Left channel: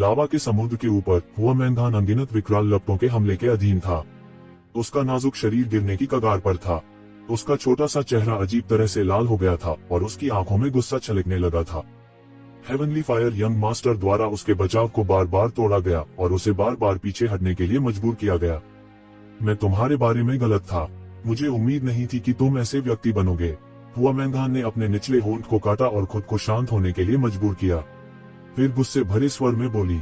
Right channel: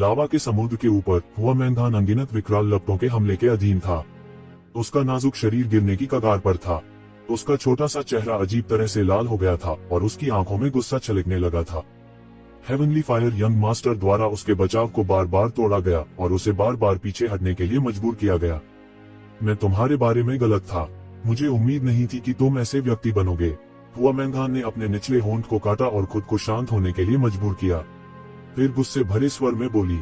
लावा के समुद्र के ऊपर हुआ मैंगान अनगिनत विकराल लपटों के हमले के अधीन था। उसका नाजुक शरीर गिरने की कगार पर था। उसका छोटा सा चेहरा अजीब तरह से लाल हो गया था और उसकी आंखों में गुस्सा छलकने लगा था। हेवनली फायर यंग मास्टर द्वारा उसके बचाव को बार बार तोड़ा गया और उसे बार बार पीछे हटने के लिए मजबूर किया गया। मैं तुम्हारे बारे में गलत था। मुझे उम्मीद नहीं थी कि तुम ऐसे व्यक्ति बनोगे। हुआ मैंगान ने अपने निचले होंठ को काटा और खुद को शांत होने के लिए मजबूर किया। फिर गुस्से भरे स्वर में बोली,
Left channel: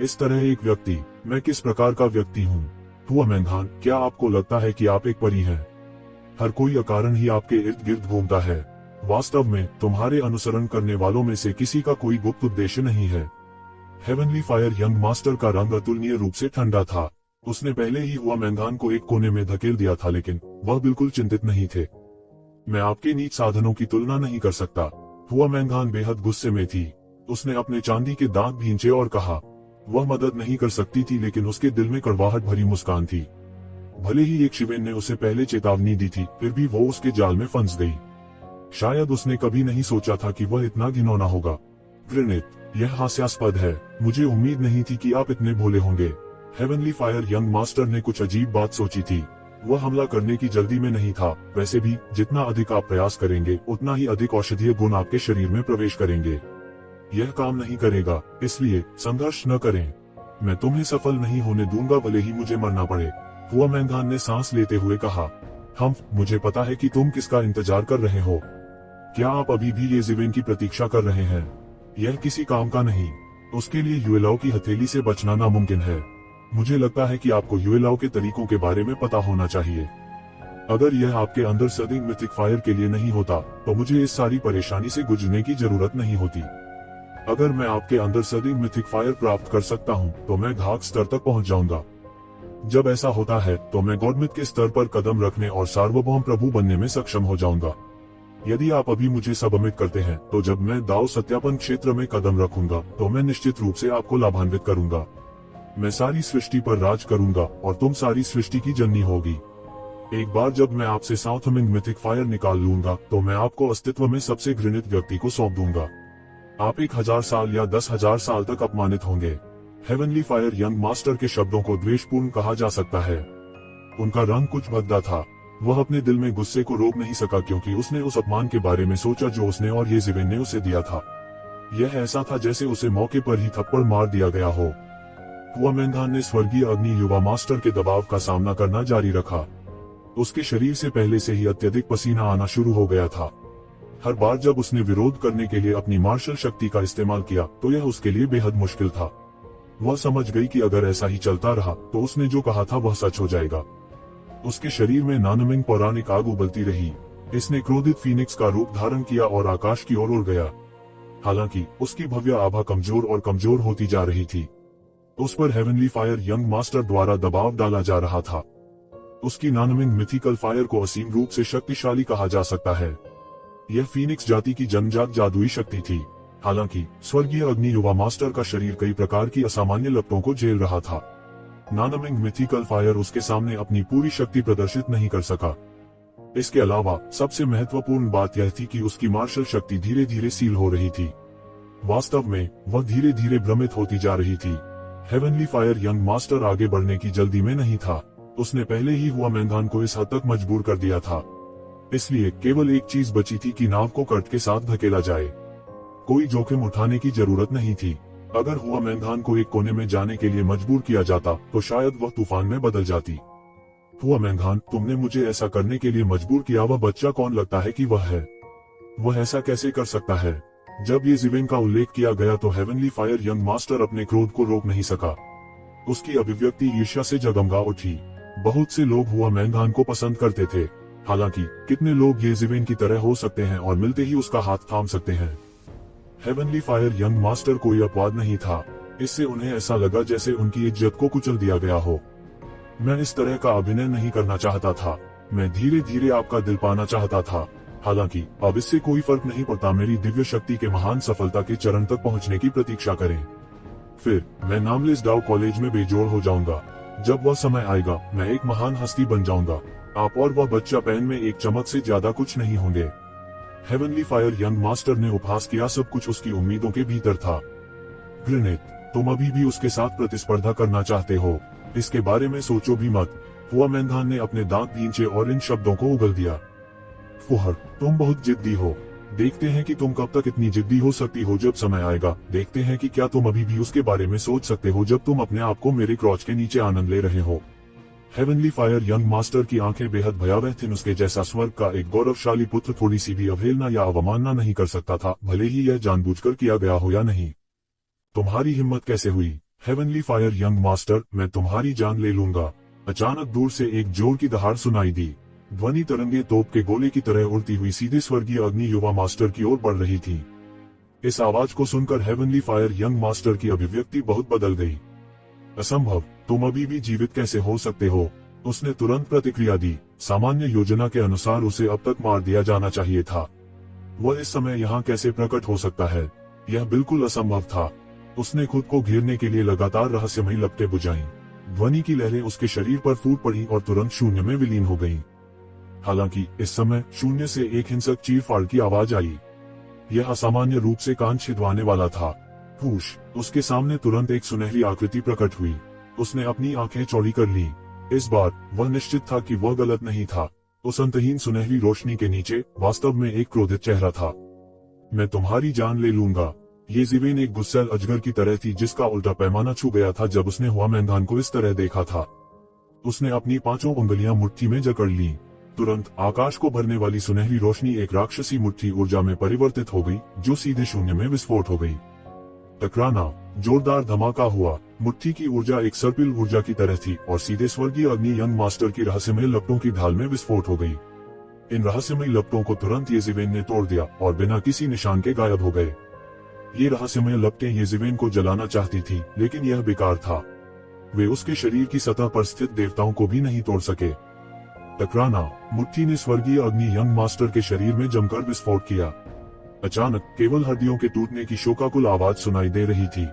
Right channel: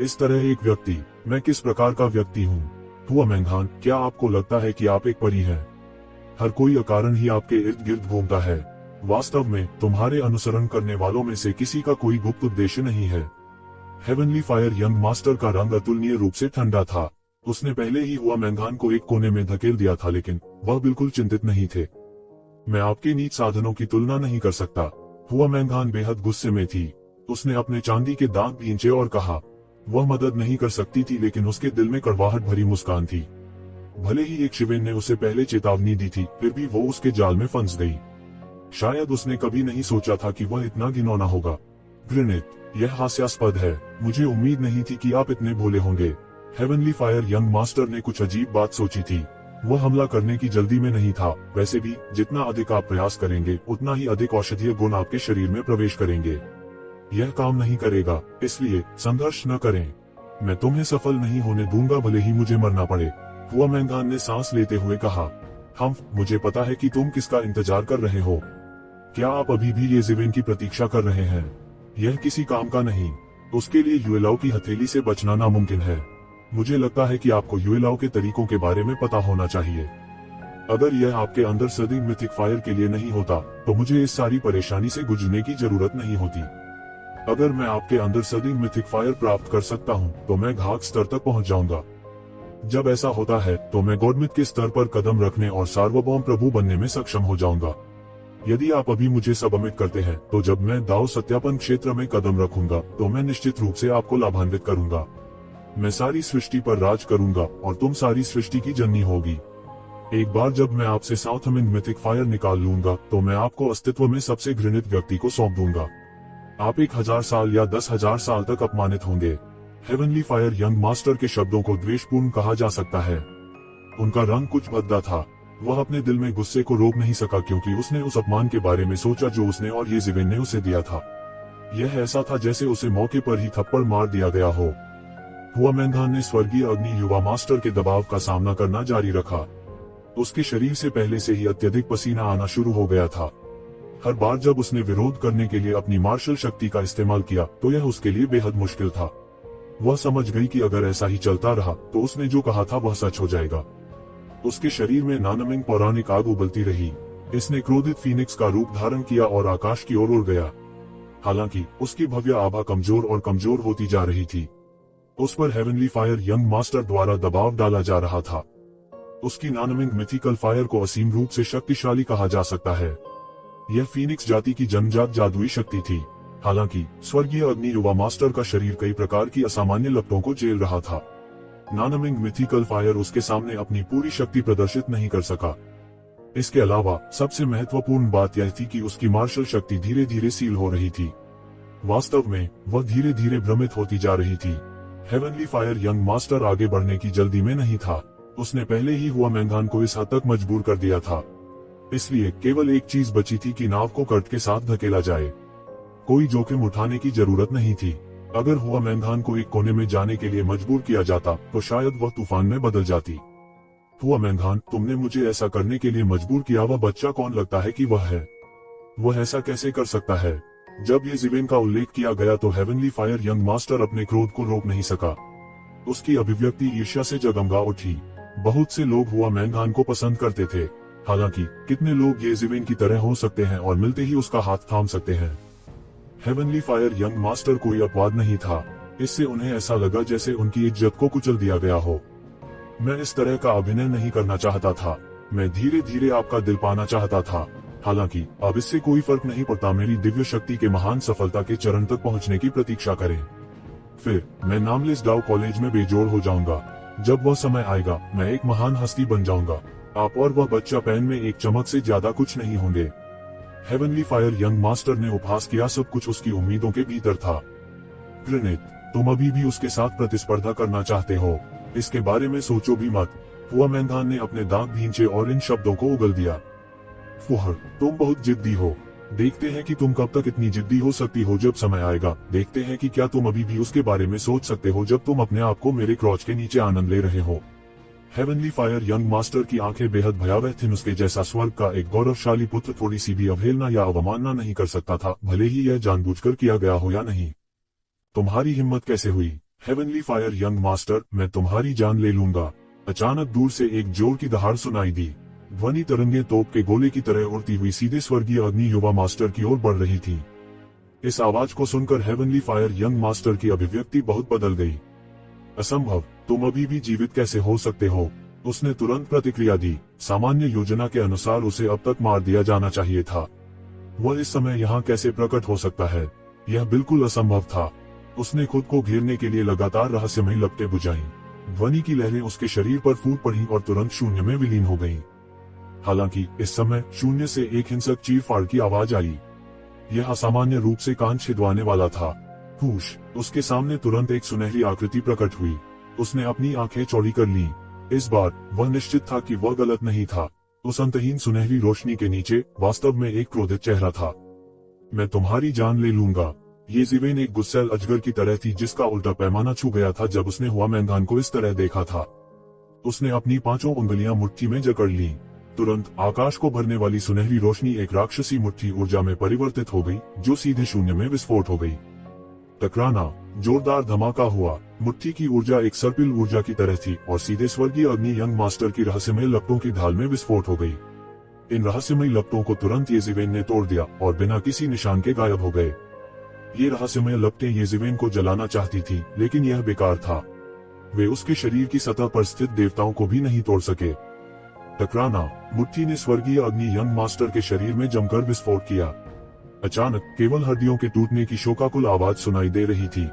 इस तरह एक व्यक्ति, मैं किस प्रकार का व्यक्ति हूँ? हुआ मैंगान, क्या आपको लगता है कि आप एक परी हैं? हर कोई अकारण ही आपके इर्द गिर्द घूमता है। वास्तव में तुम्हारे अनुसरण करने वालों में से किसी का कोई गुप्त उद्देश्य नहीं है। हेवनली फायर यंग मास्टर का रंग अतुलनीय रूप से ठंडा था। उसने पहले ही हुआ मैंगान को एक कोने में धकेल दिया था, लेकिन वह बिल्कुल चिंतित नहीं थे। मैं आपके नीच साधनों की तुलना नहीं कर सकता। हुआ मैंगान बेहद गुस्से में थी। उसने अपने चांदी के दांत भींचे और कहा, वह मदद नहीं कर सकती थी, लेकिन उसके दिल में कड़वाहट भरी मुस्कान थी। भले ही एक शिवेन ने उसे पहले चेतावनी दी थी, फिर भी वो उसके जाल में फंस गई। शायद उसने कभी नहीं सोचा था कि वह इतना घिनौना होगा। घृणित, यह हास्यास्पद है। मुझे उम्मीद नहीं थी कि आप इतने भोले होंगे। हेवनली फायर यंग मास्टर ने कुछ अजीब बात सोची थी। वह हमला करने की जल्दी में नहीं था। वैसे भी जितना अधिक आप प्रयास करेंगे, उतना ही अधिक औषधीय गुण आपके शरीर में प्रवेश करेंगे। यह काम नहीं करेगा, इसलिए संघर्ष न करें। मैं तुम्हें सफल नहीं होने दूंगा, भले ही मुझे मरना पड़े। हुआ मैंगान ने सांस लेते हुए कहा, मुझे पता है कि तुम किसका इंतजार कर रहे हो। क्या आप अभी भी येज़ेबेल की प्रतीक्षा कर रहे हैं? यह किसी काम का नहीं। उसके लिए युएलाओ की हथेली से बचना नामुमकिन है। मुझे लगता है कि आपको युएलाओ के तरीकों के बारे में पता होना चाहिए। अगर यह आपके अंदर सदी मिथिक फायर के लिए नहीं होता, तो मुझे इस सारी परेशानी से गुजरने की जरूरत नहीं होती। अगर मैं आपके अंदर सदी मिथिक फायर प्राप्त कर सकता हूं, तो मैं घात स्तर तक पहुंच जाऊंगा। जब ऐसा होता है, तो मैं गॉडमिथ के स्तर पर कदम रखने और सार्वभौम प्रभु बनने में सक्षम हो जाऊंगा। यदि आप अभी मुझे सबमिट करते हैं, तो जब मैं दाव सत्यापन क्षेत्र में कदम रखूंगा, तो मैं निश्चित रूप से आपको लाभान्वित करूंगा। मैं सारी सृष्टि पर राज करूंगा और तुम सारी सृष्टि की जननी होगी। एक बार जब मैं आपसे साउथमिंग मिथिक फायर निकाल लूंगा, तो मैं आपको अस्तित्व में सबसे घृणित व्यक्ति को सौंप दूंगा। आप 1000 साल या 10,000 साल तक अपमानित होंगे। हेवनली फायर यंग मास्टर के शब्दों को द्वेषपूर्ण कहा जा सकता है। उनका रंग कुछ भद्दा था। वह अपने दिल में गुस्से को रोक नहीं सका, क्योंकि उसने उस अपमान के बारे में सोचा जो उसने और येज़ेबेल ने उसे दिया था। यह ऐसा था जैसे उसे मौके पर ही थप्पड़ मार दिया गया हो। हुआ मैंगान ने स्वर्गीय अग्नि युवा मास्टर के दबाव का सामना करना जारी रखा। उसके शरीर से पहले से ही अत्यधिक पसीना आना शुरू हो गया था। हर बार जब उसने विरोध करने के लिए अपनी मार्शल शक्ति का इस्तेमाल किया, तो यह उसके लिए बेहद मुश्किल था। वह समझ गई कि अगर ऐसा ही चलता रहा, तो उसने जो कहा था वह सच हो जाएगा। उसके शरीर में नानमिंग पौराणिक आग उबलती रही। इसने क्रोधित फीनिक्स का रूप धारण किया और आकाश की ओर उड़ गया। हालांकि उसकी भव्य आभा कमजोर और कमजोर होती जा रही थी। उस पर हेवनली फायर यंग मास्टर द्वारा दबाव डाला जा रहा था। उसकी नानमिंग मिथिकल फायर को असीम रूप से शक्तिशाली कहा जा सकता है। यह फीनिक्स जाति की जन्मजात जादुई शक्ति थी। हालांकि स्वर्गीय अग्नि युवा मास्टर का शरीर कई प्रकार की असामान्य लपटों को झेल रहा था। नानमिंग मिथिकल फायर उसके सामने अपनी पूरी शक्ति प्रदर्शित नहीं कर सका। इसके अलावा सबसे महत्वपूर्ण बात यह थी कि उसकी मार्शल शक्ति धीरे धीरे सील हो रही थी। वास्तव में वह धीरे धीरे भ्रमित होती जा रही थी। हेवनली फायर यंग मास्टर आगे बढ़ने की जल्दी में नहीं था। उसने पहले ही हुआ मैंगान को इस हद तक मजबूर कर दिया था। इसलिए केवल एक चीज बची थी कि नाव को कट के साथ धकेला जाए। कोई जोखिम उठाने की जरूरत नहीं थी। अगर हुआ मैंगान को एक कोने में जाने के लिए मजबूर किया जाता, तो शायद वह तूफान में बदल जाती। हुआ मैंगान, तुमने मुझे ऐसा करने के लिए मजबूर किया। वह बच्चा कौन लगता है कि वह है? वह ऐसा कैसे कर सकता है? जब येज़ेबेल का उल्लेख किया गया, तो हेवनली फायर यंग मास्टर अपने क्रोध को रोक नहीं सका। उसकी अभिव्यक्ति ईर्ष्या से जगमगा उठी। बहुत से लोग हुआ मैंगान को पसंद करते थे। हालांकि कितने लोग येज़ेबेल की तरह हो सकते हैं और मिलते ही उसका हाथ थाम सकते हैं? हेवनली फायर यंग मास्टर कोई अपवाद नहीं था। इससे उन्हें ऐसा लगा जैसे उनकी इज्जत को कुचल दिया गया हो। मैं इस तरह का अभिनय नहीं करना चाहता था। मैं धीरे धीरे आपका दिल पाना चाहता था। हालांकि अब इससे कोई फर्क नहीं पड़ता। मेरी दिव्य शक्ति के महान सफलता के चरण तक पहुंचने की प्रतीक्षा करें। फिर मैं नामलेस डाउ कॉलेज में बेजोड़ हो जाऊंगा। जब वह समय आएगा, मैं एक महान हस्ती बन जाऊंगा। आप और वह बच्चा पेन में एक चमक से ज्यादा कुछ नहीं होंगे। हेवनली फायर यंग मास्टर ने उपहास किया। सब कुछ उसकी उम्मीदों के भीतर था। घृणित। तुम अभी भी उसके साथ प्रतिस्पर्धा करना चाहते हो, इसके बारे में सोचो भी मत। हुआ मैंधान ने अपने दांत भींचे और इन शब्दों को उगल दिया। फुहर, तुम बहुत जिद्दी हो। देखते हैं कि तुम कब तक इतनी जिद्दी हो सकती हो। जब समय आएगा देखते हैं कि क्या तुम अभी भी उसके बारे में सोच सकते हो जब तुम अपने आप को मेरे क्रॉच के नीचे आनंद ले रहे हो। हेवनली फायर यंग मास्टर की आंखें बेहद भयावह थीं। उसके जैसा स्वर्ग का एक गौरवशाली पुत्र थोड़ी सी भी अवहेलना या अवमानना नहीं कर सकता था, भले ही यह जानबूझकर किया गया हो या नहीं। तुम्हारी हिम्मत कैसे हुई हेवनली फायर यंग मास्टर, मैं तुम्हारी जान ले लूंगा। अचानक दूर से एक जोर की दहाड़ सुनाई दी। ध्वनि तरंगे तोप के गोले की तरह उड़ती हुई सीधे स्वर्गीय अग्नि युवा मास्टर की ओर बढ़ रही थी। इस आवाज को सुनकर हेवनली फायर यंग मास्टर की अभिव्यक्ति बहुत बदल गई। असंभव, तुम अभी भी जीवित कैसे हो सकते हो? उसने तुरंत प्रतिक्रिया दी। सामान्य योजना के अनुसार उसे अब तक मार दिया जाना चाहिए था। वह इस समय यहाँ कैसे प्रकट हो सकता है? यह बिल्कुल असंभव था। उसने खुद को घेरने के लिए लगातार रहस्यमयी लपटें बुझाईं। ध्वनि की लहरें उसके शरीर पर फूट पड़ी और तुरंत शून्य में विलीन हो गईं। हालांकि इस समय शून्य से एक हिंसक चीर-फाड़ की आवाज आई। यह असामान्य रूप से कान छिदवाने वाला था। पूछ, उसके सामने तुरंत एक सुनहरी आकृति प्रकट हुई। उसने अपनी आंखें चौड़ी कर लीं। इस बार वह निश्चित था कि वह गलत नहीं था। उस अंतहीन सुनहरी रोशनी के नीचे वास्तव में एक क्रोधित चेहरा था। मैं तुम्हारी जान ले लूंगा। ये ज़िवेन एक गुस्सैल अजगर की तरह थी जिसका उल्टा पैमाना छू गया था जब उसने हुआ मैंधान को इस तरह देखा था। उसने अपनी 5 उंगलियां मुट्ठी में जकड़ ली। तुरंत आकाश को भरने वाली सुनहरी रोशनी एक राक्षसी मुट्ठी ऊर्जा में परिवर्तित हो गई, जो सीधे शून्य में विस्फोट हो गई। टकराना, जोरदार धमाका हुआ। मुट्ठी की ऊर्जा एक सर्पिल ऊर्जा की तरह थी और सीधे स्वर्गीय अग्नि यंग मास्टर की रहस्यमय लपटों की ढाल में विस्फोट हो गई। इन रहस्यमय लपटों को तुरंत येज़िवेन ने तोड़ दिया और बिना किसी निशान के गायब हो गए। ये रहस्यमय लपटें येज़िवेन को जलाना चाहती थी, लेकिन यह बेकार था। वे उसके शरीर की सतह पर स्थित देवताओं को भी नहीं तोड़ सके। टकराना, मुट्ठी ने स्वर्गीय अग्नि यंग मास्टर के शरीर में जमकर विस्फोट किया। अचानक केवल हड्डियों के टूटने की शोकाकुल आवाज सुनाई दे रही थी।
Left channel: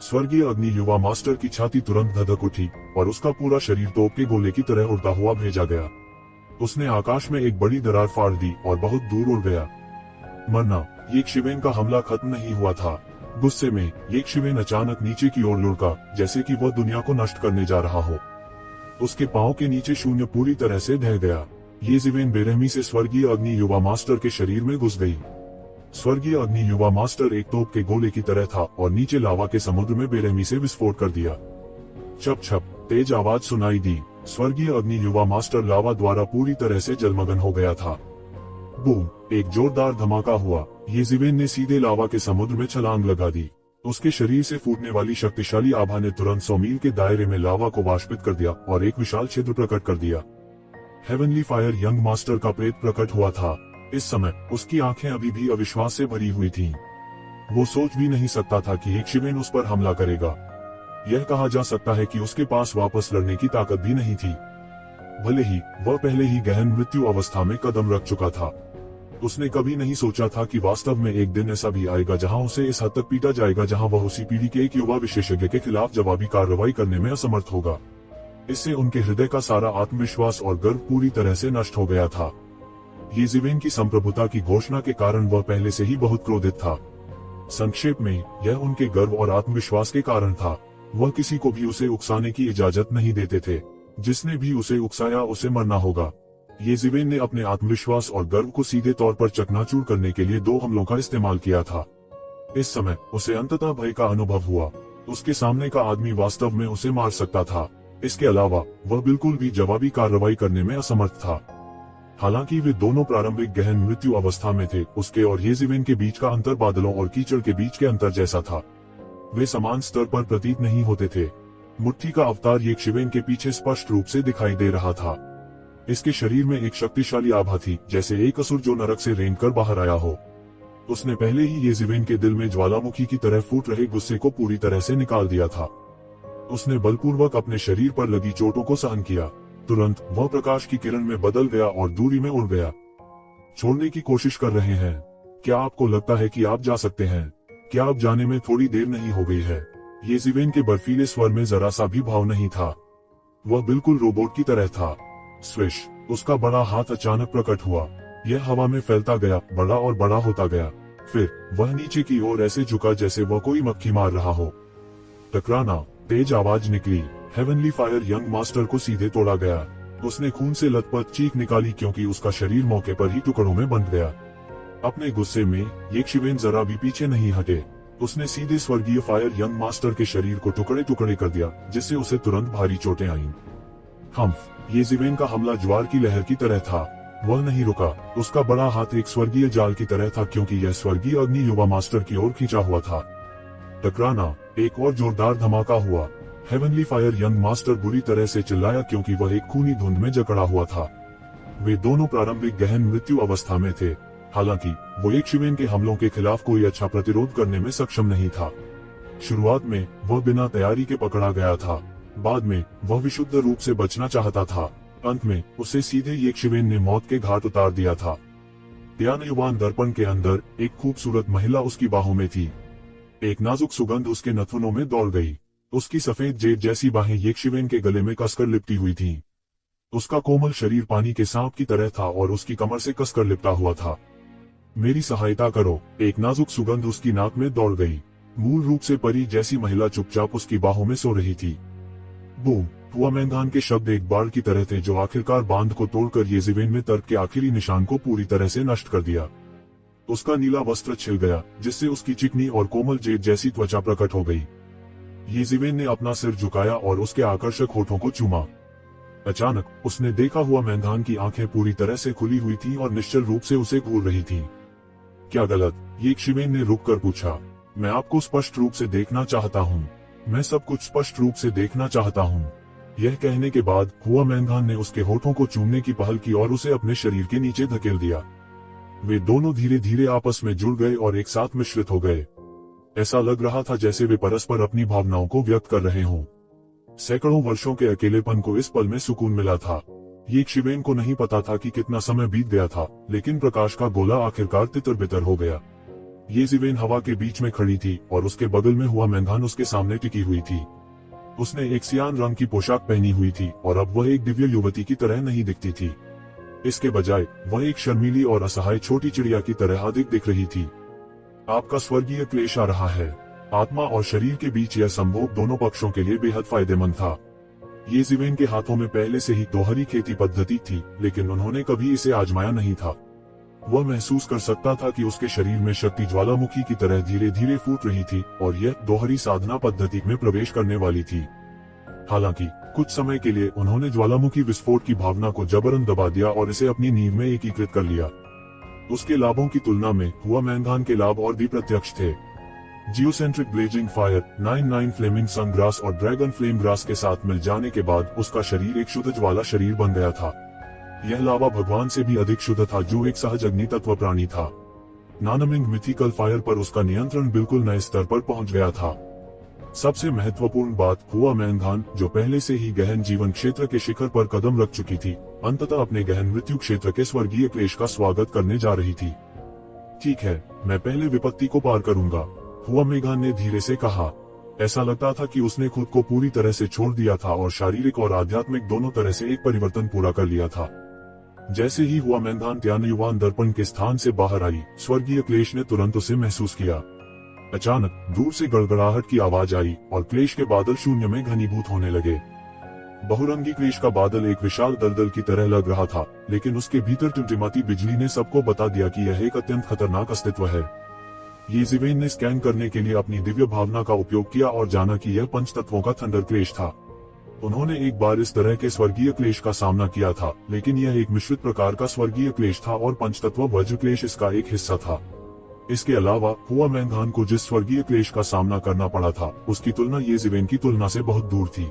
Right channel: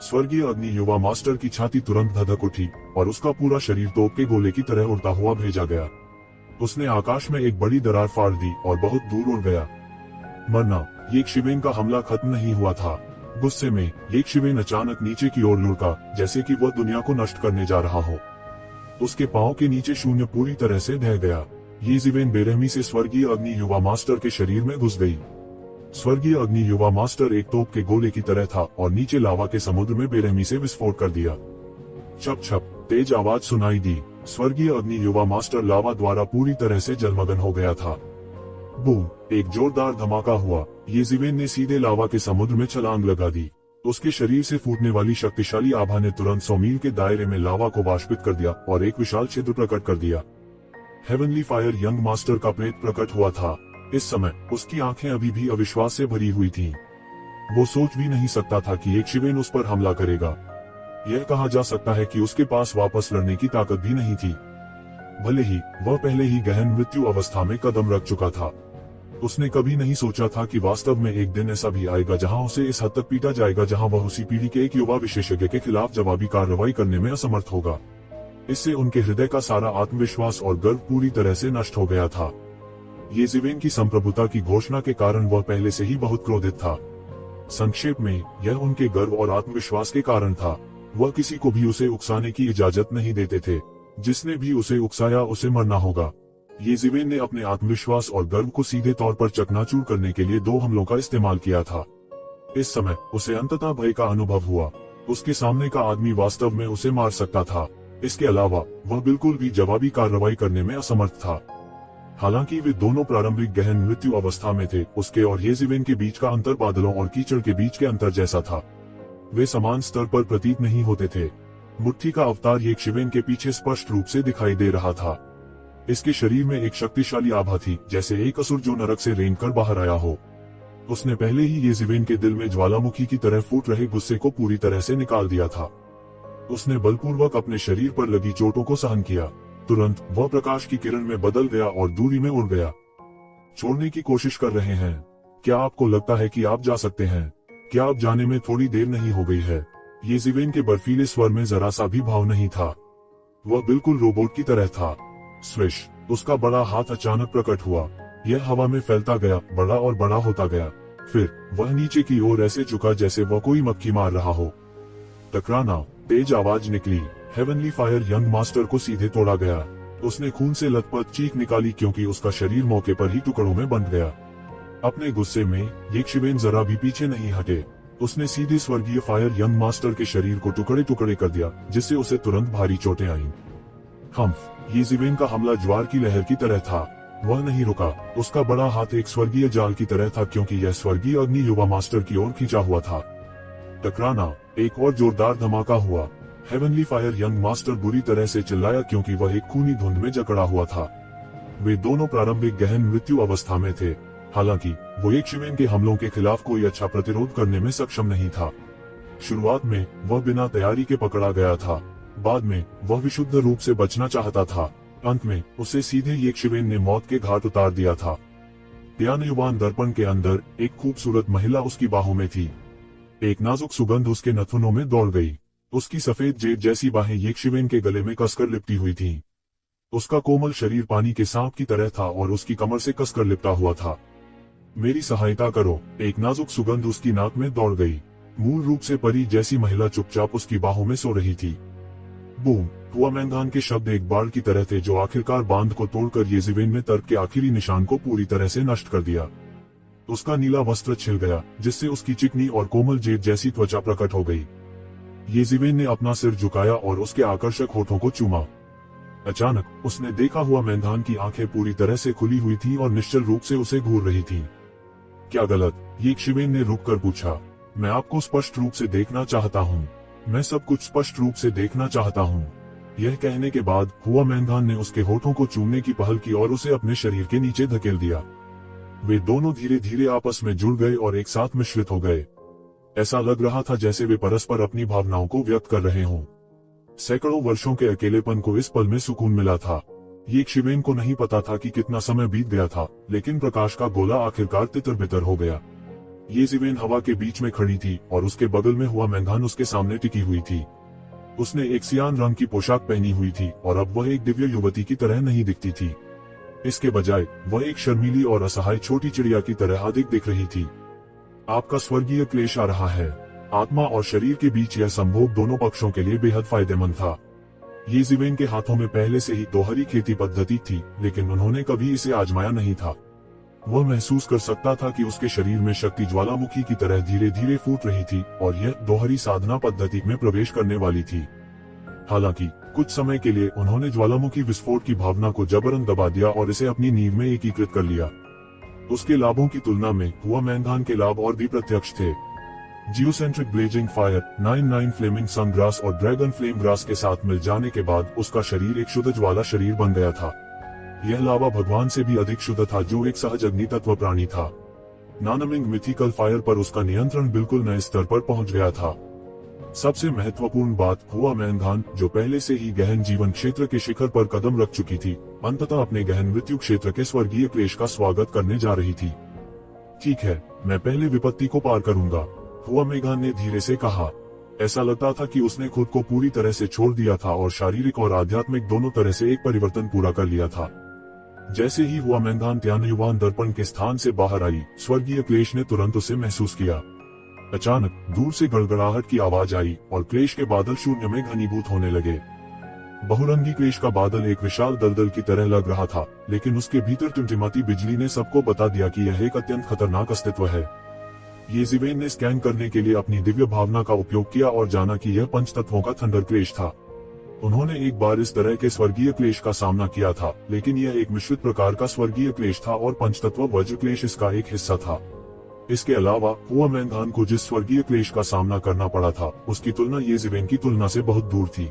स्वर्गीय अग्नि युवा मास्टर की छाती तुरंत धधक उठी और उसका पूरा शरीर तोप के गोले की तरह उड़ता हुआ भेजा गया। उसने आकाश में एक बड़ी दरार फाड़ दी और बहुत दूर उड़ गया। मरना, येशिवेन का हमला खत्म नहीं हुआ था। गुस्से में येशिवेन अचानक नीचे की ओर लुढ़का, जैसे कि वह दुनिया को नष्ट करने जा रहा हो। उसके पांव के नीचे शून्य पूरी तरह से ढह गया। येशिवेन बेरहमी से स्वर्गीय अग्नि युवा मास्टर के शरीर में घुस गई। स्वर्गीय अग्नि युवा मास्टर एक तोप के गोले की तरह था और नीचे लावा के समुद्र में बेरहमी से विस्फोट कर दिया। छप छप तेज आवाज सुनाई दी। स्वर्गीय अग्नि युवा मास्टर लावा द्वारा पूरी तरह से जलमग्न हो गया था। बूम, एक जोरदार धमाका हुआ। येशिवेन ने सीधे लावा के समुद्र में छलांग लगा दी। उसके शरीर से फूटने वाली शक्तिशाली आभा ने तुरंत 100 मील के दायरे में लावा को वाष्पित कर दिया और एक विशाल क्षेत्र प्रकट कर दिया। हेवनली फायर यंग मास्टर का प्रेत प्रकट हुआ था। इस समय उसकी आंखें अभी भी अविश्वास से भरी हुई थीं। वो सोच भी नहीं सकता था कि येशिवेन उस पर हमला करेगा। यह कहा जा सकता है कि उसके पास वापस लड़ने की ताकत भी नहीं थी। भले ही वह पहले ही गहन मृत्यु अवस्था में कदम रख चुका था, उसने कभी नहीं सोचा था कि वास्तव में एक दिन ऐसा भी आएगा जहां उसे इस हद तक पीटा जाएगा जहां वह उसी पीढ़ी के एक युवा विशेषज्ञ के खिलाफ जवाबी कार्रवाई करने में असमर्थ होगा। इससे उनके हृदय का सारा आत्मविश्वास और गर्व पूरी तरह से नष्ट हो गया था। येशिवेन की संप्रभुता की घोषणा के कारण वह पहले से ही बहुत क्रोधित था। संक्षेप में, यह उनके गर्व और आत्मविश्वास के कारण था। वह किसी को भी उसे उकसाने की इजाजत नहीं देते थे। जिसने भी उसे उकसाया उसे मरना होगा। येशिवेन ने अपने आत्मविश्वास और गर्व को सीधे तौर पर चकनाचूर करने के लिए 2 हमलों का इस्तेमाल किया था। इस समय उसे अंततः भय का अनुभव हुआ। उसके सामने का आदमी वास्तव में उसे मार सकता था। इसके अलावा वह बिल्कुल भी जवाबी कार्रवाई करने में असमर्थ था। हालांकि वे दोनों प्रारंभिक गहन मृत्यु अवस्था में थे, उसके और येशिवेन के बीच का अंतर बादलों और कीचड़ के बीच के अंतर जैसा था। वे समान स्तर पर प्रतीत नहीं होते थे। मुट्ठी का अवतार येशिवेन के पीछे स्पष्ट रूप से दिखाई दे रहा था। इसके शरीर में एक शक्तिशाली आभा थी, जैसे एक असुर जो नरक से रेंग कर बाहर आया हो। उसने पहले ही येशिवेन के दिल में ज्वालामुखी की तरह फूट रहे गुस्से को पूरी तरह से निकाल दिया था। उसने बलपूर्वक अपने शरीर पर लगी चोटों को सहन किया। तुरंत वह प्रकाश की किरण में बदल गया और दूरी में उड़ गया। छोड़ने की कोशिश कर रहे हैं? क्या आपको लगता है कि आप जा सकते हैं? क्या आप जाने में थोड़ी देर नहीं हो गई है? येशिवेन के बर्फीले स्वर में जरा सा भी भाव नहीं था। वह बिल्कुल रोबोट की तरह था। स्विश, उसका बड़ा हाथ अचानक प्रकट हुआ। यह हवा में फैलता गया, बड़ा और बड़ा होता गया। फिर वह नीचे की ओर ऐसे झुका जैसे वह कोई मक्खी मार रहा हो। टकराना, तेज आवाज निकली। हेवनली फायर यंग मास्टर को सीधे तोड़ा गया। उसने खून से लथपथ चीख निकाली क्योंकि उसका शरीर मौके पर ही टुकड़ों में बंट गया। अपने गुस्से में येशिवेन जरा भी पीछे नहीं हटे। उसने सीधे स्वर्गीय फायर यंग मास्टर के शरीर को टुकड़े टुकड़े कर दिया, जिससे उसे तुरंत भारी चोटें आईं। येशिवेन का हमला ज्वार की लहर की तरह था। वह नहीं रुका। उसका बड़ा हाथ एक स्वर्गीय जाल की तरह था क्योंकि यह स्वर्गीय अग्नि युवा मास्टर की ओर खींचा हुआ था। टकराना, एक और जोरदार धमाका हुआ। हेवनली फायर यंग मास्टर बुरी तरह से चिल्लाया क्योंकि वह एक खूनी धुंध में जकड़ा हुआ था। वे दोनों प्रारंभिक गहन मृत्यु अवस्था में थे। हालांकि वो येशिवेन के हमलों के खिलाफ कोई अच्छा प्रतिरोध करने में सक्षम नहीं था। शुरुआत में वह बिना तैयारी के पकड़ा गया था। बाद में वह विशुद्ध रूप से बचना चाहता था। अंत में उसे सीधे येशिवेन ने मौत के घाट उतार दिया था। त्यानयुवान दर्पण के अंदर एक खूबसूरत महिला उसकी बाहों में थी। एक नाजुक सुगंध उसके नथुनों में दौड़ गई। उसकी सफेद जेड जैसी बाहें येशिवेन के गले में कसकर लिपटी हुई थीं। उसका कोमल शरीर पानी के सांप की तरह था और उसकी कमर से कसकर लिपटा हुआ था। मेरी सहायता करो, एक नाजुक सुगंध उसकी नाक में दौड़ गई। मूल रूप से परी जैसी महिला चुपचाप उसकी बाहों में सो रही थी। बूम! हुआमेंगान के शब्द एक बाढ़ की तरह थे जो आखिरकार बांध को तोड़कर येशिवेन में तर्क के आखिरी निशान को पूरी तरह से नष्ट कर दिया। उसका नीला वस्त्र छिल गया, जिससे उसकी चिकनी और कोमल जेड जैसी त्वचा प्रकट हो गई। येशिवेन ने अपना सिर झुकाया और उसके आकर्षक होठों को चूमा। अचानक उसने देखा हुआमेंगान की आंखें पूरी तरह से खुली हुई थी और निश्चल रूप से उसे घूर रही थी। क्या गलत? येशिवेन ने रुककर पूछा। मैं आपको स्पष्ट रूप से देखना चाहता हूँ। मैं सब कुछ स्पष्ट रूप से देखना चाहता हूँ। यह कहने के बाद हुआमेंगान ने उसके होठों को चूमने की पहल की और उसे अपने शरीर के नीचे धकेल दिया। वे दोनों धीरे धीरे आपस में जुड़ गए और एक साथ मिश्रित हो गए। ऐसा लग रहा था जैसे वे परस्पर अपनी भावनाओं को व्यक्त कर रहे हों। सैकड़ों वर्षों के अकेलेपन को इस पल में सुकून मिला था। येशिवेन को नहीं पता था कि कितना समय बीत गया था, लेकिन प्रकाश का गोला आखिरकार तितर बितर हो गया। येशिवेन हवा के बीच में खड़ी थी और उसके बगल में हुआमेंगान उसके सामने टिकी हुई थी। उसने एक सियान रंग की पोशाक पहनी हुई थी और अब वह एक दिव्य युवती की तरह नहीं दिखती थी। इसके बजाय वह एक शर्मीली और असहाय छोटी चिड़िया की तरह अधिक दिख रही थी। आपका स्वर्गीय क्लेश आ रहा है। आत्मा और शरीर के बीच यह संभोग दोनों पक्षों के लिए बेहद फायदेमंद था। येशिवेन के हाथों में पहले से ही दोहरी खेती पद्धति थी, लेकिन उन्होंने कभी इसे आजमाया नहीं था। वह महसूस कर सकता था कि उसके शरीर में शक्ति ज्वालामुखी की तरह धीरे धीरे फूट रही थी और यह दोहरी साधना पद्धति में प्रवेश करने वाली थी। हालांकि कुछ समय के लिए उन्होंने ज्वालामुखी विस्फोट की भावना को जबरन दबा दिया और इसे अपनी नींव में एकीकृत कर लिया। उसके लाभों की तुलना में हुआमेंगान के लाभ और भी प्रत्यक्ष थे। जियोसेंट्रिक ब्लेजिंग फायर, 99 फ्लेमिंग सनग्रास और ड्रैगन फ्लेम ग्रास के साथ मिल जाने के बाद उसका शरीर एक शुद्ध ज्वाला शरीर बन गया था। यह लावा भगवान से भी अधिक शुद्ध था, जो एक सहज अग्नि तत्व प्राणी था। नानमिंग मिथिकल फायर पर उसका नियंत्रण बिल्कुल नए स्तर पर पहुंच गया था। सबसे महत्वपूर्ण बात, हुआमेंगान, जो पहले से ही गहन जीवन क्षेत्र के शिखर पर कदम रख चुकी थी, अंततः अपने गहन मृत्यु क्षेत्र के स्वर्गीय क्लेश का स्वागत करने जा रही थी। ठीक है, मैं पहले विपत्ति को पार करूंगा, हुआमेंगान ने धीरे से कहा। ऐसा लगता था कि उसने खुद को पूरी तरह से छोड़ दिया था और शारीरिक और आध्यात्मिक दोनों तरह से एक परिवर्तन पूरा कर लिया था। जैसे ही हुआमेंगान त्यानयुवान दर्पण के स्थान से बाहर आई, स्वर्गीय क्लेश ने तुरंत उसे महसूस किया। अचानक दूर से गड़गड़ाहट की आवाज आई और क्लेश के बादल शून्य में घनीभूत होने लगे। बहुरंगी क्लेश का बादल एक विशाल दलदल की तरह लग रहा था, लेकिन उसके भीतर टिमटिमाती बिजली ने सबको बता दिया कि यह एक अत्यंत खतरनाक अस्तित्व है। येशिवेन ने स्कैन करने के लिए अपनी दिव्य भावना का उपयोग किया और जाना कि यह पंच तत्वों का थंडर क्लेश था। उन्होंने एक बार इस तरह के स्वर्गीय क्लेश का सामना किया था, लेकिन यह एक मिश्रित प्रकार का स्वर्गीय क्लेश था और पंचतत्व वज्र क्लेश इसका एक हिस्सा था। इसके अलावा हुआमेंगान को जिस स्वर्गीय क्लेश का सामना करना पड़ा था, उसकी तुलना येशिवेन की तुलना से बहुत दूर थी।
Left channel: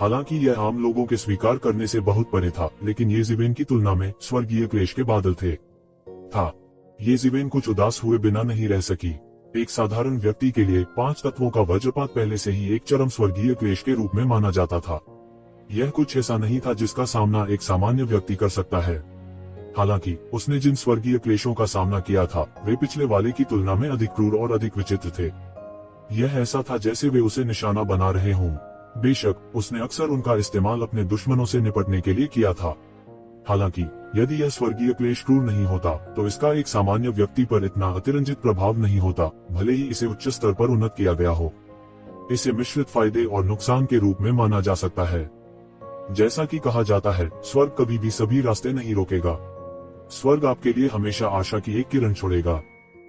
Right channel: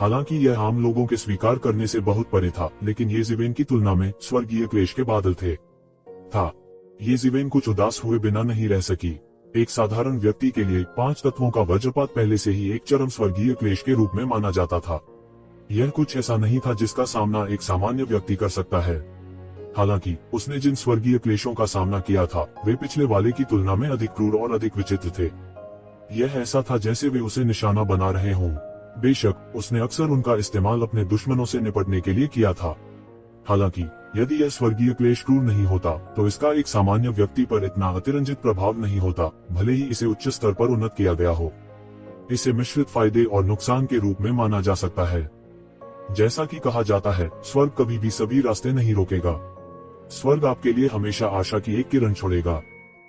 हालांकि यह आम लोगों के स्वीकार करने से बहुत परे था, लेकिन येशिवेन की तुलना में स्वर्गीय क्लेश के बादल थे। येशिवेन कुछ उदास हुए बिना नहीं रह सकी। एक साधारण व्यक्ति के लिए 5 तत्वों का वज्रपात पहले से ही एक चरम स्वर्गीय क्लेश के रूप में माना जाता था। यह कुछ ऐसा नहीं था जिसका सामना एक सामान्य व्यक्ति कर सकता है। हालांकि उसने जिन स्वर्गीय क्लेशों का सामना किया था, वे पिछले वाले की तुलना में अधिक क्रूर और अधिक विचित्र थे। यह ऐसा था जैसे वे उसे निशाना बना रहे हों। बेशक उसने अक्सर उनका इस्तेमाल अपने दुश्मनों से निपटने के लिए किया था। हालांकि यदि यह स्वर्गीय क्लेश क्रूर नहीं होता, तो इसका एक सामान्य व्यक्ति पर इतना अतिरंजित प्रभाव नहीं होता, भले ही इसे उच्च स्तर पर उन्नत किया गया हो। इसे मिश्रित फायदे और नुकसान के रूप में माना जा सकता है। जैसा कि कहा जाता है, स्वर्ग कभी भी सभी रास्ते नहीं रोकेगा। स्वर्ग आपके लिए हमेशा आशा की एक किरण छोड़ेगा।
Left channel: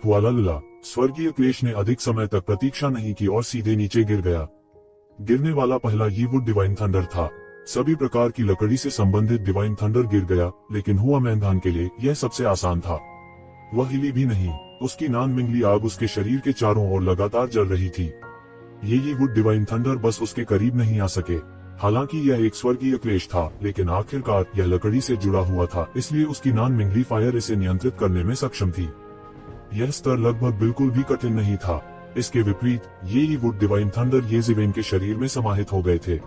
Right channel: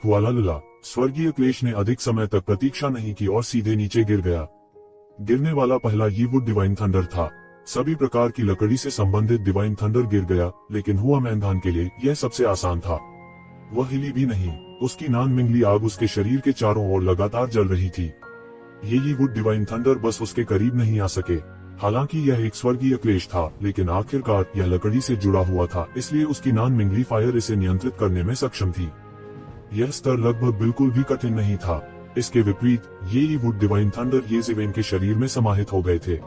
हुआलाला, स्वर्गीय क्लेश ने अधिक समय तक प्रतीक्षा नहीं की और सीधे नीचे गिर गया। गिरने वाला पहला ही वुड डिवाइन थंडर था। सभी प्रकार की लकड़ी से संबंधित डिवाइन थंडर गिर गया, लेकिन हुआमैंगान के लिए यह सबसे आसान था। वह हिली भी नहीं। उसकी नान मिंगली आग उसके शरीर के चारों ओर लगातार जल रही थी। ये वुड डिवाइन थंडर बस उसके करीब नहीं आ सके। हालांकि यह एक स्वर्गीय क्लेश था, लेकिन आखिरकार यह लकड़ी से जुड़ा हुआ था, इसलिए उसकी नॉन मिंगली फायर इसे नियंत्रित करने में सक्षम थी। यह स्तर लगभग बिल्कुल भी कठिन नहीं था। इसके विपरीत ये वुड डिवाइन थंडर येज़ेवेन के शरीर में समाहित हो गए थे।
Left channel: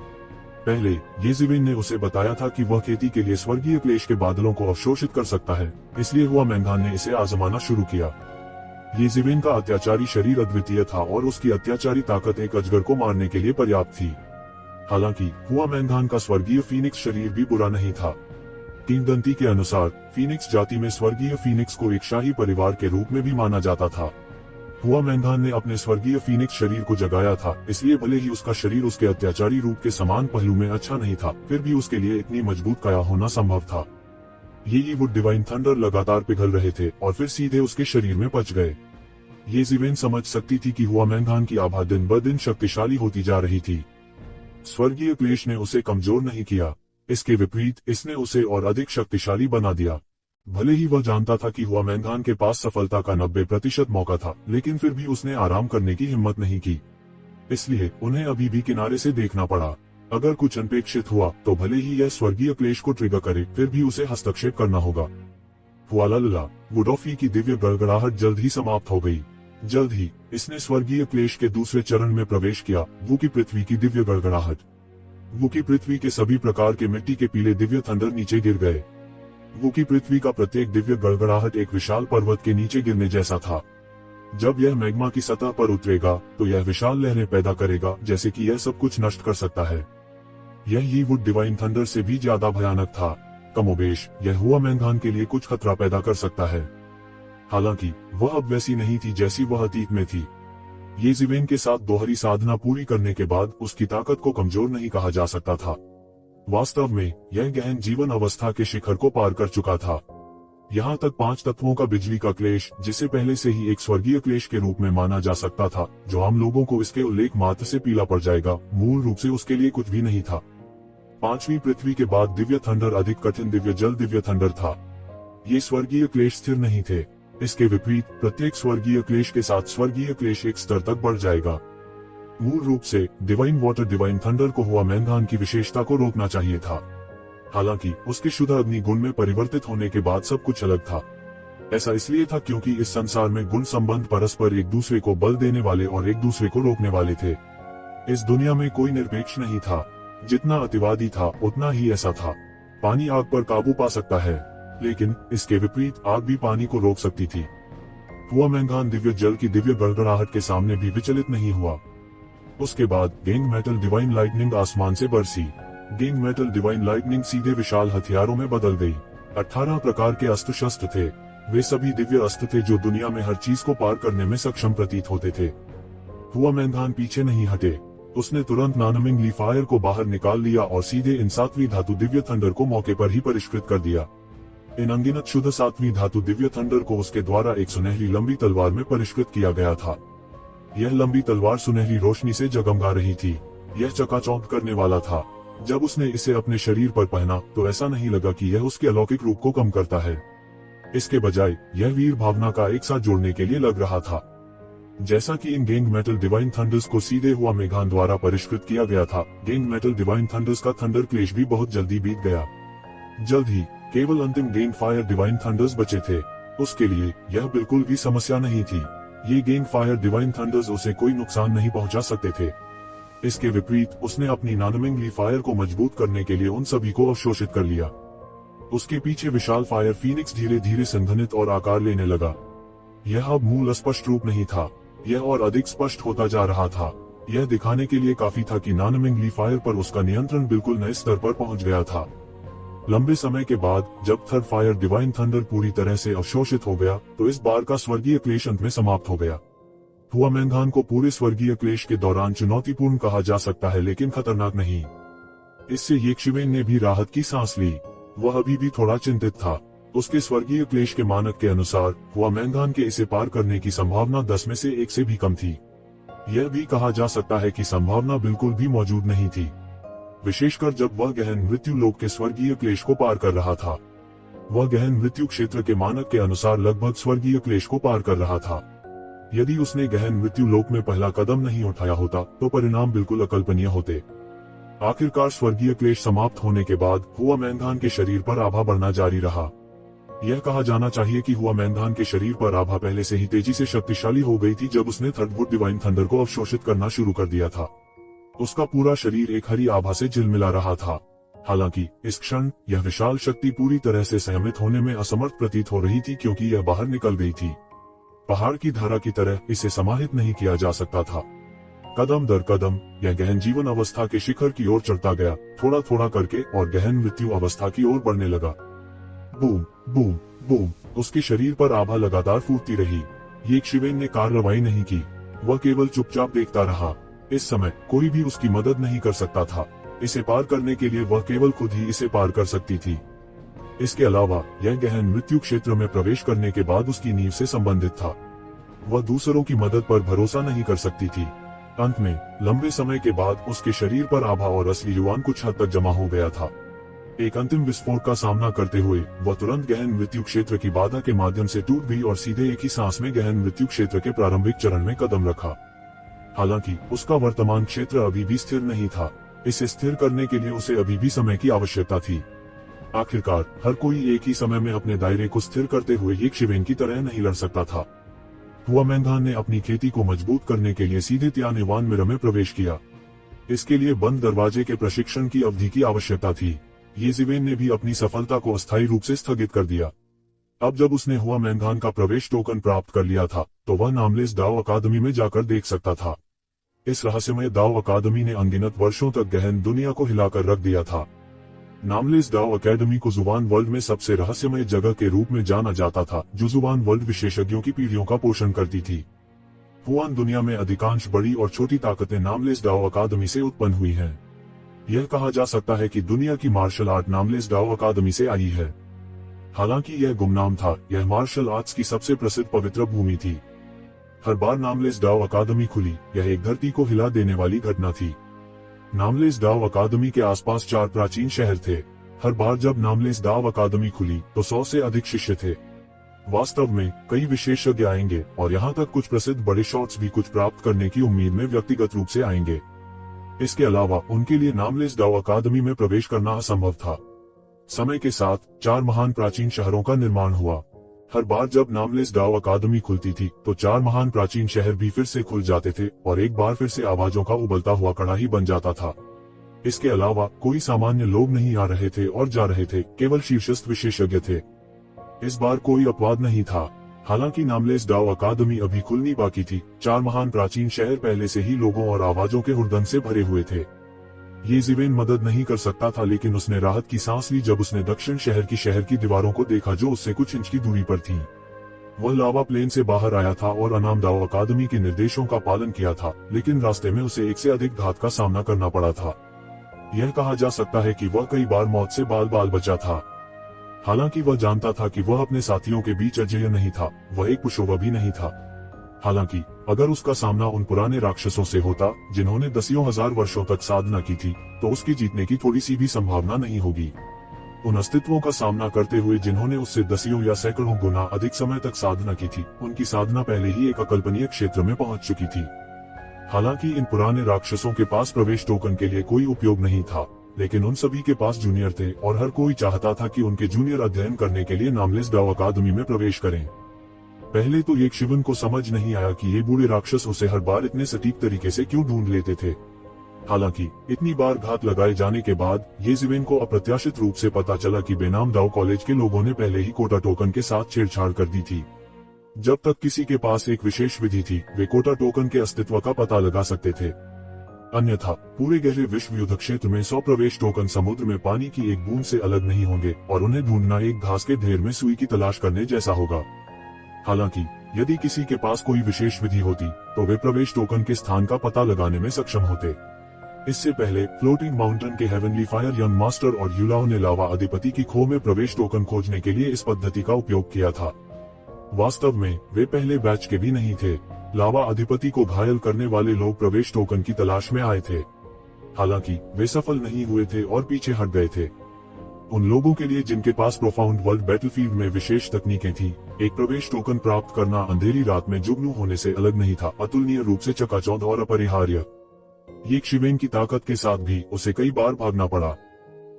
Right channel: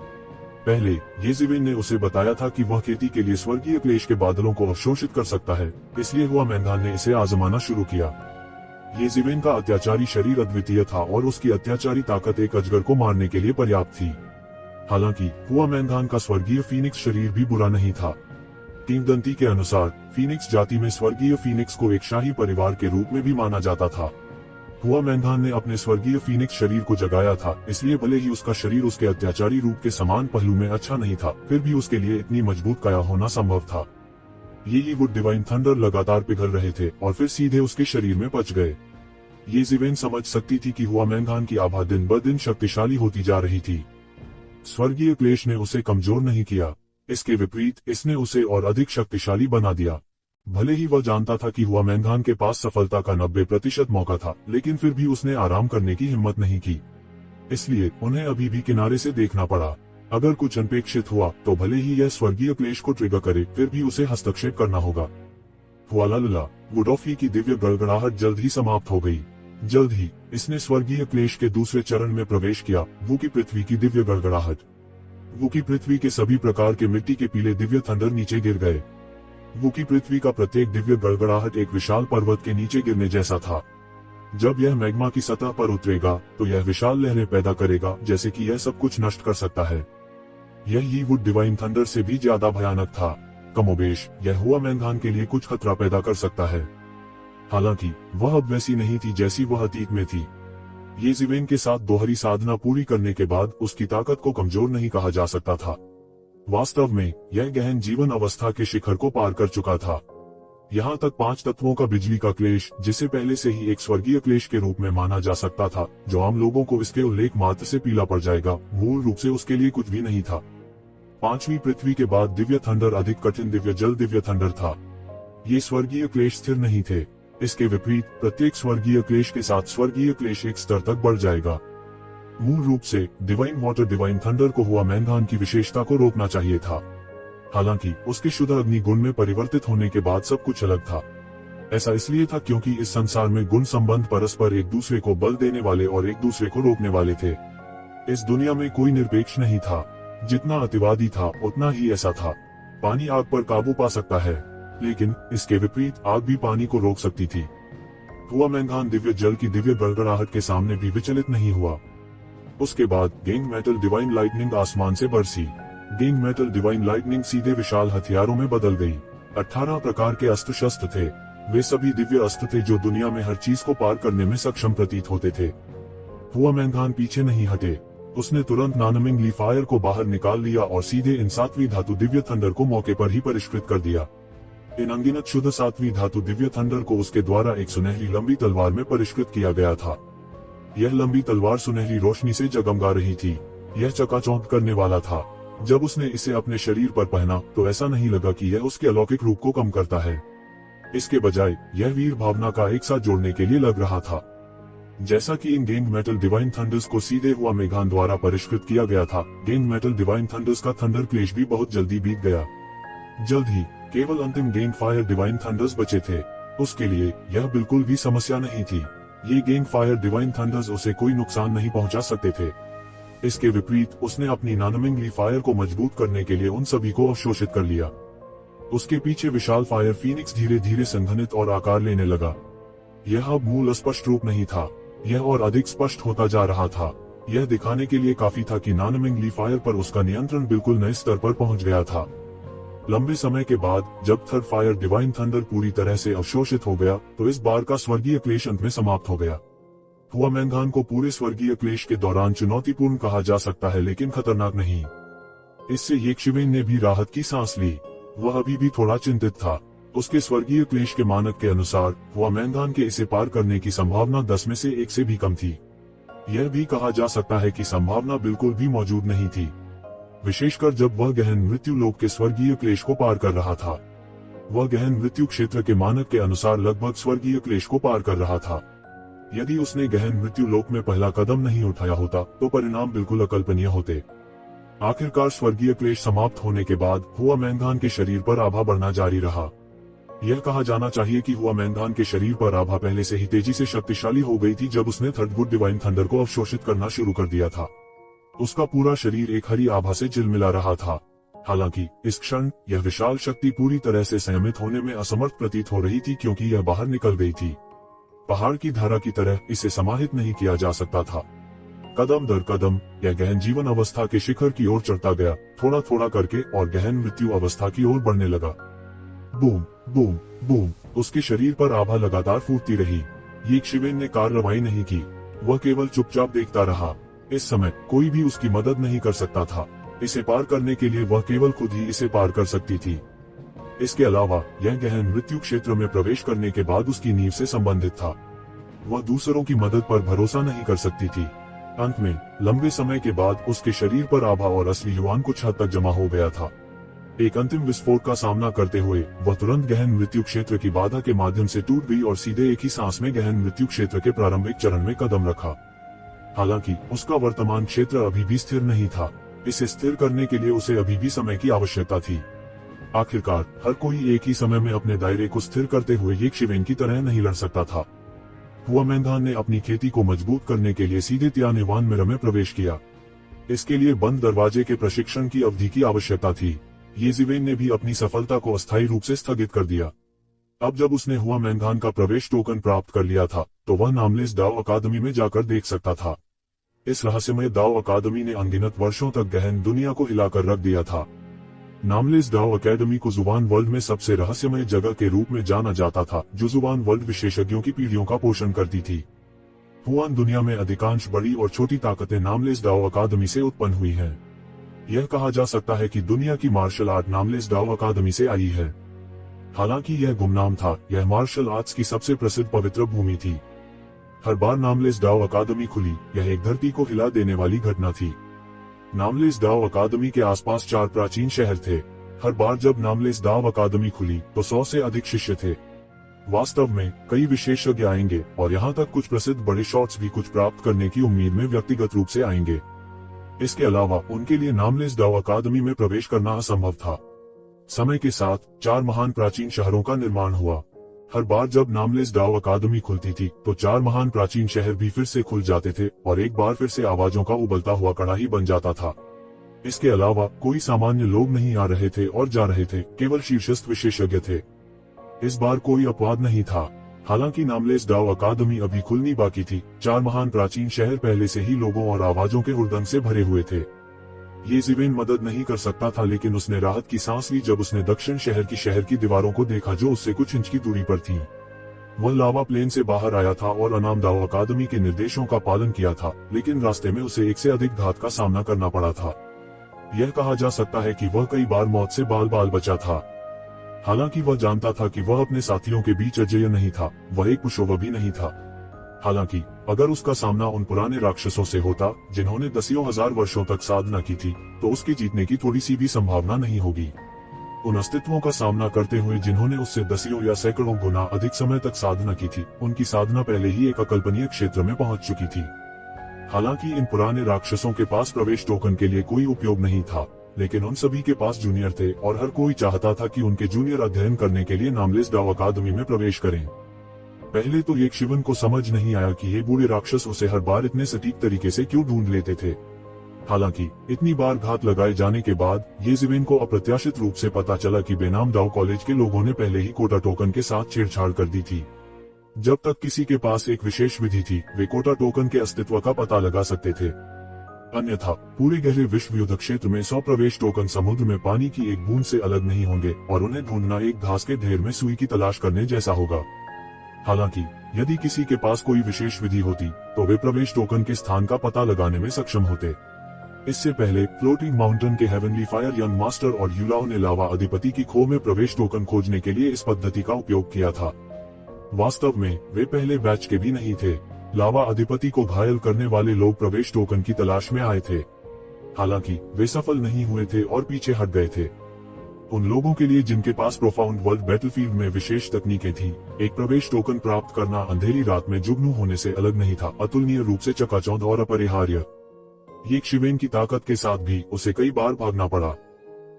पहले येज़ेवेन ने उसे बताया था कि वह खेती के लिए स्वर्गीय क्लेश के बादलों को अवशोषित कर सकता है, इसलिए हुआमैंगान ने इसे आजमाना शुरू किया। येज़ेवेन का अत्याचारी शरीर अद्वितीय था और उसकी अत्याचारी ताकत एक अजगर को मारने के लिए पर्याप्त थी। हालांकि हुआमैंगान का स्वर्गीय फीनिक्स शरीर भी बुरा नहीं था। किंवदंती के अनुसार फीनिक्स जाति में स्वर्गीय फीनिक्स को एक शाही परिवार के रूप में भी माना जाता था। हुआमैंगान ने अपने स्वर्गीय फीनिक्स शरीर को जगाया था, इसलिए भले ही उसका शरीर उसके अत्याचारी रूप के समान पहलू में अच्छा नहीं था, फिर भी उसके लिए इतनी मजबूत काया होना संभव था। ये वुड डिवाइन थंडर लगातार पिघल रहे थे और फिर सीधे उसके शरीर में बच गए। येज़ेवेन समझ सकती थी कि हुआमैंगान की आभा दिन ब दिन शक्तिशाली होती जा रही थी। स्वर्गीय क्लेश ने उसे कमजोर नहीं किया, इसके विपरीत इसने उसे और अधिक शक्तिशाली बना दिया। भले ही वह जानता था कि हुआमैंगान के पास सफलता का 90% मौका था, लेकिन फिर भी उसने आराम करने की हिम्मत नहीं की। इसलिए उन्हें अभी भी किनारे से देखना पड़ा। अगर कुछ अनपेक्षित हुआ तो भले ही यह स्वर्गीय क्लेश को ट्रिगर करे, फिर भी उसे हस्तक्षेप करना होगा। हुआलाला, वुडॉफी की दिव्य गड़गड़ाहट जल्द ही समाप्त हो गई। जल्द ही इसने स्वर्गीय क्लेश के दूसरे चरण में प्रवेश किया, वो की पृथ्वी की दिव्य गड़गड़ाहट। वो की पृथ्वी के सभी प्रकार के मिट्टी के पीले दिव्य थंडर नीचे गिर गए। वो की पृथ्वी का प्रत्येक दिव्य गड़गड़ाहट एक विशाल पर्वत के नीचे गिरने जैसा था। जब यह मैग्मा की सतह पर उतरेगा तो यह विशाल लहरें पैदा करेगा, जैसे कि यह सब कुछ नष्ट कर सकता है। यह वुड डिवाइन थंडर से भी ज्यादा भयानक था। कमोबेश यह हुआमैंगान के लिए कुछ खतरा पैदा कर सकता है। हालांकि वह अब वैसी नहीं थी जैसी वह अतीत में थी। येज़ेवेन के साथ दोहरी साधना पूरी करने के बाद उसकी ताकत को कमजोर नहीं कहा जा सकता था। वास्तव में यह गहन जीवन अवस्था के शिखर को पार कर चुका था। यहाँ तक 5 तत्वों का बिजली का क्लेश, जिसे पहले से ही एक स्वर्गीय क्लेश के रूप में माना जा सकता था, जो आम लोगों को इसके उल्लेख मात्र से पीला पड़ जाएगा, मूल रूप से उसके लिए कुछ भी नहीं था। 5वीं पृथ्वी के बाद दिव्य थंडर अधिक कठिन दिव्य जल दिव्य थंडर था। ये स्वर्गीय क्लेश स्थिर नहीं थे। इसके विपरीत प्रत्येक स्वर्गीय क्लेश के साथ स्वर्गीय क्लेश एक स्तर तक बढ़ जाएगा। मूल रूप से डिवाइन वाटर डिवाइन थंडर को हुआमैंगान की विशेषता को रोकना चाहिए था। हालांकि उसके शुद्ध अग्नि गुण में परिवर्तित होने के बाद सब कुछ अलग था। ऐसा इसलिए था क्योंकि इस संसार में गुण संबंध परस्पर एक दूसरे को बल देने वाले और एक दूसरे को रोकने वाले थे। इस दुनिया में कोई निरपेक्ष नहीं था। जितना अतिवादी था उतना ही ऐसा था। पानी आग पर काबू पा सकता है, लेकिन इसके विपरीत आग भी पानी को रोक सकती थी। हुआमैंगान दिव्य जल की दिव्य गड़गड़ाहट के सामने भी विचलित नहीं हुआ। उसके बाद गेंग मेटल डिवाइन लाइटनिंग आसमान से बरसी। गेंग मेटल डिवाइन लाइटनिंग सीधे विशाल हथियारों में बदल गई। 18 प्रकार के अस्त्र शस्त्र थे। वे सभी दिव्य अस्त्र थे जो दुनिया में हर चीज को पार करने में सक्षम प्रतीत होते थे। हुआमैंगान पीछे नहीं हटे। उसने तुरंत नानमिंग फायर को बाहर निकाल दिया और सीधे इन 7वीं धातु दिव्य थंडर को मौके पर ही परिष्कृत कर दिया। इन अनगिनत शुद्ध 7वीं धातु दिव्य थंडर को उसके द्वारा एक सुनहरी लंबी तलवार में परिष्कृत किया गया था। यह लंबी तलवार सुनहरी रोशनी से जगमगा रही थी। यह चकाचौंध करने वाला था। जब उसने इसे अपने शरीर पर पहना तो ऐसा नहीं लगा कि यह उसके अलौकिक रूप को कम करता है। इसके बजाय यह वीर भावना का एक साथ जोड़ने के लिए लग रहा था। जैसा कि इन गेंग मेटल डिवाइन थंडर्स को सीधे हुआमैंगान द्वारा परिष्कृत किया गया था, गेंग मेटल डिवाइन थंडर्स का थंडर क्लेश भी बहुत जल्दी बीत गया। जल्द ही केवल अंतिम गेंग फायर डिवाइन थंडर्स बचे थे। उसके लिए यह बिल्कुल भी समस्या नहीं थी। ये गेंग फायर डिवाइन थंडर्स उसे कोई नुकसान नहीं पहुंचा सकते थे। इसके विपरीत उसने अपनी नानमिंग फायर को मजबूत करने के लिए उन सभी को अवशोषित कर लिया। उसके पीछे विशाल फायर फीनिक्स धीरे धीरे संघनित और आकार लेने लगा। यह अब मूल स्पष्ट रूप नहीं था, यह और अधिक स्पष्ट होता जा रहा था। यह दिखाने के लिए काफी था कि नानमिंग फायर पर उसका नियंत्रण बिल्कुल नए स्तर पर पहुंच गया था। लंबे समय के बाद जब थर्ड फायर डिवाइन थंडर पूरी तरह से अवशोषित हो गया तो इस बार का स्वर्गीय क्लेश अंत में समाप्त हो गया। हुआमेंगान को पूरे स्वर्गीय क्लेश के दौरान चुनौतीपूर्ण कहा जा सकता है, लेकिन खतरनाक नहीं। इससे येक्षिवेन ने भी राहत की सांस ली। वह अभी भी थोड़ा चिंतित था। उसके स्वर्गीय क्लेश के मानक के अनुसार हुआमेंगान के इसे पार करने की संभावना 10 में से 1 से भी कम थी। यह भी कहा जा सकता है कि संभावना बिल्कुल भी मौजूद नहीं थी, विशेषकर जब वह गहन मृत्यु लोक के स्वर्गीय क्लेश को पार कर रहा था। वह गहन मृत्यु क्षेत्र के मानक के अनुसार लगभग स्वर्गीय क्लेश को पार कर रहा था। यदि उसने गहन मृत्यु लोक में पहला कदम नहीं उठाया होता तो परिणाम बिल्कुल अकल्पनीय होते। आखिरकार स्वर्गीय क्लेश समाप्त होने के बाद हुआमेंगान के शरीर पर आभा बढ़ना जारी रहा। यह कहा जाना चाहिए कि हुआमेंगान के शरीर पर आभा पहले से ही तेजी से शक्तिशाली हो गई थी जब उसने थर्ड गुड डिवाइन थंडर को अवशोषित करना शुरू कर दिया था। उसका पूरा शरीर एक हरी आभा से चिलमिला रहा था। हालांकि इस क्षण यह विशाल शक्ति पूरी तरह से संयमित होने में असमर्थ प्रतीत हो रही थी, क्योंकि यह बाहर निकल गई थी। पहाड़ की धारा की तरह इसे समाहित नहीं किया जा सकता था। कदम दर कदम यह गहन जीवन अवस्था के शिखर की ओर चढ़ता गया, थोड़ा थोड़ा करके, और गहन मृत्यु अवस्था की ओर बढ़ने लगा। बूम बूम बूम, उसके शरीर पर आभा लगातार फूटती रही। येक्षिवेन ने कार्रवाई नहीं की, वह केवल चुपचाप देखता रहा। इस समय कोई भी उसकी मदद नहीं कर सकता था। इसे पार करने के लिए वह केवल खुद ही इसे पार कर सकती थी। इसके अलावा यह गहन मृत्यु क्षेत्र में प्रवेश करने के बाद उसकी नींव से संबंधित था। वह दूसरों की मदद पर भरोसा नहीं कर सकती थी। अंत में लंबे समय के बाद उसके शरीर पर आभा और असली युवान कुछ हद तक जमा हो गया था। एक अंतिम विस्फोट का सामना करते हुए वह तुरंत गहन मृत्यु क्षेत्र की बाधा के माध्यम से टूट गई और सीधे एक ही सांस में गहन मृत्यु क्षेत्र के प्रारंभिक चरण में कदम रखा। हालांकि उसका वर्तमान क्षेत्र अभी भी स्थिर नहीं था। इसे स्थिर करने के लिए उसे अभी भी समय की आवश्यकता थी। आखिरकार हर कोई एक ही समय में अपने दायरे को स्थिर करते हुए येक्षिवेन की तरह नहीं लड़ सकता था। हुआमेंगान ने अपनी खेती को मजबूत करने के लिए सीधे तियानेवान मिरर में प्रवेश किया। इसके लिए बंद दरवाजे के प्रशिक्षण की अवधि की आवश्यकता थी। येज़िवेन ने भी अपनी सफलता को अस्थायी रूप से स्थगित कर दिया। अब जब उसने हुआमेंगान का प्रवेश टोकन प्राप्त कर लिया था तो वह नामलेस दाओ अकादमी में जाकर देख सकता था। इस रहस्यमय दाओ अकादमी ने अनगिनत वर्षों तक गहन दुनिया को हिलाकर रख दिया था। नामलेस दाओ अकादमी को जुबान वर्ल्ड में सबसे रहस्यमय जगह के रूप में जाना जाता था, जो जुबान वर्ल्ड विशेषज्ञों की पीढ़ियों का पोषण करती थी। हुआन दुनिया में अधिकांश बड़ी और छोटी ताकतें नामलेस दाओ अकादमी से उत्पन्न हुई हैं। यह कहा जा सकता है कि दुनिया की मार्शल आर्ट नामलेस दाओ अकादमी से आई है। हालांकि यह गुमनाम था, यह मार्शल आर्ट्स की सबसे प्रसिद्ध पवित्र भूमि थी। हर बार नामलेस दाओ अकादमी खुली, यह एक धरती को हिला देने वाली घटना थी। नामलेस दाओ अकादमी के आसपास 4 प्राचीन शहर थे। हर बार जब नामलेस दाओ अकादमी खुली तो 100 से अधिक शिष्य थे। वास्तव में कई विशेषज्ञ आएंगे और यहाँ तक कुछ प्रसिद्ध बड़े शॉट्स भी कुछ प्राप्त करने की उम्मीद में व्यक्तिगत रूप से आएंगे। इसके अलावा उनके लिए नामलेस दाओ अकादमी में प्रवेश करना असंभव था। समय के साथ 4 महान प्राचीन शहरों का निर्माण हुआ। हर बार जब नामलेस दाओ अकादमी खुलती थी तो 4 महान प्राचीन शहर भी फिर से खुल जाते थे और एक बार फिर से आवाजों का उबलता हुआ कड़ाही बन जाता था। इसके अलावा कोई सामान्य लोग नहीं आ रहे थे और जा रहे थे, केवल शीर्षस्थ विशेषज्ञ थे। इस बार कोई अपवाद नहीं था। हालांकि नामलेस दाओ अकादमी अभी खुलनी बाकी थी। 4 महान प्राचीन शहर पहले से ही लोगों और आवाजों के हुड़दंग से भरे हुए थे। येज़िवेन मदद नहीं कर सकता था, लेकिन उसने राहत की सांस ली जब उसने दक्षिण शहर की दीवारों को देखा जो उससे कुछ इंच की दूरी पर थी। वह लावा प्लेन से बाहर आया था और अनाम दाओ अकादमी के निर्देशों का पालन किया था, लेकिन रास्ते में उसे 1 से अधिक घात का सामना करना पड़ा था। यह कहा जा सकता है कि वह कई बार मौत से बाल बाल बचा था। हालांकि वह जानता था कि वह अपने साथियों के बीच अजेय नहीं था, वह एक पुशोवा भी नहीं था। हालांकि अगर उसका सामना उन पुराने राक्षसों से होता जिन्होंने दसियों हजार वर्षों तक साधना की थी, तो उसकी जीतने की थोड़ी सी भी संभावना नहीं होगी। उन अस्तित्वों का सामना करते हुए जिन्होंने उससे दसियों या सैकड़ों गुना अधिक समय तक साधना की थी, उनकी साधना पहले ही एक अकल्पनीय क्षेत्र में पहुंच चुकी थी। हालांकि इन पुराने राक्षसों के पास प्रवेश टोकन के लिए कोई उपयोग नहीं था, लेकिन उन सभी के पास जूनियर थे और हर कोई चाहता था कि उनके जूनियर अध्ययन करने के लिए नामलेस दाओ अकादमी में प्रवेश करें। पहले तो येक्षिवेन को समझ नहीं आया कि ये बूढ़े राक्षस उसे हर बार इतने सटीक तरीके से क्यों ढूंढ लेते थे। हालांकि इतनी बार घात लगाए जाने के बाद येज़िवेन को अप्रत्याशित रूप से पता चला कि बेनाम दाओ कॉलेज के लोगों ने पहले ही कोटा टोकन के साथ छेड़छाड़ कर दी थी। जब तक किसी के पास एक विशेष विधि थी, वे कोटा टोकन के अस्तित्व का पता लगा सकते थे। अन्यथा पूरे गहरे विश्व युद्ध क्षेत्र में 100 प्रवेश टोकन समुद्र में पानी की एक बूंद से अलग नहीं होंगे और उन्हें ढूंढना एक घास के ढेर में सुई की तलाश करने जैसा होगा। हालांकि यदि किसी के पास कोई विशेष विधि होती तो वे प्रवेश टोकन के स्थान का पता लगाने में सक्षम होते। इससे पहले फ्लोटिंग माउंटेन के हेवनली फायर यंग मास्टर और यूलाओ ने लावा अधिपति की खो में प्रवेश टोकन खोजने के लिए इस पद्धति का उपयोग किया था। वास्तव में वे पहले बैच के भी नहीं थे। लावा अधिपति को घायल करने वाले लोग प्रवेश टोकन की तलाश में आए थे, हालांकि वे सफल नहीं हुए थे और पीछे हट गए थे। उन लोगों के लिए जिनके पास प्रोफाउंड वर्ल्ड बैटलफील्ड में विशेष तकनीकें थीं, एक प्रवेश टोकन प्राप्त करना अंधेरी रात में जुगनू होने से अलग नहीं था, अतुलनीय रूप से चकाचौंध और अपरिहार्य। ये शिवेन की ताकत के साथ भी उसे कई बार भागना पड़ा,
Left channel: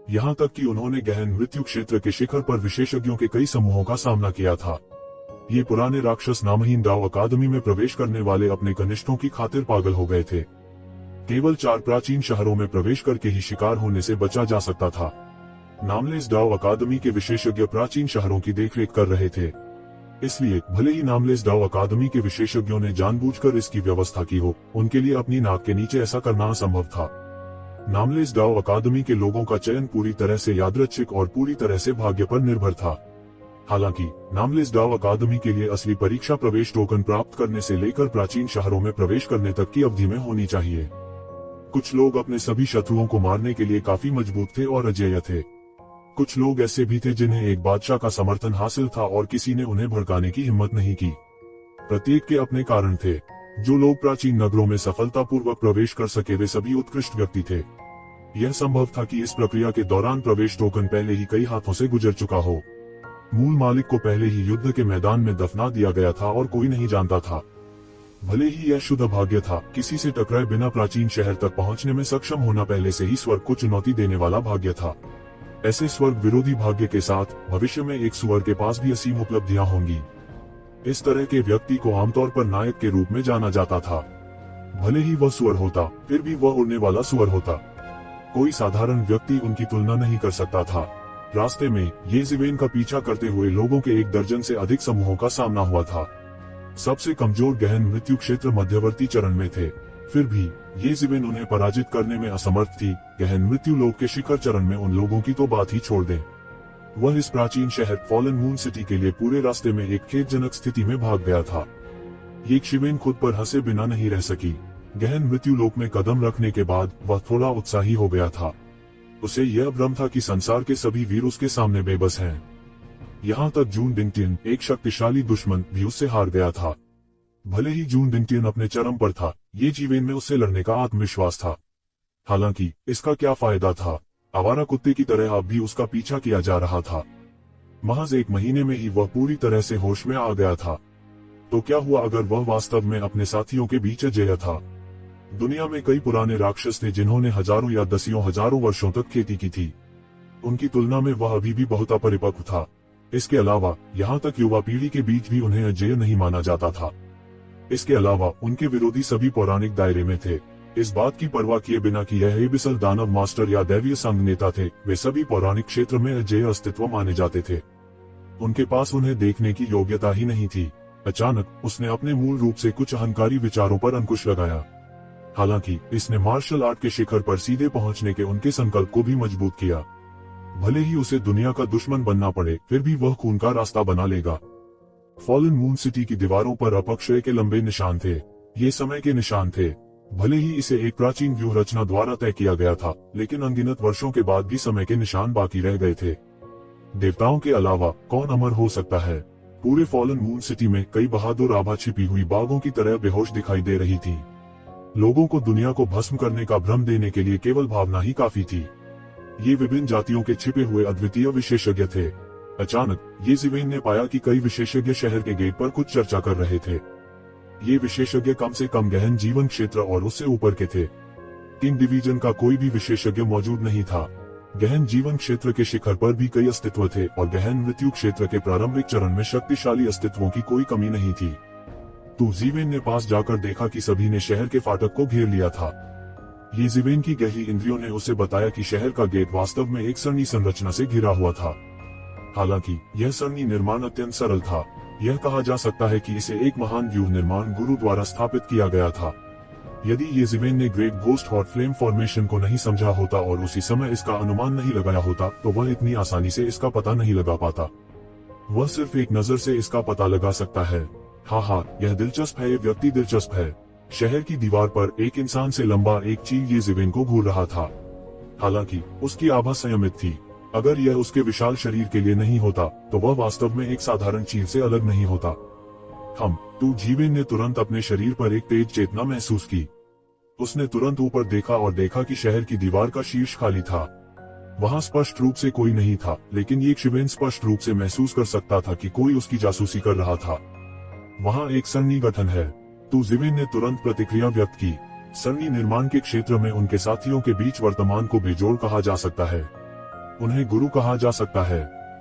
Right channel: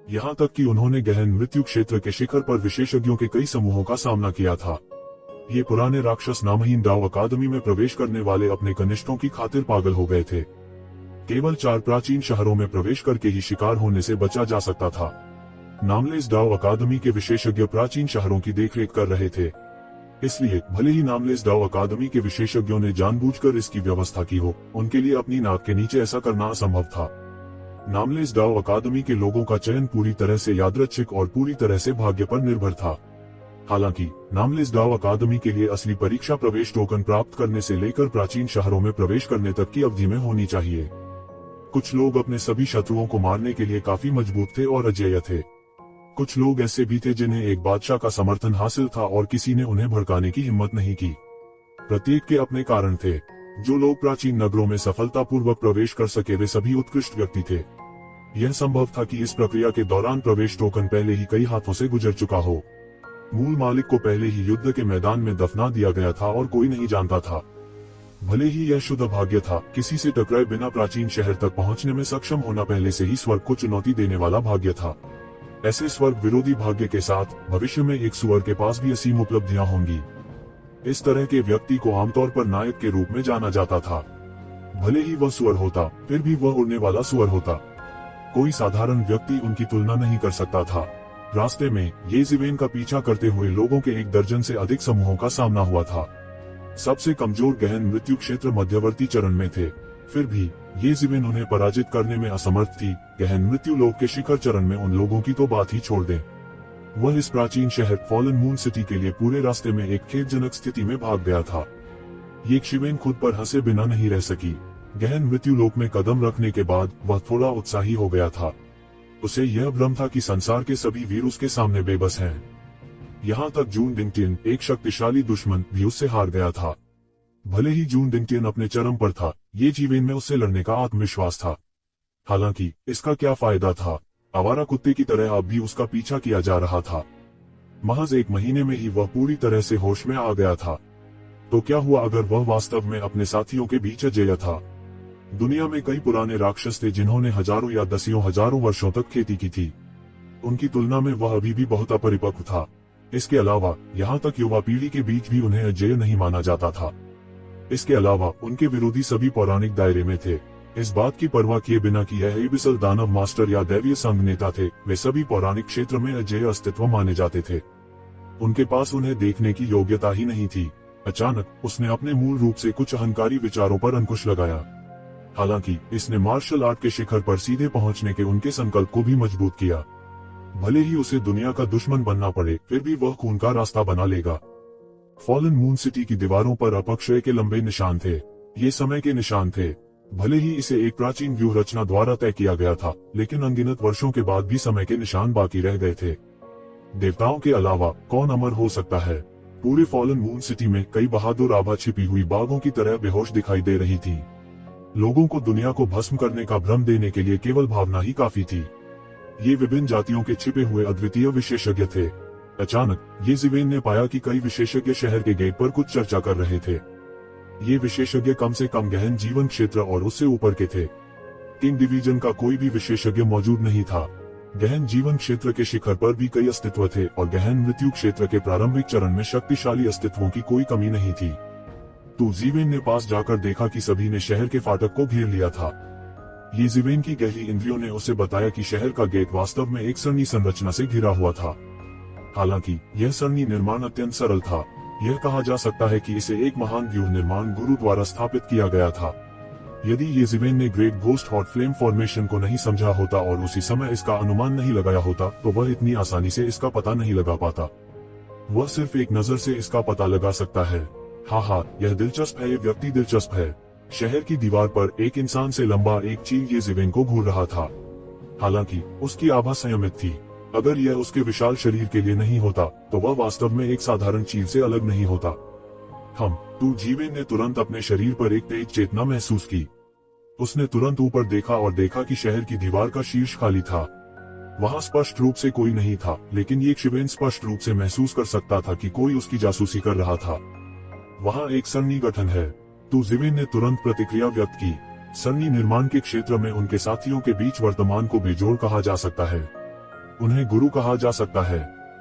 यहाँ तक कि उन्होंने गहन मृत्यु क्षेत्र के शिखर पर विशेषज्ञों के कई समूहों का सामना किया था। ये पुराने राक्षस नामहीन डाओ अकादमी में प्रवेश करने वाले अपने कनिष्ठों की खातिर पागल हो गए थे। केवल 4 प्राचीन शहरों में प्रवेश करके ही शिकार होने से बचा जा सकता था। नामलेस डाओ अकादमी के विशेषज्ञ प्राचीन शहरों की देखरेख कर रहे थे, इसलिए भले ही नामलेस डाओ अकादमी के विशेषज्ञों ने जानबूझकर इसकी व्यवस्था की हो, उनके लिए अपनी नाक के नीचे ऐसा करना असंभव था। नामलेस डाओ अकादमी के लोगों का चयन पूरी तरह से यादृच्छिक और पूरी तरह से भाग्य पर निर्भर था। हालांकि नामलेस डाओ अकादमी के लिए असली परीक्षा प्रवेश टोकन प्राप्त करने से लेकर प्राचीन शहरों में प्रवेश करने तक की अवधि में होनी चाहिए। कुछ लोग अपने सभी शत्रुओं को मारने के लिए काफी मजबूत थे और अजेय थे। कुछ लोग ऐसे भी थे जिन्हें एक बादशाह का समर्थन हासिल था और किसी ने उन्हें भड़काने की हिम्मत नहीं की। प्रत्येक के अपने कारण थे। जो लोग प्राचीन नगरों में सफलतापूर्वक प्रवेश कर सके वे सभी उत्कृष्ट व्यक्ति थे। यह संभव था कि इस प्रक्रिया के दौरान प्रवेश टोकन पहले ही कई हाथों से गुजर चुका हो। मूल मालिक को पहले ही युद्ध के मैदान में दफना दिया गया था और कोई नहीं जानता था। भले ही यह शुद्ध भाग्य था, किसी से टकराए बिना प्राचीन शहर तक पहुंचने में सक्षम होना पहले से ही स्वर्ग को चुनौती देने वाला भाग्य था। ऐसे स्वर्ग विरोधी भाग्य के साथ भविष्य में एक सुअर के पास भी असीम उपलब्धियां होंगी। इस तरह के व्यक्ति को आमतौर पर नायक के रूप में जाना जाता था। भले ही वह सुअर होता, फिर भी वह उड़ने वाला सुअर होता। कोई साधारण व्यक्ति उनकी तुलना नहीं कर सकता था। रास्ते में येज़िवेन का पीछा करते हुए लोगों के 1 दर्जन से अधिक समूहों का सामना हुआ था। सबसे कमजोर गहन मृत्यु क्षेत्र मध्यवर्ती चरण में थे, फिर भी येज़िवेन उन्हें पराजित करने में असमर्थ थी। गहन मृत्यु लोक के शिखर चरण में उन लोगों की तो बात ही छोड़ दें। वह इस प्राचीन शहर फॉलन मून सिटी के लिए पूरे रास्ते में एक खेदजनक स्थिति में भाग गया था। ये शिवेन खुद पर हंसे बिना नहीं रह सकी। गहन मृत्यु लोक में कदम रखने के बाद वह थोड़ा उत्साही हो गया था। उसे यह भ्रम था कि संसार के सभी वीर उसके सामने बेबस हैं। यहाँ तक जून डिंगटिन, एक शक्तिशाली दुश्मन, भी उससे हार गया था। भले ही जून डिंगटिन अपने चरम पर था, ये जीवेन में उससे लड़ने का आत्मविश्वास था। हालांकि इसका क्या फायदा था? आवारा कुत्ते की तरह अब भी उसका पीछा किया जा रहा था। महज 1 महीने में ही वह पूरी तरह से होश में आ गया था। तो क्या हुआ अगर वह वास्तव में अपने साथियों के बीच अजेय था? दुनिया में कई पुराने राक्षस थे जिन्होंने हजारों या दसियों हजारों वर्षों तक खेती की थी। उनकी तुलना में वह अभी भी बहुत अपरिपक्व था। इसके अलावा यहाँ तक युवा पीढ़ी के बीच भी उन्हें अजेय नहीं माना जाता था। इसके अलावा उनके विरोधी सभी पौराणिक दायरे में थे। इस बात की परवाह किए बिना कि यह एबिसल दानव मास्टर या दैवीय संघ नेता थे, वे सभी पौराणिक क्षेत्र में अजेय अस्तित्व माने जाते थे। उनके पास उन्हें देखने की योग्यता ही नहीं थी। अचानक उसने अपने मूल रूप से कुछ अहंकारी विचारों पर अंकुश लगाया। हालांकि इसने मार्शल आर्ट के शिखर पर सीधे पहुंचने के उनके संकल्प को भी मजबूत किया। भले ही उसे दुनिया का दुश्मन बनना पड़े, फिर भी वह खून का रास्ता बना लेगा। फॉलन मून सिटी की दीवारों पर अपक्षय के लंबे निशान थे। ये समय के निशान थे। भले ही इसे एक प्राचीन व्यूह रचना द्वारा तय किया गया था, लेकिन अनगिनत वर्षों के बाद भी समय के निशान बाकी रह गए थे। देवताओं के अलावा कौन अमर हो सकता है? पूरे फॉलन मून सिटी में कई बहादुर आभा छिपी हुई बाघों की तरह बेहोश दिखाई दे रही थी। लोगों को दुनिया को भस्म करने का भ्रम देने के लिए केवल भावना ही काफी थी। ये विभिन्न जातियों के छिपे हुए अद्वितीय विशेषज्ञ थे। अचानक येज़िवेन ने पाया कि कई विशेषज्ञ शहर के गेट पर कुछ चर्चा कर रहे थे। ये विशेषज्ञ कम से कम गहन जीवन क्षेत्र और उससे ऊपर के थे। इन डिवीजन का कोई भी विशेषज्ञ मौजूद नहीं था। गहन जीवन क्षेत्र के शिखर पर भी कई अस्तित्व थे और गहन मृत्यु क्षेत्र के प्रारंभिक चरण में शक्तिशाली अस्तित्वों की कोई कमी नहीं थी। येज़िवेन ने पास जाकर देखा कि सभी ने शहर के फाटक को घेर लिया था। येज़िवेन की गहरी इंद्रियों ने उसे बताया कि शहर का गेट वास्तव में एक सरनी संरचना से घिरा हुआ था। हालांकि यह सरनी निर्माण अत्यंत सरल था। यह कहा जा सकता है कि इसे एक महान व्यूह निर्माण गुरु द्वारा स्थापित किया गया था। यदि येज़िवेन ने great ghost hot flame formation को नहीं समझा होता और उसी समय इसका अनुमान नहीं लगाया होता, तो वह इतनी आसानी से इसका पता नहीं लगा पाता। वह सिर्फ एक नजर से इसका पता लगा सकता है। हाँ हाँ, यह दिलचस्प है, ये व्यक्ति दिलचस्प है। शहर की दीवार पर एक इंसान से लंबा एक चील ये ज़िवेन को घूर रहा था। हालांकि उसकी आभा संयमित थी। अगर यह उसके विशाल शरीर के लिए नहीं होता तो वह वास्तव में एक साधारण चील से अलग नहीं होता। ज़िवेन ने तुरंत अपने शरीर पर एक तेज चेतना महसूस की। उसने तुरंत ऊपर देखा और देखा कि शहर की दीवार का शीर्ष खाली था। वहां स्पष्ट रूप से कोई नहीं था, लेकिन ये ज़िवेन स्पष्ट रूप से महसूस कर सकता था कि कोई उसकी जासूसी कर रहा था। वहां एक सन्नी गठन है। ज़िवेन ने तुरंत प्रतिक्रिया व्यक्त की। सन्नी निर्माण के क्षेत्र में उनके साथियों के बीच वर्तमान को बेजोड़ कहा जा सकता है। उन्हें गुरु कहा जा सकता है।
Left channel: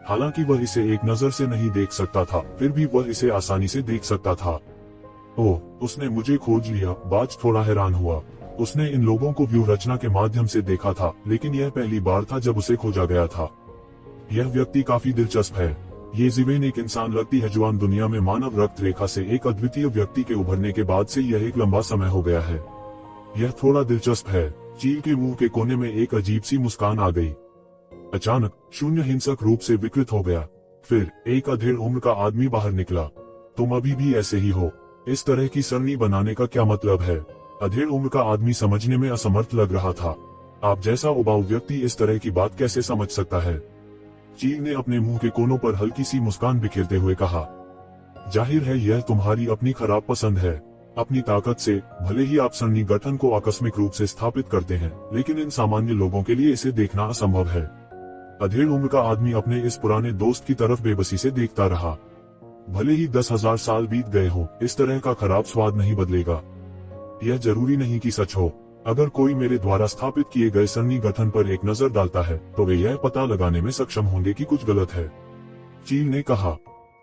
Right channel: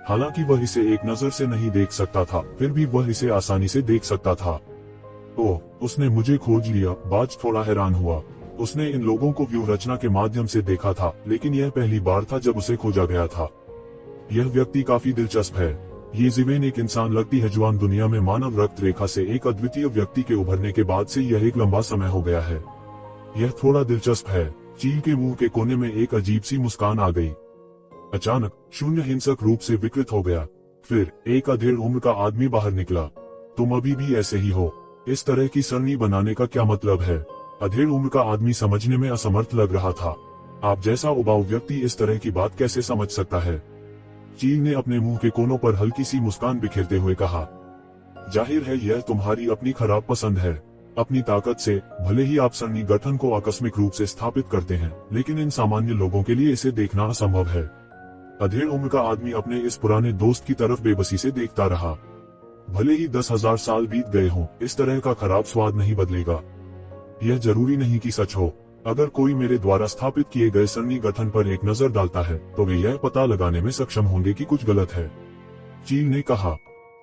हालांकि वह इसे एक नजर से नहीं देख सकता था, फिर भी वह इसे आसानी से देख सकता था। ओह, उसने मुझे खोज लिया, बाज थोड़ा हैरान हुआ। उसने इन लोगों को व्यूह रचना के माध्यम से देखा था, लेकिन यह पहली बार था जब उसे खोजा गया था। यह व्यक्ति काफी दिलचस्प है। ये ज़िवेन एक इंसान लगती है जवान दुनिया में मानव रक्त रेखा से एक अद्वितीय व्यक्ति के उभरने के बाद से यह एक लंबा समय हो गया है। यह थोड़ा दिलचस्प है। चील के मुंह के कोने में एक अजीब सी मुस्कान आ गई। अचानक शून्य हिंसक रूप से विकृत हो गया। फिर एक अधेड़ उम्र का आदमी बाहर निकला। तुम अभी भी ऐसे ही हो। इस तरह की सरनी बनाने का क्या मतलब है? अधेड़ उम्र का आदमी समझने में असमर्थ लग रहा था। आप जैसा उबाऊ व्यक्ति इस तरह की बात कैसे समझ सकता है? चील ने अपने मुंह के कोनों पर हल्की सी मुस्कान बिखेरते हुए कहा, जाहिर है यह तुम्हारी अपनी खराब पसंद है। अपनी ताकत से भले ही आप सरनी गठन को आकस्मिक रूप से स्थापित करते हैं, लेकिन इन सामान्य लोगों के लिए इसे देखना असंभव है। अधेड़ उम्र का आदमी अपने इस पुराने दोस्त की तरफ बेबसी से देखता रहा। भले ही 10,000 साल बीत गए हों, इस तरह का खराब स्वाद नहीं बदलेगा। यह जरूरी नहीं कि सच हो। अगर कोई मेरे द्वारा स्थापित किए गए सरनी गठन पर एक नजर डालता है तो वे यह पता लगाने में सक्षम होंगे कि कुछ गलत है। चील ने कहा,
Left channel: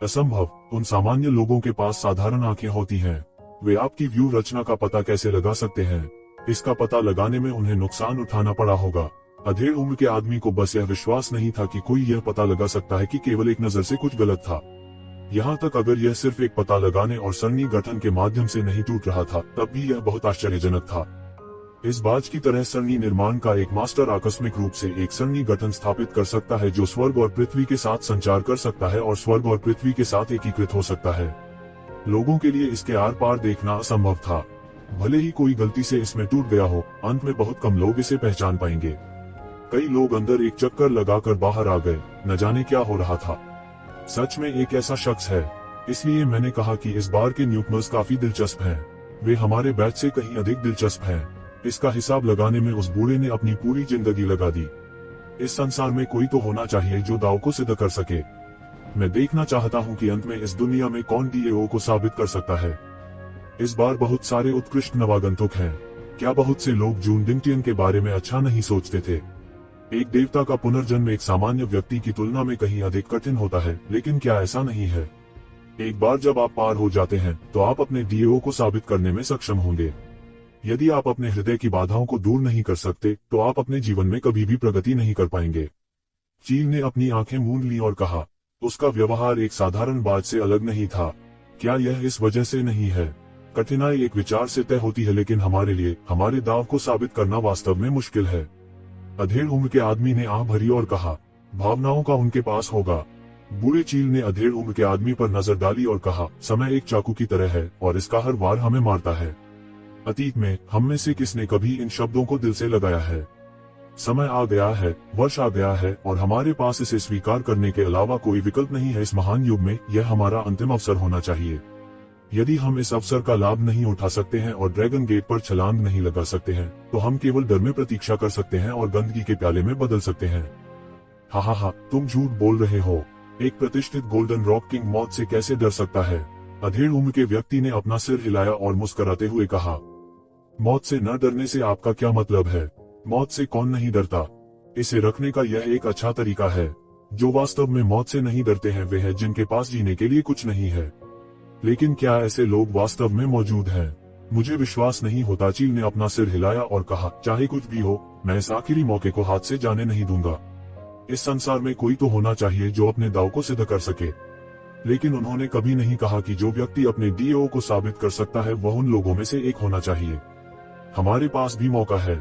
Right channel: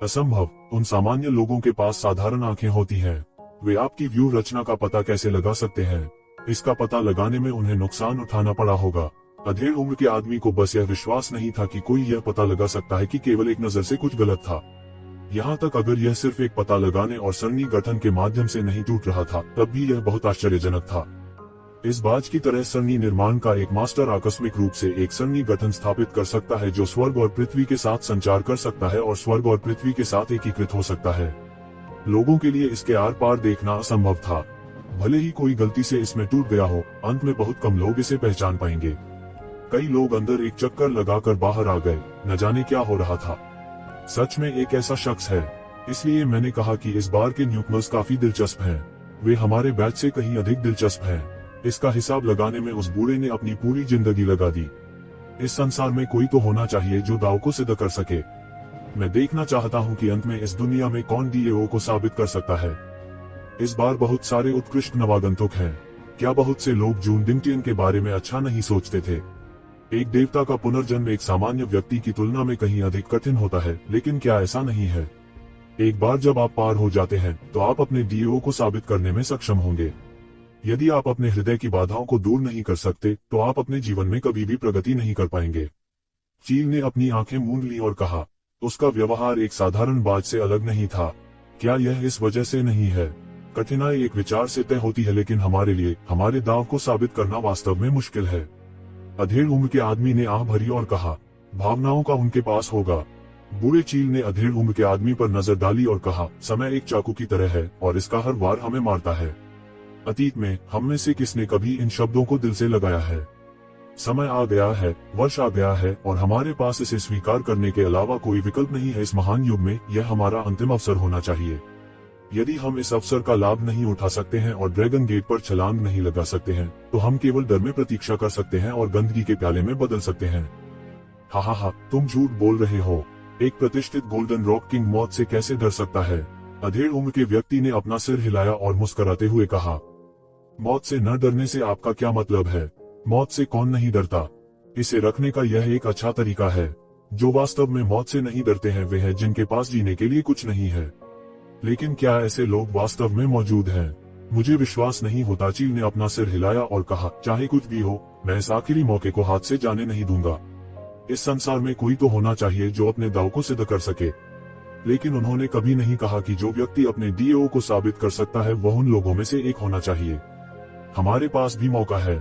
असंभव। उन सामान्य लोगों के पास साधारण आंखें होती हैं। वे आपकी व्यू रचना का पता कैसे लगा सकते हैं? इसका पता लगाने में उन्हें नुकसान उठाना पड़ा होगा। अधेड़ उम्र के आदमी को बस यह विश्वास नहीं था कि कोई यह पता लगा सकता है कि केवल एक नजर से कुछ गलत था। यहाँ तक अगर यह सिर्फ एक पता लगाने और सरनी गठन के माध्यम से नहीं टूट रहा था, तब भी यह बहुत आश्चर्यजनक था। इस बाज की तरह सरनी निर्माण का एक मास्टर आकस्मिक रूप से एक सरनी गठन स्थापित कर सकता है जो स्वर्ग और पृथ्वी के साथ संचार कर सकता है और स्वर्ग और पृथ्वी के साथ एकीकृत हो सकता है। लोगों के लिए इसके आर पार देखना असंभव था। भले ही कोई गलती से इसमें टूट गया हो, अंत में बहुत कम लोग इसे पहचान पाएंगे। कई लोग अंदर एक चक्कर लगाकर बाहर आ गए, न जाने क्या हो रहा था। सच में एक ऐसा शख्स है। इसलिए मैंने कहा कि इस बार के न्यूकमर्स काफी दिलचस्प हैं। वे हमारे बैच से कहीं अधिक दिलचस्प हैं। इसका हिसाब लगाने में उस बूढ़े ने अपनी पूरी जिंदगी लगा दी। इस संसार में कोई तो होना चाहिए जो दाव को सिद्ध कर सके। मैं देखना चाहता हूं कि अंत में इस दुनिया में कौन डीएओ को साबित कर सकता है। इस बार बहुत सारे उत्कृष्ट नवागंतुक हैं। क्या बहुत से लोग जून डिंगटियन के बारे में अच्छा नहीं सोचते थे? एक देवता का पुनर्जन्म एक सामान्य व्यक्ति की तुलना में कहीं अधिक कठिन होता है, लेकिन क्या ऐसा नहीं है? एक बार जब आप पार हो जाते हैं तो आप अपने डीएओ को साबित करने में सक्षम होंगे। यदि आप अपने हृदय की बाधाओं को दूर नहीं कर सकते तो आप अपने जीवन में कभी भी प्रगति नहीं कर पाएंगे। चील ने अपनी आंखें मूंद ली और कहा, उसका व्यवहार एक साधारण बात से अलग नहीं था। क्या यह इस वजह से नहीं है? कठिनाई एक विचार से तय होती है, लेकिन हमारे लिए हमारे दाव को साबित करना वास्तव में मुश्किल है। अधेड़ उम्र के आदमी ने आह भरी और कहा, भावनाओं का उनके पास होगा। बूढ़े चील ने अधेड़ उम्र के आदमी पर नजर डाली और कहा, समय एक चाकू की तरह है और इसका हर वार हमें मारता है। अतीत में हम में से किसने कभी इन शब्दों को दिल से लगाया है? समय आ गया है, वर्ष आ गया है और हमारे पास इसे स्वीकार करने के अलावा कोई विकल्प नहीं है। इस महान युग में यह हमारा अंतिम अवसर होना चाहिए। यदि हम इस अवसर का लाभ नहीं उठा सकते हैं और ड्रैगन गेट पर छलांग नहीं लगा सकते हैं, तो हम केवल डर में प्रतीक्षा कर सकते हैं और गंदगी के प्याले में बदल सकते हैं। हा, तुम झूठ बोल रहे हो। एक प्रतिष्ठित गोल्डन रॉक किंग मौत से कैसे डर सकता है? अधेड़ उम्र के व्यक्ति ने अपना सिर हिलाया और मुस्कुराते हुए कहा, मौत से न डरने से आपका क्या मतलब है? मौत से कौन नहीं डरता? इसे रखने का यह एक अच्छा तरीका है। जो वास्तव में मौत से नहीं डरते हैं वे हैं जिनके पास जीने के लिए कुछ नहीं है। लेकिन क्या ऐसे लोग वास्तव में मौजूद हैं? मुझे विश्वास नहीं होता। चील ने अपना सिर हिलाया और कहा, चाहे कुछ भी हो, मैं इस आखिरी मौके को हाथ से जाने नहीं दूंगा। इस संसार में कोई तो होना चाहिए जो अपने दाव को सिद्ध कर सके। लेकिन उन्होंने कभी नहीं कहा कि जो व्यक्ति अपने डीएओ को साबित कर सकता है वह उन लोगों में से एक होना चाहिए। हमारे पास भी मौका है।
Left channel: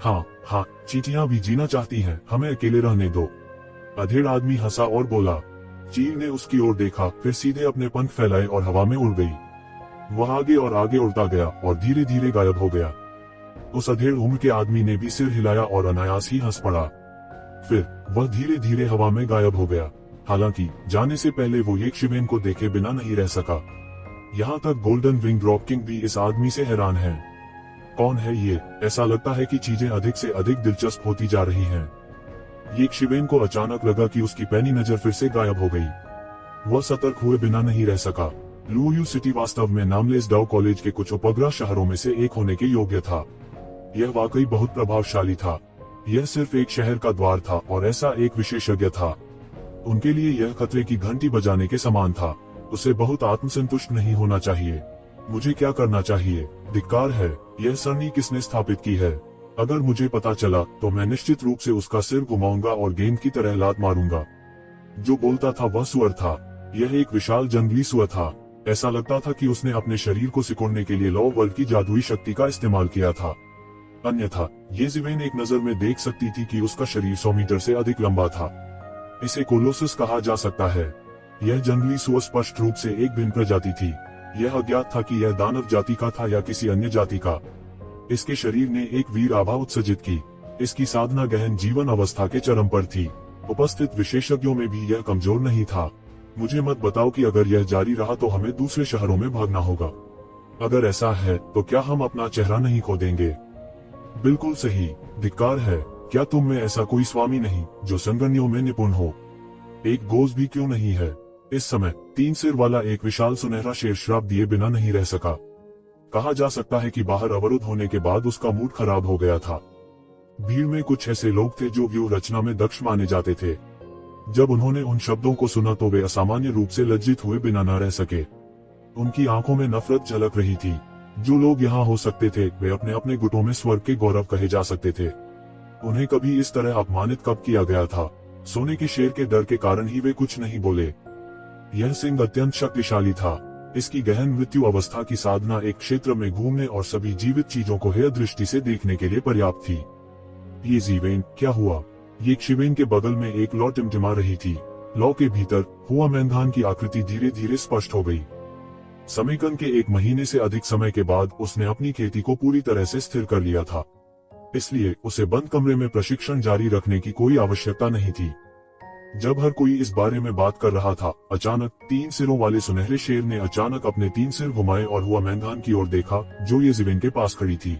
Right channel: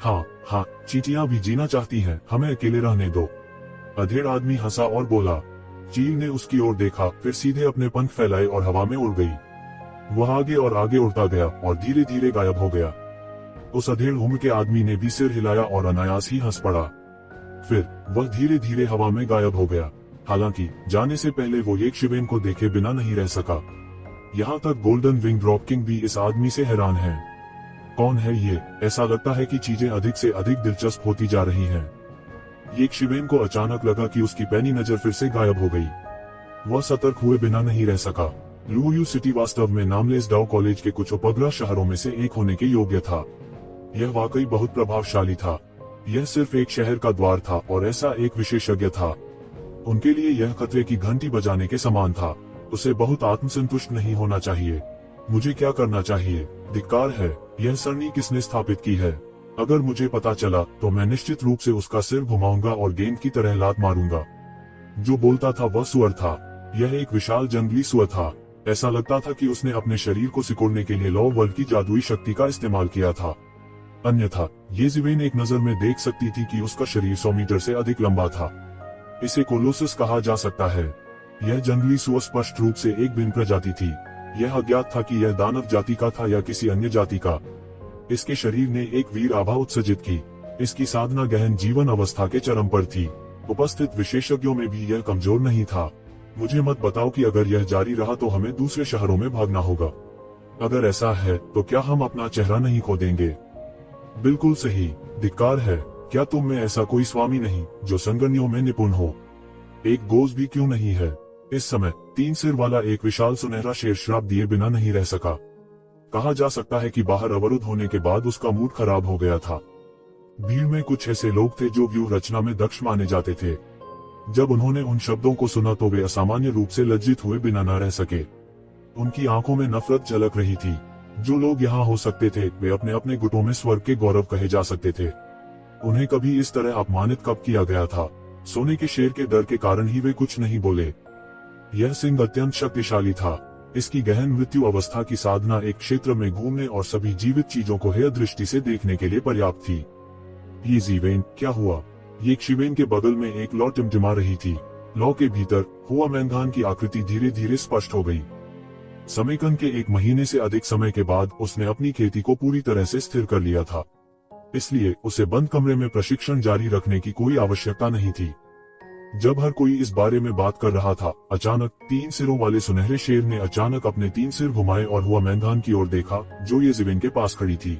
हाँ, चींटियां भी जीना चाहती हैं, हमें अकेले रहने दो। अधेड़ आदमी हंसा और बोला, चील ने उसकी ओर देखा, फिर सीधे अपने पंख फैलाए और हवा में उड़ गई। वह आगे और आगे उड़ता गया और धीरे धीरे गायब हो गया। उस अधेड़ उम्र के आदमी ने भी सिर हिलाया और अनायास ही हंस पड़ा। फिर वह धीरे धीरे हवा में गायब हो गया। हालांकि जाने से पहले वो यक्षिबेन को देखे बिना नहीं रह सका। यहाँ तक गोल्डन विंग ड्रॉप किंग भी इस आदमी से हैरान है। कौन है ये? ऐसा लगता है कि चीजें अधिक से अधिक दिलचस्प होती जा रही हैं। यक्षिबेन को अचानक लगा कि उसकी पैनी नजर फिर से गायब हो गई। वह सतर्क हुए बिना नहीं रह सका। लुओयू सिटी वास्तव में नामलेस डाउ कॉलेज के कुछ उपग्रह शहरों में से एक होने के योग्य था। यह वाकई बहुत प्रभावशाली था। यह सिर्फ एक शहर का द्वार था और ऐसा एक विशेषज्ञ था। उनके लिए यह खतरे की घंटी बजाने के समान था। उसे बहुत आत्मसंतुष्ट नहीं होना चाहिए। मुझे क्या करना चाहिए? धिक्कार है। यह सरणी किसने स्थापित की है? अगर मुझे पता चला तो मैं निश्चित रूप से उसका सिर घुमाऊंगा और गेंद की तरह लात मारूंगा। जो बोलता था वह सुअर था। यह एक विशाल जंगली सुअर था। ऐसा लगता था कि उसने अपने शरीर को सिकोड़ने के लिए लौ वर्ल्ड की जादुई शक्ति का इस्तेमाल किया था। अन्यथा ये ज़िवेन एक नजर में देख सकती थी कि उसका शरीर 100 मीटर से अधिक लंबा था। इसे कोलोसस कहा जा सकता है। यह जंगली सुअर स्पष्ट रूप से एक भिन्न प्रजाति थी। यह अज्ञात था कि यह दानव जाति का था या किसी अन्य जाति का। इसके शरीर ने एक वीर आभा उत्सर्जित की। इसकी साधना गहन जीवन अवस्था के चरम पर थी। उपस्थित विशेषज्ञों में भी यह कमजोर नहीं था। मुझे मत बताओ कि अगर यह जारी रहा तो हमें दूसरे शहरों में भागना होगा। अगर ऐसा है तो क्या हम अपना चेहरा नहीं खो देंगे? बिल्कुल सही। धिक्कार है। क्या तुम में ऐसा कोई स्वामी नहीं जो संगनियों में निपुण हो? एक गोज भी क्यों नहीं है? इस समय 3 सिर वाला एक विशाल सुनहरा शेर श्राप दिए बिना नहीं रह सका। कहा जा सकता है कि बाहर अवरुद्ध होने के बाद उसका मूड खराब हो गया था। भीड़ में कुछ ऐसे लोग थे जो व्यूह रचना में दक्ष माने जाते थे। जब उन्होंने उन शब्दों को सुना तो वे असामान्य रूप से लज्जित हुए बिना न रह सके। उनकी आंखों में नफरत झलक रही थी। जो लोग यहाँ हो सकते थे वे अपने अपने गुटों में स्वर्ग के गौरव कहे जा सकते थे। उन्हें कभी इस तरह अपमानित कब किया गया था? सोने के शेर के डर के कारण ही वे कुछ नहीं बोले। यह सिंह अत्यंत शक्तिशाली था। इसकी गहन मृत्यु अवस्था की साधना एक क्षेत्र में घूमने और सभी जीवित चीजों को हेय दृष्टि से देखने के लिए पर्याप्त थी। ये ज़िवेन क्या हुआ? यक्षिबेन के बगल में एक लौ टिमटिमा रही थी। लौ के भीतर हुआ मैंधान की आकृति धीरे धीरे स्पष्ट हो गई। समेकन के 1 महीने से अधिक समय के बाद उसने अपनी खेती को पूरी तरह से स्थिर कर लिया था। इसलिए उसे बंद कमरे में प्रशिक्षण जारी रखने की कोई आवश्यकता नहीं थी। जब हर कोई इस बारे में बात कर रहा था, अचानक 3 सिरों वाले सुनहरे शेर ने अचानक अपने 3 सिर घुमाए और हुआ मैंधान की ओर देखा जो ये ज़िवेन के पास खड़ी थी।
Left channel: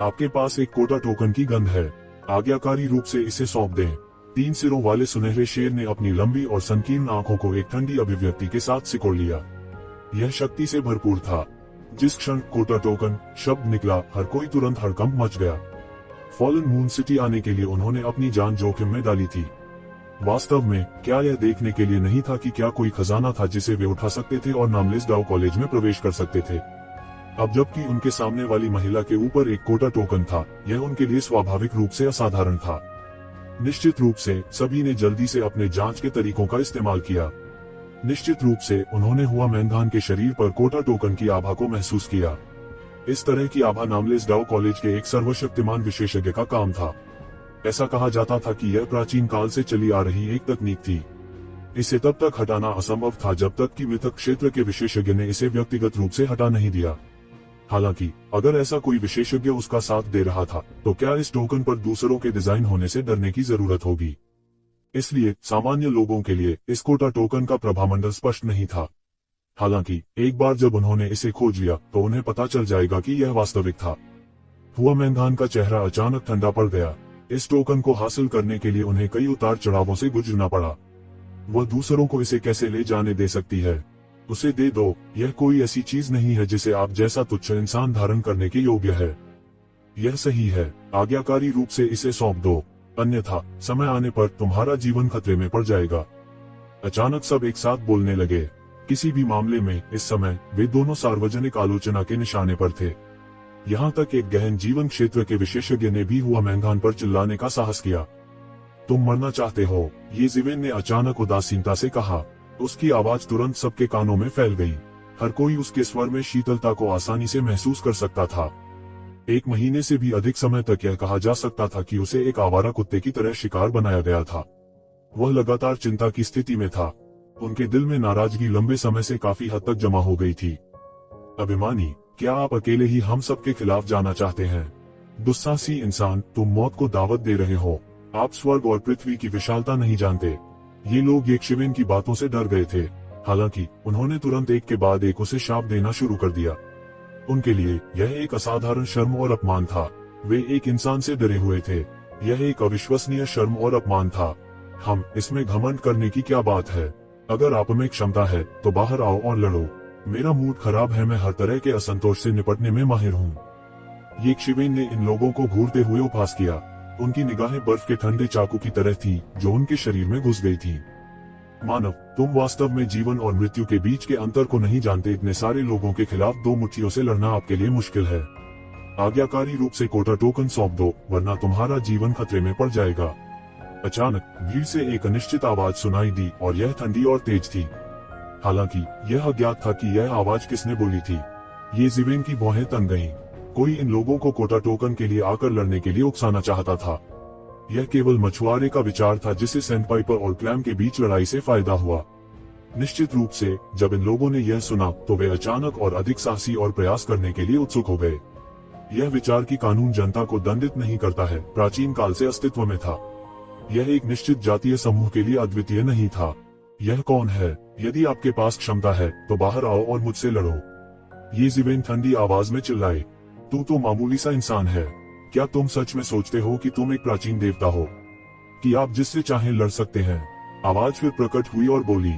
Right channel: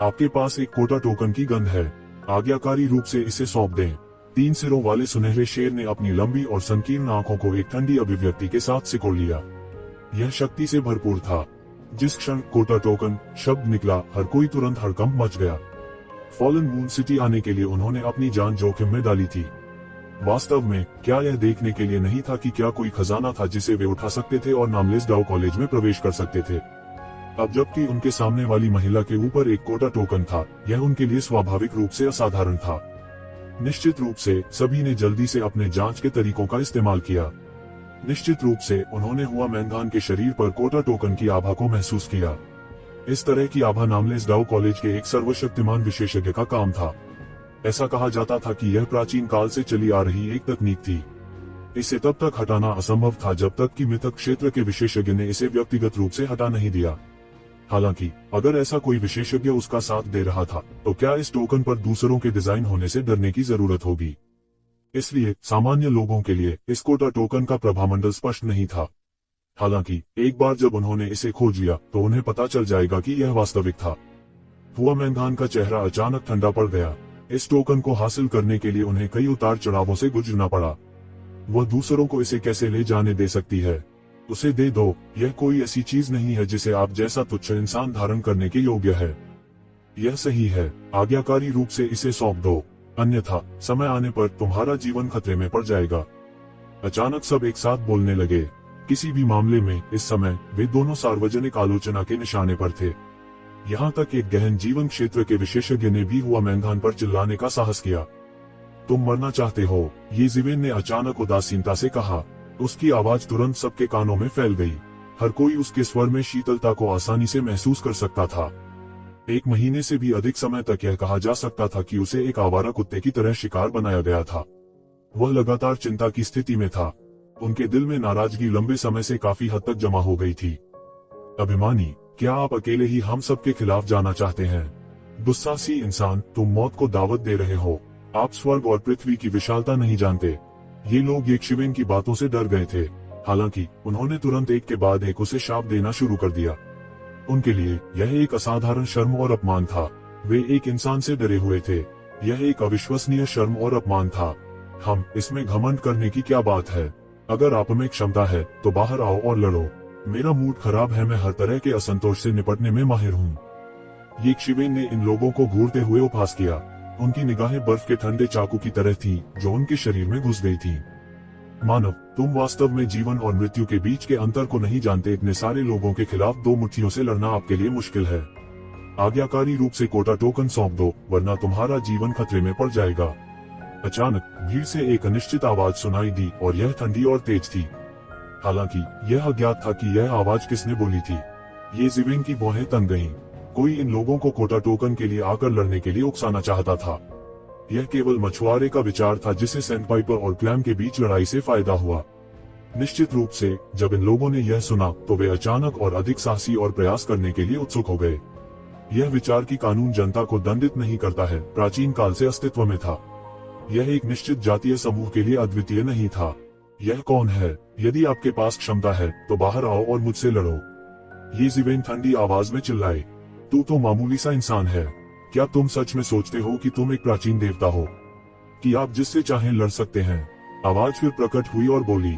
आपके पास एक कोटा टोकन की गंध है। आज्ञाकारी रूप से इसे सौंप दें। 3 सिरों वाले सुनहरे शेर ने अपनी लंबी और संकीर्ण आंखों को एक ठंडी अभिव्यक्ति के साथ सिकोड़ लिया। यह शक्ति से भरपूर था। जिस क्षण कोटा टोकन शब्द निकला, हर कोई तुरंत हड़कंप मच गया। फॉलन मून सिटी आने के लिए उन्होंने अपनी जान जोखिम में डाली थी। वास्तव में क्या यह देखने के लिए नहीं था कि क्या कोई खजाना था जिसे वे उठा सकते थे और नामलेस डाउ कॉलेज में प्रवेश कर सकते थे? अब जबकि उनके सामने वाली महिला के ऊपर एक कोटा टोकन था, यह उनके लिए स्वाभाविक रूप से असाधारण था। निश्चित रूप से सभी ने जल्दी से अपने जांच के तरीकों का इस्तेमाल किया। निश्चित रूप से उन्होंने हुआ मैंधान के शरीर पर कोटा टोकन की आभा को महसूस किया। इस तरह की आभा नामलेस डाउ कॉलेज के एक सर्वशक्तिमान विशेषज्ञ का काम था। ऐसा कहा जाता था कि यह प्राचीन काल से चली आ रही एक तकनीक थी। इसे तब तक हटाना असंभव था जब तक कि मृतक क्षेत्र के विशेषज्ञ ने इसे व्यक्तिगत रूप से हटा नहीं दिया। हालांकि अगर ऐसा कोई विशेषज्ञ उसका साथ दे रहा था तो क्या इस टोकन पर दूसरों के डिजाइन होने से डरने की जरूरत होगी? इसलिए सामान्य लोगों के लिए इस कोटा टोकन का प्रभामंडल स्पष्ट नहीं था। हालांकि एक बार जब उन्होंने इसे खोज लिया तो उन्हें पता चल जाएगा कि यह वास्तविक था। हुआ मैंधान का चेहरा अचानक ठंडा पड़ गया। इस टोकन को हासिल करने के लिए उन्हें कई उतार चढ़ावों से गुजरना पड़ा। वह दूसरों को इसे कैसे ले जाने दे सकती है? उसे दे दो। यह कोई ऐसी चीज नहीं है जिसे आप जैसा तुच्छ इंसान धारण करने के योग्य है। यह सही है। आज्ञाकारी रूप से इसे सौंप दो, अन्यथा समय आने पर तुम्हारा जीवन खतरे में पड़ जाएगा। अचानक सब एक साथ बोलने लगे। किसी भी मामले में इस समय वे दोनों सार्वजनिक आलोचना के निशाने पर थे। यहाँ तक एक गहन जीवन क्षेत्र के विशेषज्ञ ने भी हुआ मैंधान पर चिल्लाने का साहस किया। तुम मरना चाहते हो? ये ज़िवेन ने अचानक उदासीनता से कहा। उसकी आवाज तुरंत सबके कानों में फैल गई। हर कोई उसके स्वर में शीतलता को आसानी से महसूस कर सकता था। 1 महीने से भी अधिक समय तक यह कहा जा सकता था कि उसे एक आवारा कुत्ते की तरह शिकार बनाया गया था। वह लगातार चिंता की स्थिति में था। उनके दिल में नाराजगी लंबे समय से काफी हद तक जमा हो गई थी। अभिमानी, क्या आप अकेले ही हम सबके खिलाफ जाना चाहते हैं? गुस्सासी इंसान, तुम मौत को दावत दे रहे हो। आप स्वर्ग और पृथ्वी की विशालता नहीं जानते। ये लोग यक्षविन की बातों से डर गए थे। हालांकि उन्होंने तुरंत एक के बाद एक उसे शाप देना शुरू कर दिया। उनके लिए यह एक असाधारण शर्म और अपमान था। वे एक इंसान से डरे हुए थे। यह एक अविश्वसनीय शर्म और अपमान था। हम इसमें घमंड करने की क्या बात है? अगर आप में क्षमता है तो बाहर आओ और लड़ो। मेरा मूड खराब है, मैं हर तरह के असंतोष से निपटने में माहिर हूँ। यक्षविन ने इन लोगों को घूरते हुए उपहास किया। उनकी निगाहें बर्फ के ठंडे चाकू की तरह थीं, जो उनके शरीर में घुस गई थीं। मानव, तुम वास्तव में जीवन और मृत्यु के बीच के अंतर को नहीं जानते। इतने सारे लोगों के खिलाफ दो मुट्ठियों से लड़ना आपके लिए मुश्किल है। आज्ञाकारी रूप से कोटा टोकन सौंप दो, वरना तुम्हारा जीवन खतरे में पड़ जाएगा। अचानक भीड़ से एक अनिश्चित आवाज सुनाई दी और यह ठंडी और तेज थी। हालांकि यह अज्ञात था कि यह आवाज किसने बोली थी। ये ज़िवेन की भौहें तन गईं। कोई इन लोगों को कोटा टोकन के लिए आकर लड़ने के लिए उकसाना चाहता था। यह केवल मछुआरे का विचार था जिसे सैंडपाइपर और क्लैम के बीच लड़ाई से फायदा हुआ। निश्चित रूप से जब इन लोगों ने यह सुना तो वे अचानक और अधिक साहसी और प्रयास करने के लिए उत्सुक हो गए। यह विचार कि कानून जनता को दंडित नहीं करता है, प्राचीन काल से अस्तित्व में था। यह एक निश्चित जातीय समूह के लिए अद्वितीय नहीं था। यह कौन है? यदि आपके पास क्षमता है तो बाहर आओ और मुझसे लड़ो। ये ज़िवेन ठंडी आवाज में चिल्लाए। तू तो मामूली सा इंसान है। क्या तुम सच में सोचते हो कि तुम एक प्राचीन देवता हो, कि आप जिससे चाहे लड़ सकते हैं? आवाज फिर प्रकट हुई और बोली।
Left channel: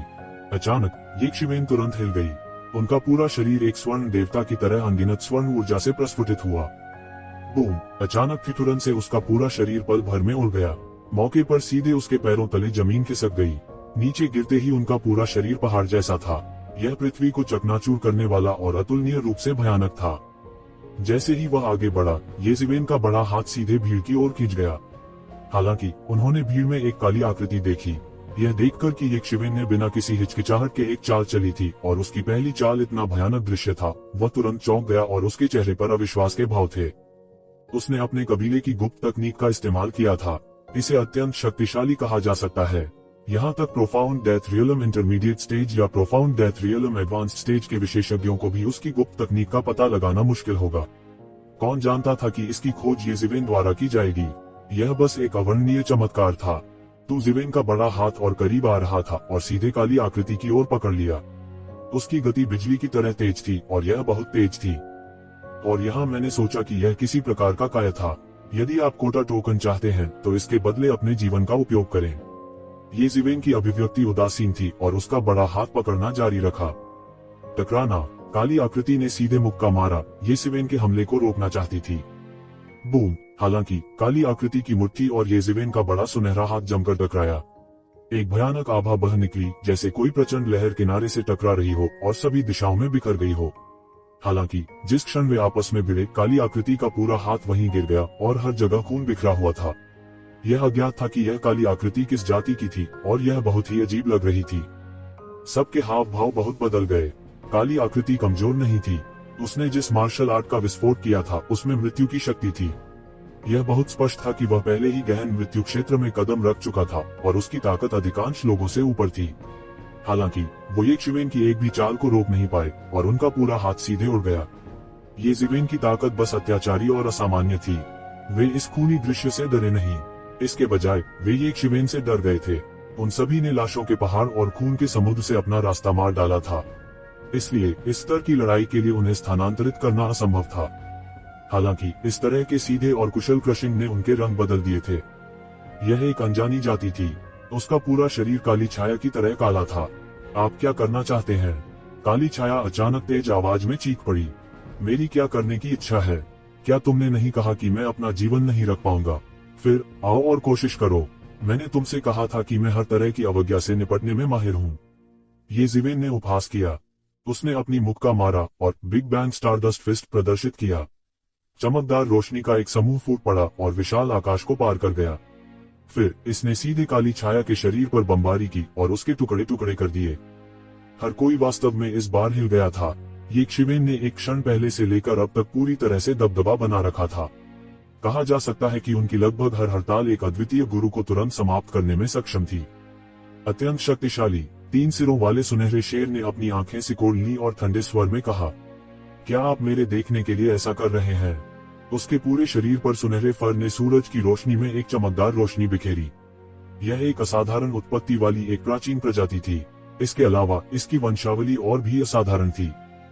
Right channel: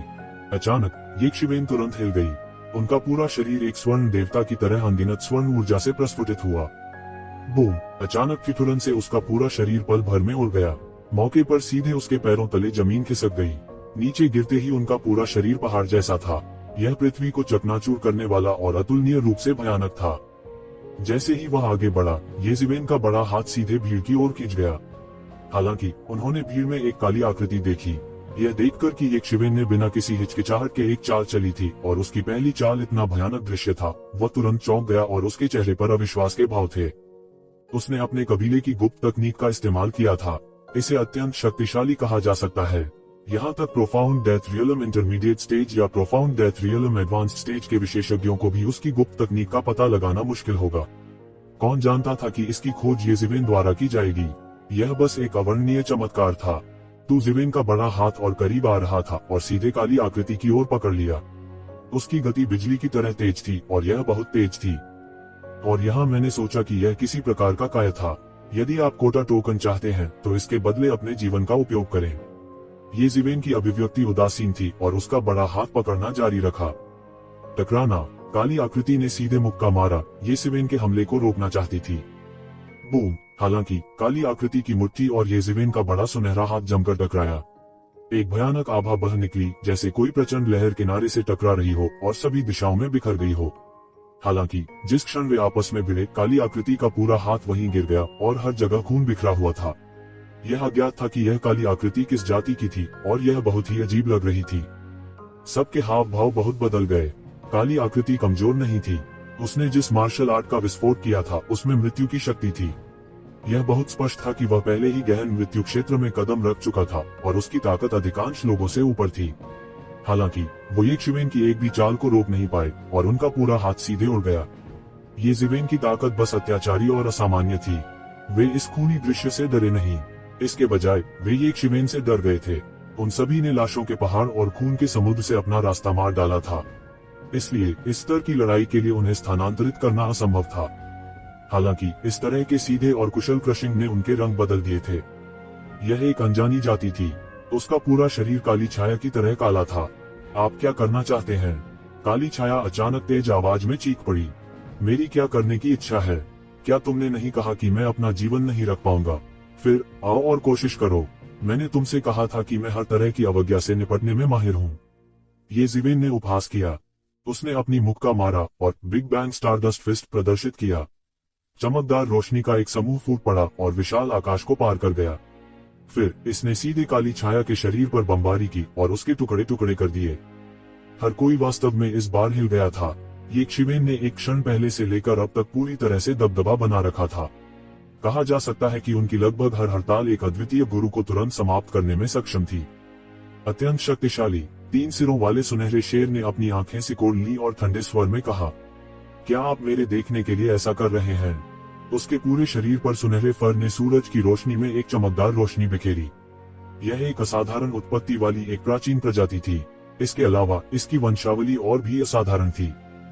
अचानक यक्षविन तुरंत हिल गई। उनका पूरा शरीर एक स्वर्ण देवता की तरह अनगिनत स्वर्ण ऊर्जा से प्रस्फुटित हुआ। बूम! अचानक ही तुरंत से उसका पूरा शरीर पल भर में उड़ गया। मौके पर सीधे उसके पैरों तले जमीन खिसक गई। नीचे गिरते ही उनका पूरा शरीर पहाड़ जैसा था। यह पृथ्वी को चकनाचूर करने वाला और अतुलनीय रूप से भयानक था। जैसे ही वह आगे बढ़ा, ये ज़िवेन का बड़ा हाथ सीधे भीड़ की ओर खींच गया। हालांकि उन्होंने भीड़ में एक काली आकृति देखी। यह देखकर कि यक्षविन ने बिना किसी हिचकिचाहट के एक चाल चली थी और उसकी पहली चाल इतना भयानक दृश्य था, वह तुरंत चौंक गया और उसके चेहरे पर अविश्वास के भाव थे। उसने अपने कबीले की गुप्त तकनीक का इस्तेमाल किया था। इसे अत्यंत शक्तिशाली कहा जा सकता है। यहाँ तक profound death realm intermediate stage या profound death realm advanced stage के विशेषज्ञों को भी उसकी गुप्त तकनीक का पता लगाना मुश्किल होगा। कौन जानता था कि इसकी खोज ये ज़िवेन द्वारा की जाएगी। यह बस एक अवर्णनीय चमत्कार था। तू ज़िवेन का बड़ा हाथ और करीब आ रहा था और सीधे काली आकृति की ओर पकड़ लिया। उसकी गति बिजली की तरह तेज थी और यह बहुत तेज थी। और यहाँ मैंने सोचा कि यह किसी प्रकार का काय था। यदि आप कोटा टोकन चाहते हैं तो इसके बदले अपने जीवन का उपयोग करें। ये ज़िवेन की अभिव्यक्ति उदासीन थी और उसका बड़ा हाथ पकड़ना जारी रखा। टकराना! काली आकृति ने सीधे मुक्का मारा। ये ज़िवेन के हमले को रोकना चाहती थी। बूम! हालांकि काली आकृति की मुट्ठी और ये ज़िवेन का बड़ा सुनहरा हाथ जमकर टकराया। एक भयानक आभा बह निकली, जैसे कोई प्रचंड लहर किनारे से टकरा रही हो और सभी दिशाओं में बिखर गई हो। हालांकि जिस क्षण वे आपस में भिड़े, काली आकृति का पूरा हाथ वहीं गिर गया और हर जगह खून बिखरा हुआ था। यह अज्ञात था कि यह काली आकृति किस जाति की थी और यह बहुत ही अजीब लग रही थी। सबके हाव भाव बहुत बदल गए। काली आकृति कमजोर नहीं थी। उसने जिस मार्शल आर्ट का विस्फोट किया था उसमें मृत्यु की शक्ति थी। यह बहुत स्पष्ट था कि वह पहले ही गहन मृत्यु क्षेत्र में कदम रख चुका था और उसकी ताकत अधिकांश लोगों से ऊपर थी। हालांकि वो यक्षविन की एक भी चाल को रोक नहीं पाए और उनका पूरा हाथ सीधे उड़ गया। ये ज़िवेन की ताकत बस अत्याचारी और असामान्य थी। वे इस खूनी दृश्य से डरे नहीं, इसके बजाय वे यक्षविन से डर गए थे। उन सभी ने लाशों के पहाड़ और खून के समुद्र से अपना रास्ता मार डाला था, इसलिए इस स्तर की लड़ाई के लिए उन्हें स्थानांतरित करना असंभव था। हालांकि इस तरह के सीधे और कुशल क्रशिंग ने उनके रंग बदल दिए थे। यह एक अनजानी जाति थी। उसका पूरा शरीर काली छाया की तरह काला था। आप क्या करना चाहते हैं? काली छाया अचानक तेज आवाज में चीख पड़ी। मेरी क्या करने की इच्छा है? क्या तुमने नहीं कहा कि मैं अपना जीवन नहीं रख पाऊंगा? फिर आओ और कोशिश करो। मैंने तुमसे कहा था कि मैं हर तरह की अवज्ञा से निपटने में माहिर हूँ। ये ज़िवेन ने उपहास किया। उसने अपनी मुक्का मारा और बिग बैंग स्टारडस्ट फिस्ट प्रदर्शित किया। चमकदार रोशनी का एक समूह फूट पड़ा और विशाल आकाश को पार कर गया। फिर इसने सीधे काली छाया के शरीर पर बमबारी की और उसके टुकड़े टुकड़े कर दिए। हर कोई वास्तव में इस बार हिल गया था। यक्षविन ने एक क्षण पहले से लेकर अब तक पूरी तरह से दबदबा बना रखा था। कहा जा सकता है कि उनकी लगभग हर हड़ताल एक अद्वितीय गुरु को तुरंत समाप्त करने में सक्षम थी। अत्यंत शक्तिशाली, तीन सिरों वाले सुनहरे शेर ने अपनी आंखें सिकोड़ ली और ठंडे स्वर में कहा, क्या आप मेरे देखने के लिए ऐसा कर रहे हैं? उसके पूरे शरीर पर सुनहरे फर ने सूरज की रोशनी में एक चमकदार रोशनी बिखेरी। यह एक असाधारण उत्पत्ति वाली एक प्राचीन प्रजाति थी। इसके अलावा इसकी वंशावली और भी असाधारण थी।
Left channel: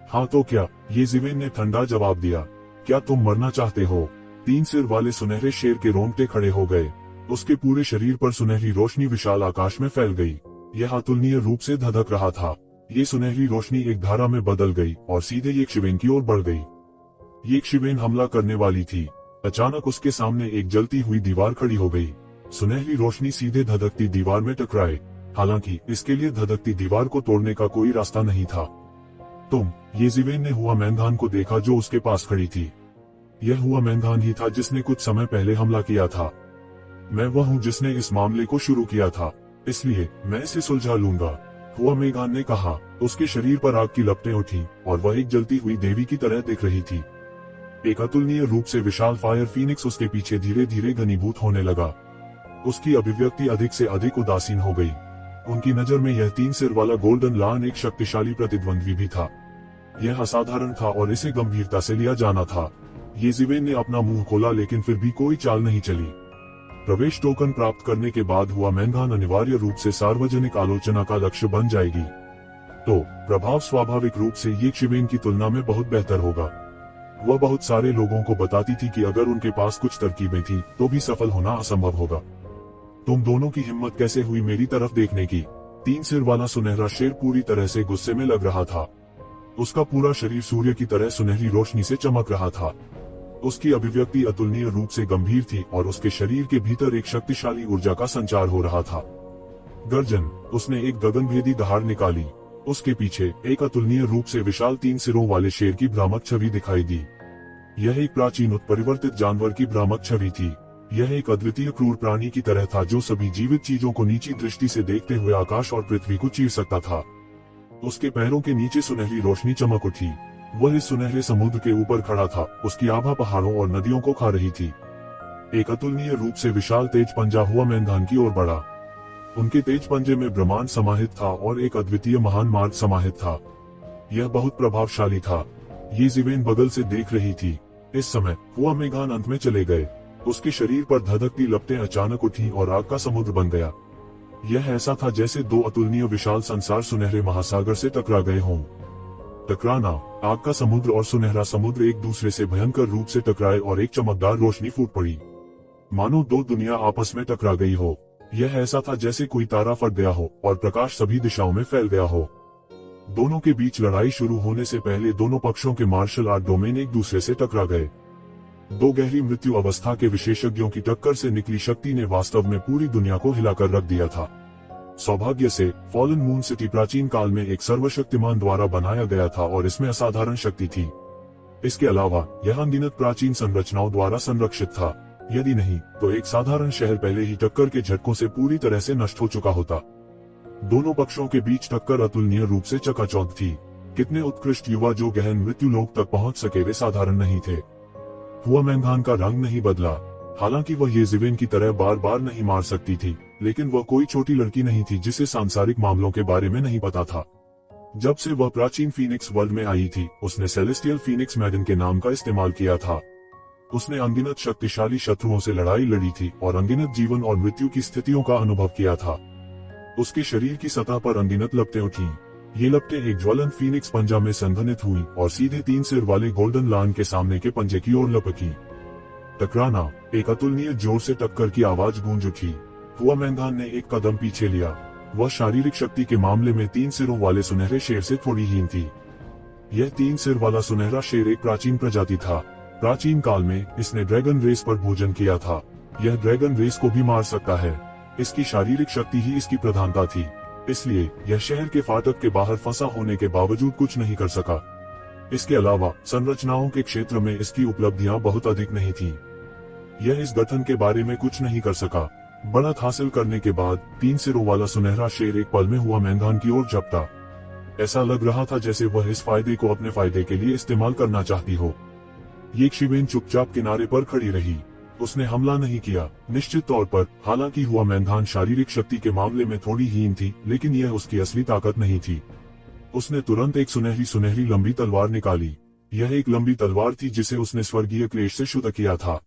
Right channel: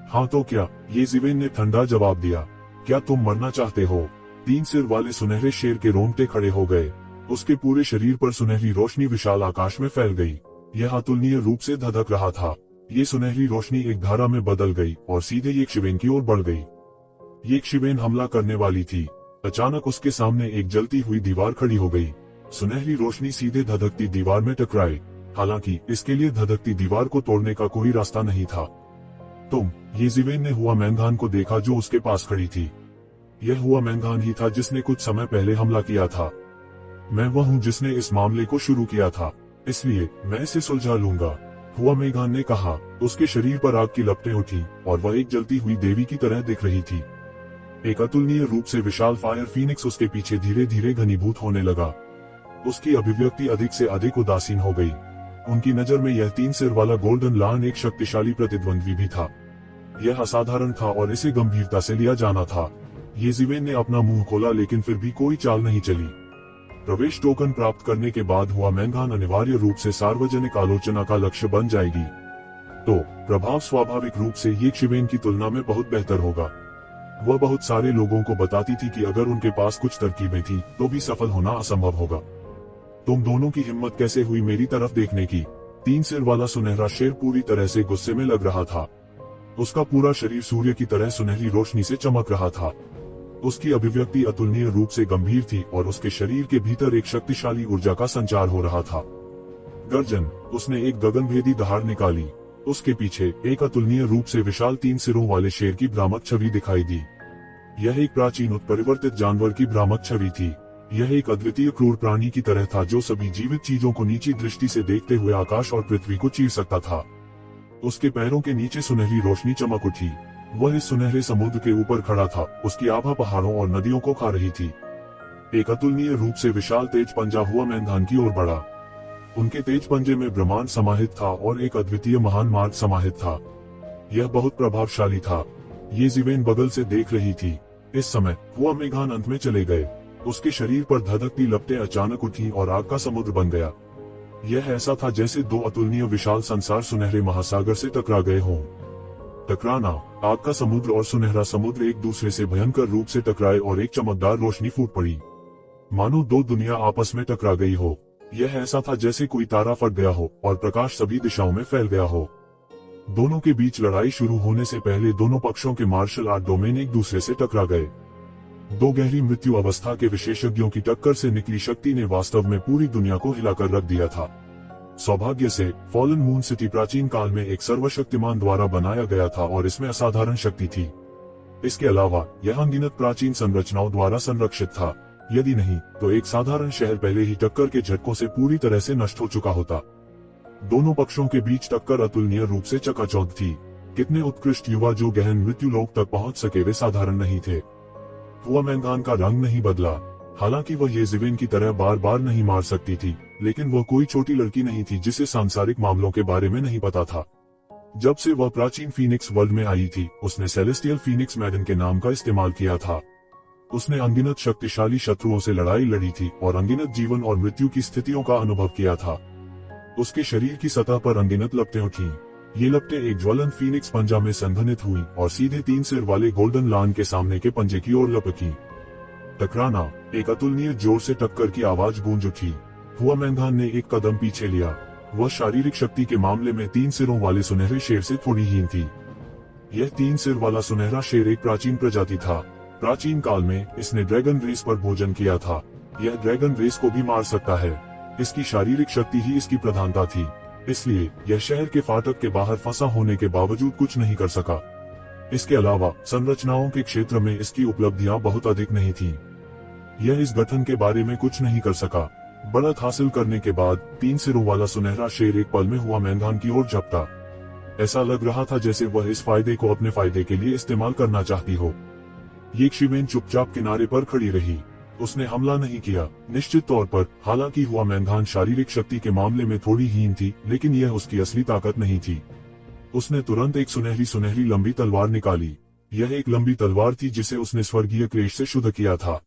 हाँ तो क्या? ये ज़िवेन ने ठंडा जवाब दिया। क्या तुम मरना चाहते हो? तीन सिर वाले सुनहरे शेर के रोंगटे खड़े हो गए। उसके पूरे शरीर पर सुनहरी रोशनी विशाल आकाश में फैल गई। यह अतुलनीय रूप से धधक रहा था। ये सुनहरी रोशनी एक धारा में बदल गई और सीधे यक्षिवेन की ओर बढ़ गई। यक्षिवेन हमला करने वाली थी। अचानक उसके सामने एक जलती हुई दीवार खड़ी हो गई। सुनहरी रोशनी सीधे धधकती दीवार में टकराए। हालांकि इसके लिए धधकती दीवार को तोड़ने का कोई रास्ता नहीं था। ये ज़िवेन ने हुआ मैंगान को देखा जो उसके पास खड़ी थी। यह हुआ मैंगान ही था जिसने कुछ समय पहले हमला किया था। मैं वह हूँ जिसने इस मामले को शुरू किया था, इसलिए मैं इसे सुलझा लूंगा, हुआ मेगान ने कहा। उसके शरीर पर आग की लपटें उठी और वह एक जलती हुई देवी की तरह दिख रही थी। एक अतुलनीय रूप से विशाल फायर फीनिक्स उसके पीछे धीरे धीरे घनीभूत होने लगा। उसकी अभिव्यक्ति अधिक से अधिक उदासीन हो गई। उनकी नजर में यह तीन सिर वाला गोल्डन लायन एक शक्तिशाली प्रतिद्वंद्वी भी था। यह असाधारण था और इसे गंभीरता से लिया जाना था। ये ज़िवेन ने अपना मुंह खोला लेकिन फिर भी कोई चाल नहीं चली। प्रवेश टोकन प्राप्त करने के बाद हुआ मैंगान अनिवार्य रूप से सार्वजनिक आलोचना का लक्ष्य बन जाएगी। तो प्रभाव स्वाभाविक रूप से यक्षिवेन की तुलना में बहुत बेहतर होगा। वह बहुत सारे लोगों को बताती थी कि अगर उनके पास कुछ तरकीबें थी तो भी सफल होना असंभव होगा। तुम दोनों की हिम्मत कैसे हुई मेरी तरफ देखने की? तीन सिर वाला सुनहरा शेर पूरी तरह से गुस्से में लग रहा था। उसका पूरा शरीर सूर्य की तरह सुनहरी रोशनी से चमक रहा था। उसकी अभिव्यक्ति अतुलनीय रूप से गंभीर थी और उसके शरीर के भीतर एक शक्तिशाली ऊर्जा का संचार हो रहा था। गर्जन, उसने एक गगनभेदी दहाड़ निकाली। उसके पीछे एक अतुलनीय रूप से विशाल तीन सिरों वाले शेर की भ्रामक छवि दिखाई दी। यह एक प्राचीन उत्परिवर्तित जानवर की भ्रामक छवि थी। यह एक अद्वितीय क्रूर प्राणी की तरह था जो सभी जीवित चीजों को नीची दृष्टि से देखते हुए आकाश और पृथ्वी को चीर सकता था। उसके पैरों के नीचे सुनहरी रोशनी चमक उठी। वह इस सुनहरे समुद्र के ऊपर खड़ा था। उसकी आभा पहाड़ों और नदियों को खा रही थी। एक अतुलनीय रूप से विशाल तेज पंजा हुआ मैंगान की ओर बढ़ा। उनके तेज पंजे में ब्रह्मांड समाहित था और एक अद्वितीय महान मार्ग समाहित था। यह बहुत प्रभावशाली था। ये ज़िवेन बगल से देख रही थी। इस समय हुआ मेघान अंत में चले गए। उसके शरीर पर धधकती लपटें अचानक उठी और आग का समुद्र बन गया। यह ऐसा था जैसे दो अतुलनीय विशाल संसार सुनहरे महासागर से टकरा गए हों। टकराना, आग का समुद्र और सुनहरा समुद्र एक दूसरे से भयंकर रूप से टकराए और एक चमकदार रोशनी फूट पड़ी, मानो दो दुनिया आपस में टकरा गई हो। यह ऐसा था जैसे कोई तारा फट गया हो और प्रकाश सभी दिशाओं में फैल गया हो। दोनों के बीच लड़ाई शुरू होने से पहले दोनों पक्षों के मार्शल आर्ट डोमेन एक दूसरे से टकरा गए। दो गहरी मृत्यु अवस्था के विशेषज्ञों की टक्कर से निकली शक्ति ने वास्तव में पूरी दुनिया को हिलाकर रख दिया था। सौभाग्य से फॉलन मून सिटी प्राचीन काल में एक सर्वशक्तिमान द्वारा बनाया गया था और इसमें असाधारण शक्ति थी। इसके अलावा यह अनगिनत प्राचीन संरचनाओं द्वारा संरक्षित था। यदि नहीं तो एक साधारण शहर पहले ही टक्कर के झटकों से पूरी तरह से नष्ट हो चुका होता। दोनों पक्षों के बीच टक्कर अतुलनीय रूप से चकाचौंध थी। कितने उत्कृष्ट युवा जो गहन मृत्यु लोक तक पहुंच सके वे साधारण नहीं थे। हुआ मैंगान का रंग नहीं बदला। हालांकि वह ये ज़िवेन की तरह बार बार नहीं मार सकती थी, लेकिन वह कोई छोटी लड़की नहीं थी जिसे सांसारिक मामलों के बारे में नहीं पता था। जब से वह प्राचीन फीनिक्स वर्ल्ड में आई थी, उसने सेलेस्टियल फीनिक्स मैडन के नाम का इस्तेमाल किया था। उसने अनगिनत शक्तिशाली शत्रुओं से लड़ाई लड़ी थी और अनगिनत जीवन और मृत्यु की स्थितियों का अनुभव किया था। उसके शरीर की सतह पर अनगिनत लपटें उठी। ये लपटें एक ज्वलन फीनिक्स पंजा में संघनित हुई और सीधे तीन सिर वाले गोल्डन लायन के सामने के पंजे की ओर लपकी। टकराना, एक अतुलनीय जोर से टक्कर की आवाज गूंज उठी। हुआ मैंगान ने एक कदम पीछे लिया। वह शारीरिक शक्ति के मामले में तीन सिरों वाले सुनहरे शेर से थोड़ी हीन थी। यह तीन सिर वाला सुनहरा शेर एक प्राचीन प्रजाति था। प्राचीन काल में इसने ड्रैगन रेस पर भोजन किया था। यह ड्रैगन रेस को भी मार सकता है। इसकी शारीरिक शक्ति ही इसकी प्रधानता थी, इसलिए यह शहर के फाटक के बाहर फंसा होने के बावजूद कुछ नहीं कर सका। इसके अलावा संरचनाओं के क्षेत्र में इसकी उपलब्धियां बहुत अधिक नहीं थी। यह इस गठन के बारे में कुछ नहीं कर सका। बढ़त हासिल करने के बाद तीन सिरों वाला सुनहरा शेर एक पल में हुआ मैंगान की ओर झपटा। ऐसा लग रहा था जैसे वह इस फायदे को अपने फायदे के लिए इस्तेमाल करना चाहती हो। यक्षिवेन चुपचाप किनारे पर खड़ी रही। उसने हमला नहीं किया। निश्चित तौर पर, हालांकि हुआ मैंधान शारीरिक शक्ति के मामले में थोड़ी हीन थी, लेकिन यह उसकी असली ताकत नहीं थी। उसने तुरंत एक सुनहरी सुनहरी लंबी तलवार निकाली। यह एक लंबी तलवार थी जिसे उसने स्वर्गीय क्लेश से शुद्ध किया था।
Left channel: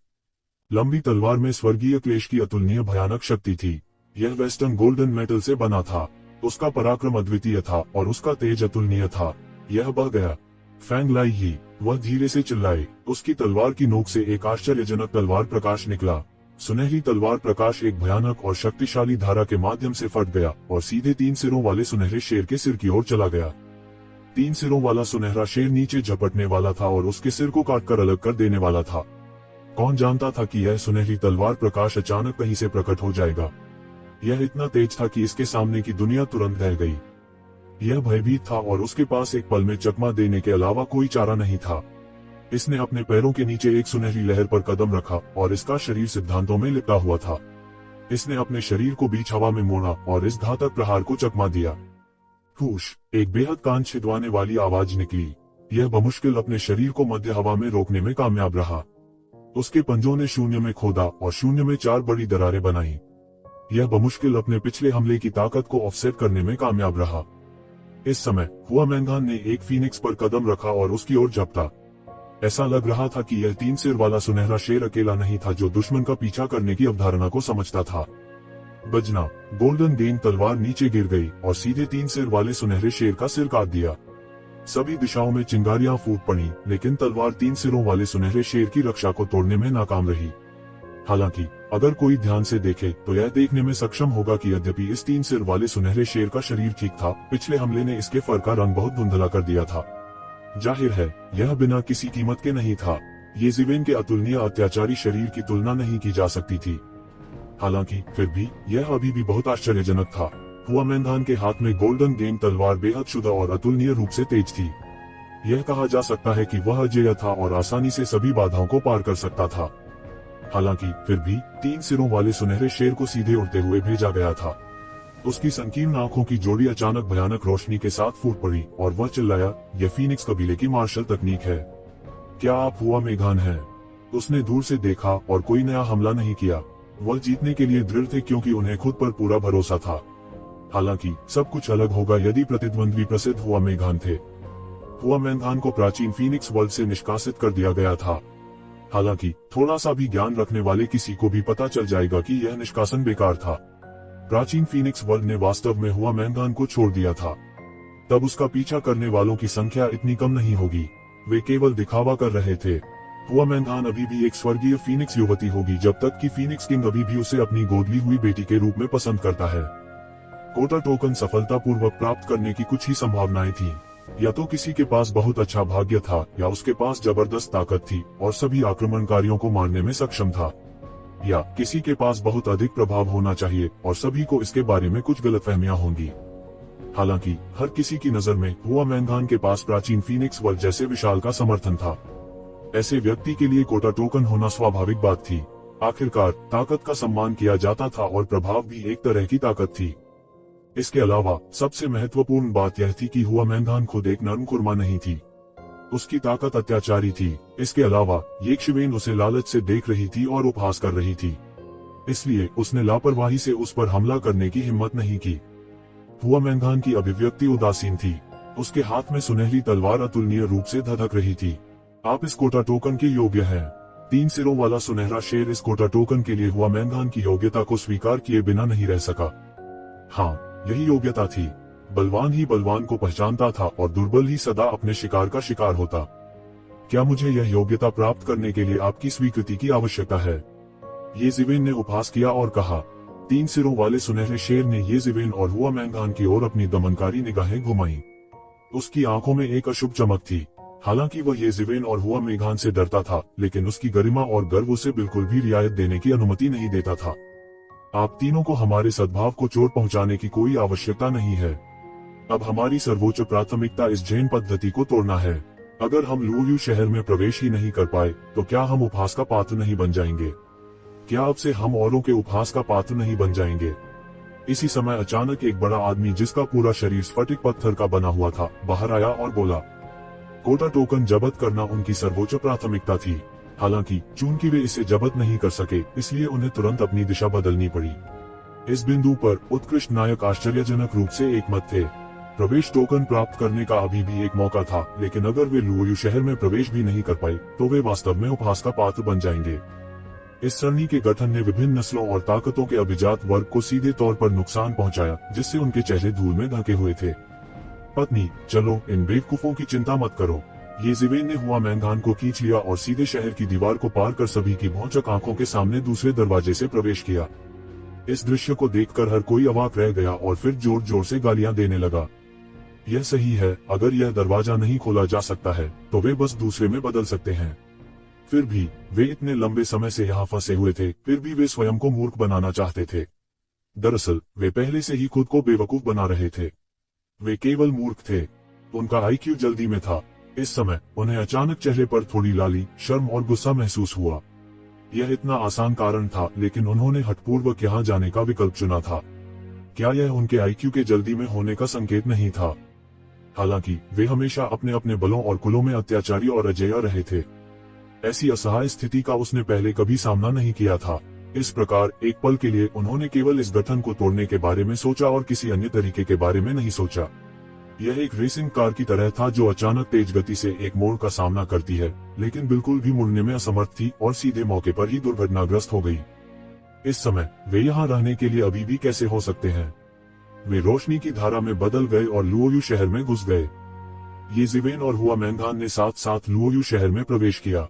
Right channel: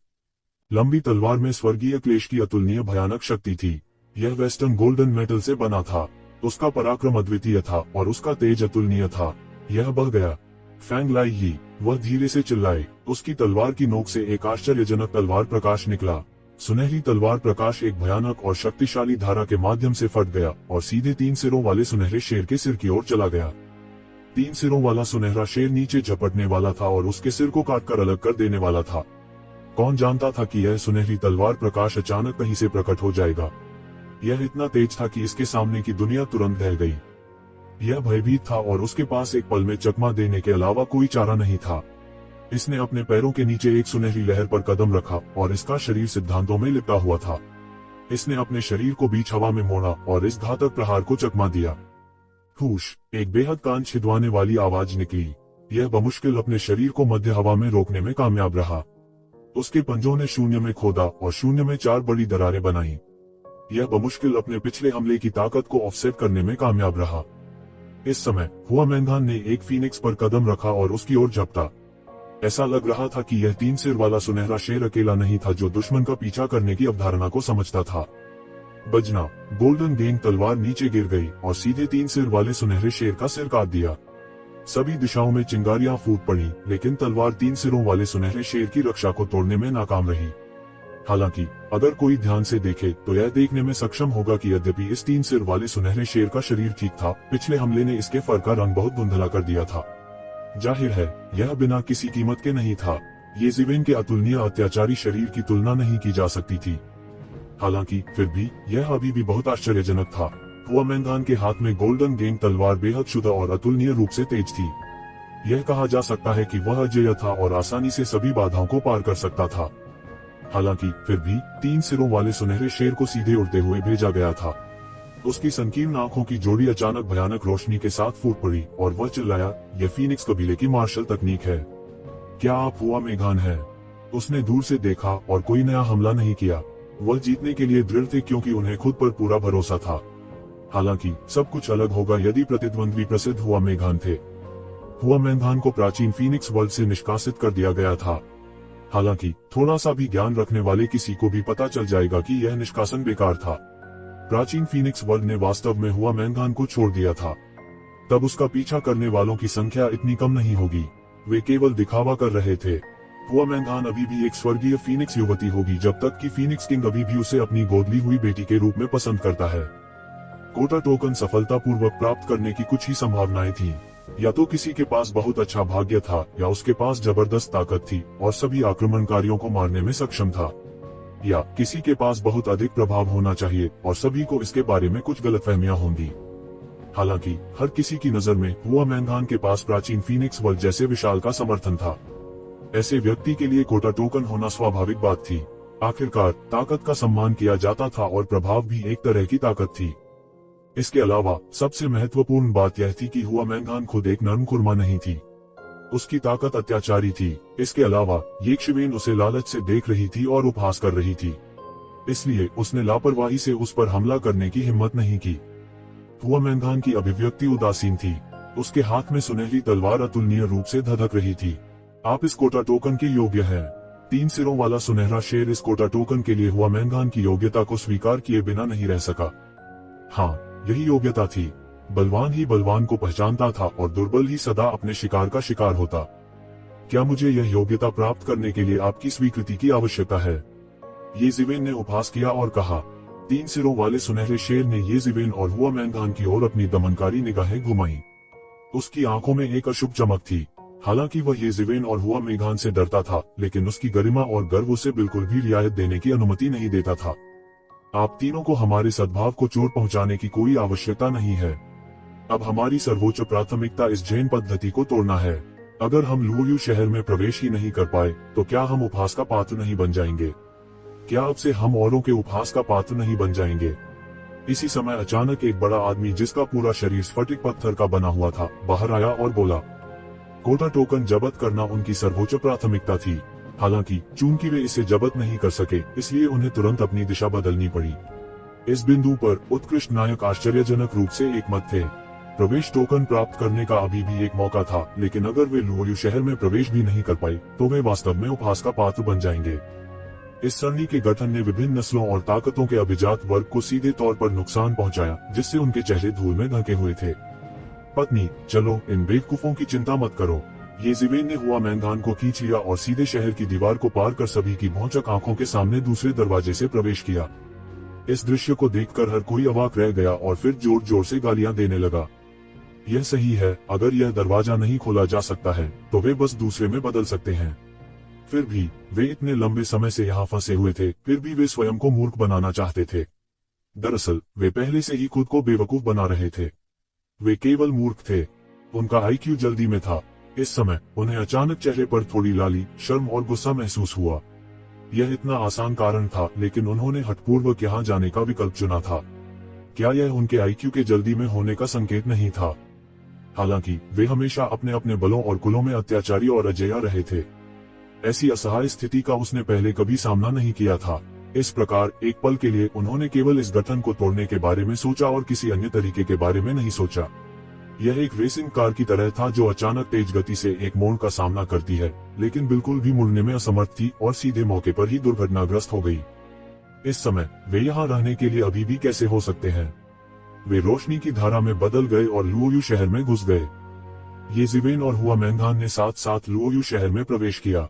लंबी तलवार में स्वर्गीय क्लेश की अतुलनीय भयानक शक्ति थी। यह वेस्टर्न गोल्डन मेटल से बना था। उसका पराक्रम अद्वितीय था और उसका तेज अतुलनीय था। यह बह गया। फैंग लाई ही, वह धीरे से चिल्लाए। उसकी तलवार की नोक से एक आश्चर्यजनक तलवार प्रकाश निकला। सुनहरी तलवार प्रकाश एक भयानक और शक्तिशाली धारा के माध्यम से फट गया और सीधे 3 सिरों वाले सुनहरे शेर के सिर की ओर चला गया। 3 सिरों वाला सुनहरा शेर नीचे झपटने वाला था और उसके सिर को काटकर अलग कर देने वाला था। कौन जानता था कि यह सुनहरी तलवार प्रकाश अचानक कहीं से प्रकट हो जाएगा। यह इतना तेज था कि इसके सामने की दुनिया तुरंत दह गई। यह भयभीत था और उसके पास एक पल में चकमा देने के अलावा कोई चारा नहीं था। इसने अपने पैरों के नीचे एक सुनहरी लहर पर कदम रखा और इसका शरीर सिद्धांतों में लिपटा हुआ था। इसने अपने शरीर को बीच हवा में मोड़ा और इस घातक प्रहार को चकमा दिया। हुश, एक बेहद कान छिदवाने वाली आवाज निकली। यह बमुश्किल अपने शरीर को मध्य हवा में रोकने में कामयाब रहा। उसके पंजों ने शून्य में खोदा और शून्य में 4 बड़ी दरारें बनाई। यह बमुश्किल अपने पिछले हमले की ताकत को ऑफसेट करने में कामयाब रहा। इस समय हुआ मैंधान ने एक फीनिक्स पर कदम रखा और उसकी ओर झपटा। ऐसा लग रहा था कि यह 3 सिर वाला सुनहरा शेर अकेला नहीं था जो दुश्मन का पीछा करने की अवधारणा को समझता था। बजना, गोल्डन गेंद तलवार नीचे गिर गई और सीधे 3 सिर वाले सुनहरे शेर का सिर काट दिया। सभी दिशाओं में चिंगारियां फूट पड़ी, लेकिन तलवार 3 सिरों वाले सुनहरे शेर की रक्षा को तोड़ने में नाकाम रही। हालांकि अगर कोई ध्यान से देखे तो यह देखने में सक्षम होगा कि यद्यपि इस 3 सिर वाले सुनहरे शेर का शरीर ठीक था, पिछले हमले ने इसके फर का रंग बहुत धुंधला कर दिया था। जाहिर है, यह बिना किसी कीमत के नहीं था। ये ज़िवेन के अतुलनीय अत्याचारी शरीर की तुलना नहीं की जा सकती थी। हालांकि फिर भी यह अभी भी बहुत आश्चर्यजनक था। हुआ मैंधान के हाथ में गोल्डन गेंद तलवार बेहद शुद्ध और अतुलनीय रूप से तेज थी। यह कहा जा सकता है कि वह अजेय था और आसानी से सभी बाधाओं को पार कर सकता था। हालांकि फिर भी 3 सिरों वाले सुनहरे शेर को सीधे उड़ते हुए भेजा गया था। उसकी संकीर्ण आंखों की जोड़ी अचानक भयानक रोशनी के साथ फूट पड़ी और वह चिल्लाया, यह फीनिक्स कबीले की मार्शल तकनीक है। क्या आप हुआ मेघान हैं? उसने दूर से देखा और कोई नया हमला नहीं किया। वह जीतने के लिए दृढ़ थे क्योंकि उन्हें खुद पर पूरा भरोसा था। हालांकि सब कुछ अलग होगा यदि प्रतिद्वंद्वी प्रसिद्ध हुआ मेघान थे। हुआ मेघान को प्राचीन फीनिक्स वर्ल्ड से निष्कासित कर दिया गया था। हालांकि थोड़ा सा भी ज्ञान रखने वाले किसी को भी पता चल जाएगा कि यह निष्कासन बेकार था। प्राचीन फीनिक्स वर्ल्ड ने वास्तव में हुआ मेघान को छोड़ दिया था। तब उसका पीछा करने वालों की संख्या इतनी कम नहीं होगी। वे केवल दिखावा कर रहे थे। हुआ मेघान अभी भी एक स्वर्गीय फीनिक्स युवती होगी जब तक कि फीनिक्स किंग अभी भी उसे अपनी गोद ली हुई बेटी के रूप में पसंद करता है। कोटा टोकन सफलतापूर्वक प्राप्त करने की कुछ ही संभावनाएं थीं। या तो किसी के पास बहुत अच्छा भाग्य था या उसके पास जबरदस्त ताकत थी और सभी आक्रमणकारियों को मारने में सक्षम था, या किसी के पास बहुत अधिक प्रभाव होना चाहिए और सभी को इसके बारे में कुछ गलतफहमियां होंगी। हालांकि हर किसी की नजर में हुआ मेघान के पास प्राचीन फीनिक्स वर्ल्ड जैसे विशाल का समर्थन था। ऐसे व्यक्ति के लिए कोटा टोकन होना स्वाभाविक बात थी। आखिरकार ताकत का सम्मान किया जाता था और प्रभाव भी एक तरह की ताकत थी। इसके अलावा सबसे महत्वपूर्ण बात यह थी कि हुआ मेघान खुद एक नर्म खुरमा नहीं थी। उसकी ताकत अत्याचारी थी। इसके अलावा ये शिवेन उसे लालच से देख रही थी और उपहास कर रही थी। इसलिए उसने लापरवाही से उस पर हमला करने की हिम्मत नहीं की। हुआ मेघान की अभिव्यक्ति उदासीन थी। उसके हाथ में सुनहरी तलवार अतुलनीय रूप से धधक रही थी। आप इस कोटा टोकन के योग्य हैं। 3 सिरों वाला सुनहरा शेर इस कोटा टोकन के लिए हुआ मेघान की योग्यता को स्वीकार किए बिना नहीं रह सका। हाँ, यही योग्यता थी। बलवान ही बलवान को पहचानता था और दुर्बल ही सदा अपने शिकार का शिकार होता। क्या मुझे यह योग्यता प्राप्त करने के लिए आपकी स्वीकृति की आवश्यकता है? ये ज़िवेन ने उपहास किया और कहा। 3 सिरों वाले सुनहरे शेर ने ये ज़िवेन और हुआ मेघान की ओर अपनी दमनकारी निगाहें घुमाई। उसकी आंखों में एक अशुभ चमक थी। हालांकि वह ये ज़िवेन और हुआ मेघान से डरता था, लेकिन उसकी गरिमा और गर्व उसे बिल्कुल भी रियायत देने की अनुमति नहीं देता था। आप तीनों को हमारे सद्भाव को चोट पहुंचाने की कोई आवश्यकता नहीं है। अब हमारी सर्वोच्च प्राथमिकता इस जैन पद्धति को तोड़ना है। अगर हम लुओयू शहर में प्रवेश ही नहीं कर पाए तो क्या हम उपहास का पात्र नहीं बन जाएंगे? क्या अब से हम औरों के उपहास का पात्र नहीं बन जाएंगे? इसी समय अचानक एक बड़ा आदमी जिसका पूरा शरीर स्फटिक पत्थर का बना हुआ था बाहर आया और बोला। कोटा टोकन जब्त करना उनकी सर्वोच्च प्राथमिकता थी। हालांकि चूंकि वे इसे जब्त नहीं कर सके, इसलिए उन्हें तुरंत अपनी दिशा बदलनी पड़ी। इस बिंदु पर उत्कृष्ट नायक आश्चर्यजनक रूप से एकमत थे। प्रवेश टोकन प्राप्त करने का अभी भी एक मौका था, लेकिन अगर वे लुओयू शहर में प्रवेश भी नहीं कर पाए तो वे वास्तव में उपहास का पात्र बन जाएंगे। इस सन्नी के गठन ने विभिन्न नस्लों और ताकतों के अभिजात वर्ग को सीधे तौर पर नुकसान पहुंचाया, जिससे उनके चेहरे धूल में ढके हुए थे। पत्नी, चलो इन बेवकूफों की चिंता मत करो। ये ज़िवेन ने हुआ मैंगान को खींच लिया और सीधे शहर की दीवार को पार कर सभी की भौचक आंखों के सामने दूसरे दरवाजे से प्रवेश किया। इस दृश्य को देखकर हर कोई अवाक रह गया और फिर जोर जोर से गालियां देने लगा। यह सही है, अगर यह दरवाजा नहीं खोला जा सकता है तो वे बस दूसरे में बदल सकते हैं। फिर भी वे इतने लंबे समय से यहाँ फंसे हुए थे, फिर भी वे स्वयं को मूर्ख बनाना चाहते थे। दरअसल वे पहले से ही खुद को बेवकूफ बना रहे थे। वे केवल मूर्ख थे, उनका आईक्यू जल्दी में था। इस समय उन्हें अचानक चेहरे पर थोड़ी लाली, शर्म और गुस्सा महसूस हुआ। यह इतना आसान कारण था, लेकिन उन्होंने हठपूर्वक यहाँ जाने का विकल्प चुना था। क्या यह उनके आईक्यू के जल्दी में होने का संकेत नहीं था? हालांकि वे हमेशा अपने अपने बलों और कुलों में अत्याचारी और अजेय रहे थे। ऐसी असहाय स्थिति का उसने पहले कभी सामना नहीं किया था। इस प्रकार एक पल के लिए उन्होंने केवल इस गठन को तोड़ने के बारे में सोचा और किसी अन्य तरीके के बारे में नहीं सोचा। यह एक रेसिंग कार की तरह था जो अचानक तेज गति से एक मोड़ का सामना करती है, लेकिन बिल्कुल भी मुड़ने में असमर्थ थी और सीधे मौके पर ही दुर्घटनाग्रस्त हो गई। इस समय वे यहाँ रहने के लिए अभी भी कैसे हो सकते हैं? वे रोशनी की धारा में बदल गए और लुओयू शहर में घुस गए। ये ज़िवेन और हुआ मैंगान ने साथ साथ लुओयू शहर में प्रवेश किया।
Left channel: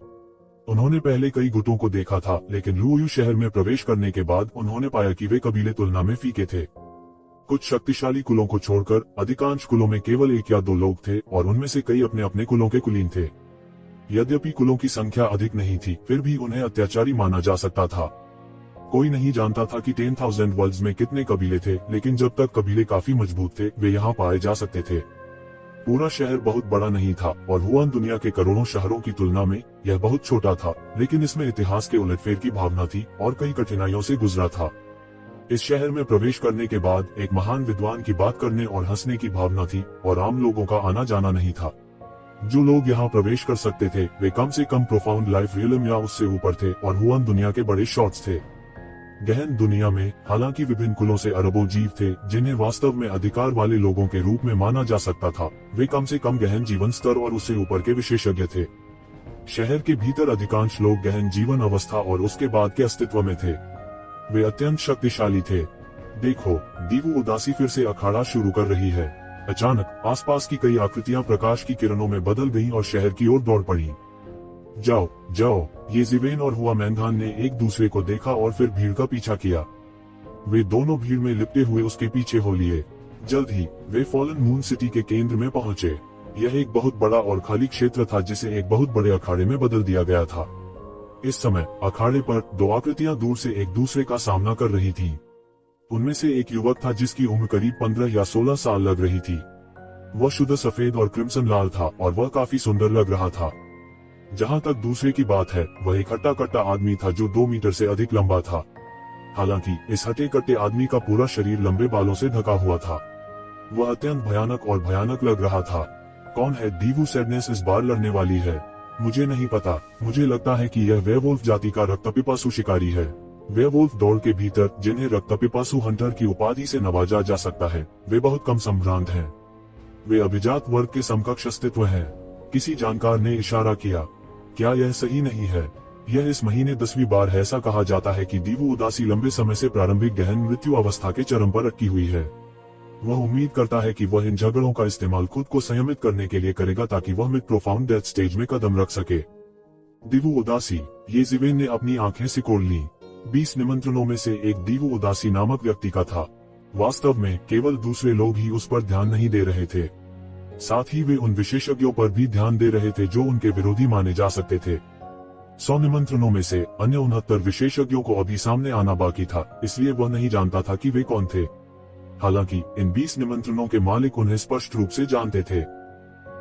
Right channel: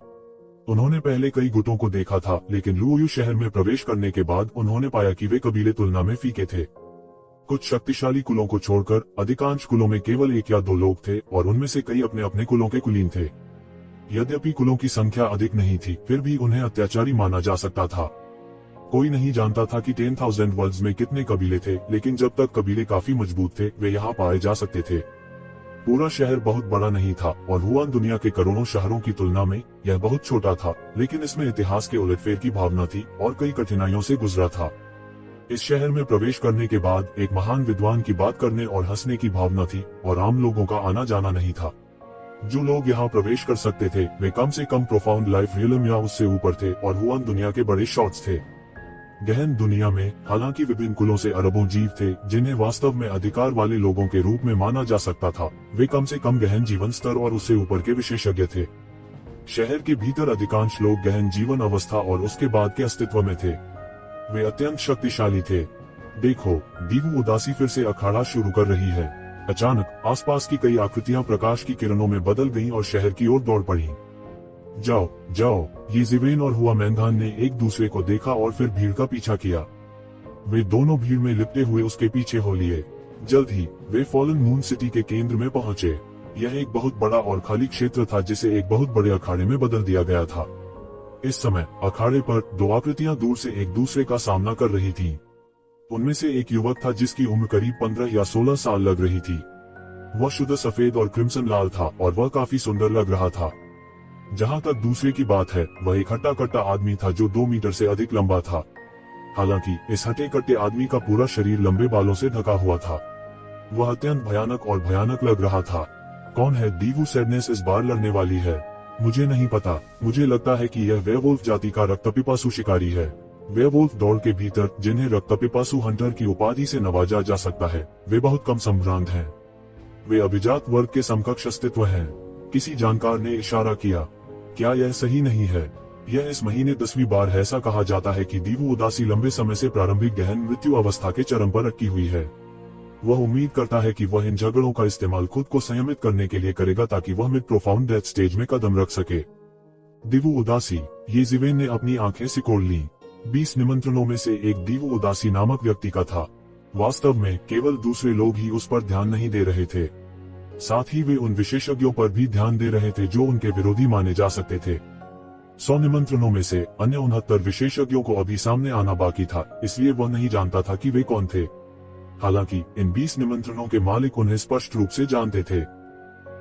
उन्होंने पहले कई गुटों को देखा था, लेकिन लुओयू शहर में प्रवेश करने के बाद उन्होंने पाया कि वे कबीले तुलना में फीके थे। कुछ शक्तिशाली कुलों को छोड़कर अधिकांश कुलों में केवल एक या दो लोग थे और उनमें से कई अपने अपने कुलों के कुलीन थे। यद्यपि कुलों की संख्या अधिक नहीं थी, फिर भी उन्हें अत्याचारी माना जा सकता था। कोई नहीं जानता था कि 10,000 वर्ल्ड्स में कितने कबीले थे, लेकिन जब तक कबीले काफी मजबूत थे वे यहाँ पाए जा सकते थे। पूरा शहर बहुत बड़ा नहीं था और हुआन दुनिया के करोड़ों शहरों की तुलना में यह बहुत छोटा था, लेकिन इसमें इतिहास के उलटफेर की भावना थी और कई कठिनाइयों से गुजरा था। इस शहर में प्रवेश करने के बाद एक महान विद्वान की बात करने और हंसने की भावना थी और आम लोगों का आना जाना नहीं था। जो लोग यहाँ प्रवेश कर सकते थे वे कम से कम प्रोफाउंड लाइफ रियलम या उससे ऊपर थे और हुआन दुनिया के बड़े शॉट्स थे। गहन दुनिया में हालांकि विभिन्न कुलों से अरबों जीव थे जिन्हें वास्तव में अधिकार वाले लोगों के रूप में माना जा सकता था, वे कम से कम गहन जीवन स्तर और उससे ऊपर के विशेषज्ञ थे। शहर के भीतर अधिकांश लोग गहन जीवन अवस्था और उसके बाद के अस्तित्व में थे। वे अत्यंत शक्तिशाली थे। देखो, दीवू उदासी फिर से अखाड़ा शुरू कर रही है। अचानक आसपास की कई आकृतियां प्रकाश की किरणों में बदल गईं और शहर की ओर दौड़ पड़ी। जाओ जाओ, ये ज़िवेन और हुआ मैंगान ने एक दूसरे को देखा और फिर भीड़ का पीछा किया। वे दोनों भीड़ में लिपटे हुए उसके पीछे हो लिए। जल्द ही वे फॉलन मून सिटी के केंद्र में पहुंचे। यह एक बहुत बड़ा और खाली क्षेत्र था जिसे एक बहुत बड़े अखाड़े में बदल दिया गया था। इस समय अखाड़े पर दो आकृतियां दूर से एक दूसरे का सामना कर रही थी। उनमें से एक युवक था जिसकी उम्र करीब 15 या 16 साल लग रही थी। वह शुद्ध सफेद और क्रिम्सन लाल था और वह काफी सुंदर लग रहा था। जहां तक दूसरे की बात है, वह एक हट्टा कट्टा आदमी था जो 2 मीटर से अधिक लंबा था। हालांकि इस हटे कट्टे आदमी का पूरा शरीर लंबे बालों से ढका हुआ था। वह अत्यंत भयानक और भयानक लग रहा था। कौन है दीवू सैडनेस इस बार लड़ने वाली है? मुझे नहीं पता। मुझे लगता है कि यह वेयरवुल्फ जाति का रक्तपिपासु शिकारी है। वेयरवुल्फ दौड़ के भीतर जिन्हें रक्तपिपासु हंटर की उपाधि से नवाजा जा सकता है, वे बहुत कम संभ्रांत हैं। वे अभिजात वर्ग के समकक्ष अस्तित्व हैं। किसी जानकार ने इशारा किया। क्या यह सही नहीं है? यह इस महीने 10वीं बार ऐसा कहा जाता है कि दीवू उदासी लंबे समय से प्रारंभिक गहन मृत्यु अवस्था के चरम पर अटकी हुई है। वह उम्मीद करता है कि वह इन झगड़ों का इस्तेमाल खुद को संयमित करने के लिए करेगा ताकि वह मिड प्रोफाउंड डेथ स्टेज में कदम रख सके। दीवू उदासी, ये ज़िवेन ने अपनी आंखें सिकोड़ ली। 20 निमंत्रणों में से एक दीवू उदासी नामक व्यक्ति का था। वास्तव में केवल दूसरे लोग ही उस पर ध्यान नहीं दे रहे थे, साथ ही वे उन विशेषज्ञों पर भी ध्यान दे रहे थे जो उनके विरोधी माने जा सकते थे। 100 निमंत्रणों में से अन्य 69 विशेषज्ञों को अभी सामने आना बाकी था, इसलिए वह नहीं जानता था कि वे कौन थे। हालांकि इन 20 निमंत्रणों के मालिक उन्हें स्पष्ट रूप से जानते थे।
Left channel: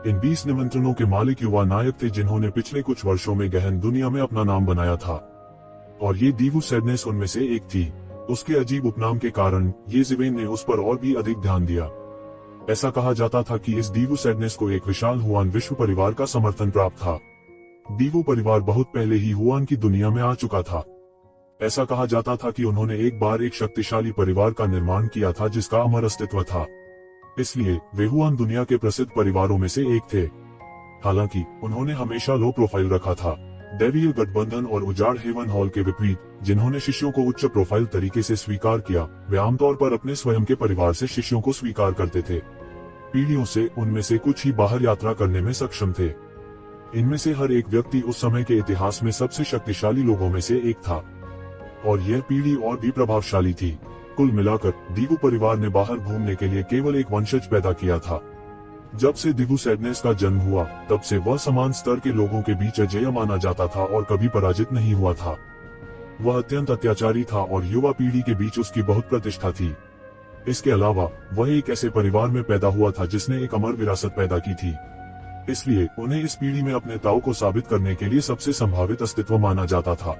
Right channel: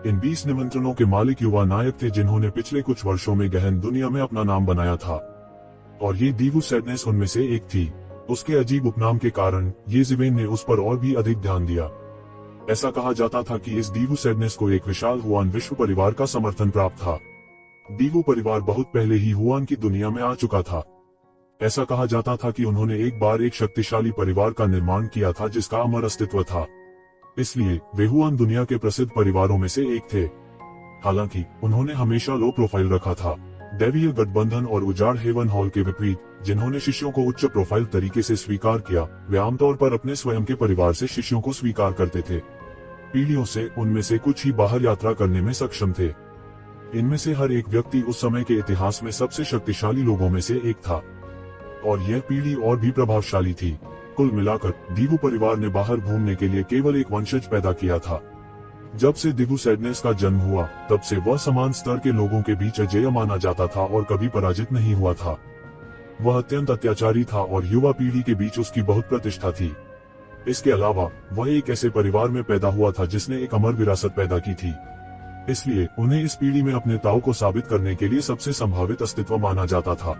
इन 20 निमंत्रणों के मालिक युवा नायक थे जिन्होंने पिछले कुछ वर्षों में गहन दुनिया में अपना नाम बनाया था, और ये दीवू सैडनेस उनमें से एक थी। उसके अजीब उपनाम के कारण ये ज़िवेन ने उस पर और भी अधिक ध्यान दिया। ऐसा कहा जाता था कि इस दीवू सैडनेस को एक विशाल हुआन विश्व परिवार का समर्थन प्राप्त था। दीवू परिवार बहुत पहले ही हुआन की दुनिया में आ चुका था। ऐसा कहा जाता था कि उन्होंने एक बार एक शक्तिशाली परिवार का निर्माण किया था जिसका अमर अस्तित्व था, इसलिए वे हुआन दुनिया के प्रसिद्ध परिवारों में से एक थे। हालांकि उन्होंने हमेशा लो प्रोफाइल रखा था। दैवीय गठबंधन और उजाड़ हेवन हॉल के विपरीत, जिन्होंने शिष्यों को उच्च प्रोफाइल तरीके से स्वीकार किया, वे आमतौर पर अपने स्वयं के परिवार से शिष्यों को स्वीकार करते थे। पीढ़ियों से उनमें से कुछ ही बाहर यात्रा करने में सक्षम थे। इनमें से हर एक व्यक्ति उस समय के इतिहास में सबसे शक्तिशाली लोगों में से एक था, और यह पीढ़ी और भी प्रभावशाली थी। कुल मिलाकर दीवू परिवार ने बाहर घूमने के लिए केवल एक वंशज पैदा किया था। जब से दीवू सैडनेस का जन्म हुआ, तब से वह समान स्तर के लोगों के बीच अजेय माना जाता था और कभी पराजित नहीं हुआ था। वह अत्यंत अत्याचारी था और युवा पीढ़ी के बीच उसकी बहुत प्रतिष्ठा थी। इसके अलावा वह एक ऐसे परिवार में पैदा हुआ था जिसने एक अमर विरासत पैदा की थी, इसलिए उन्हें इस पीढ़ी में अपने ताऊ को साबित करने के लिए सबसे संभावित अस्तित्व माना जाता था।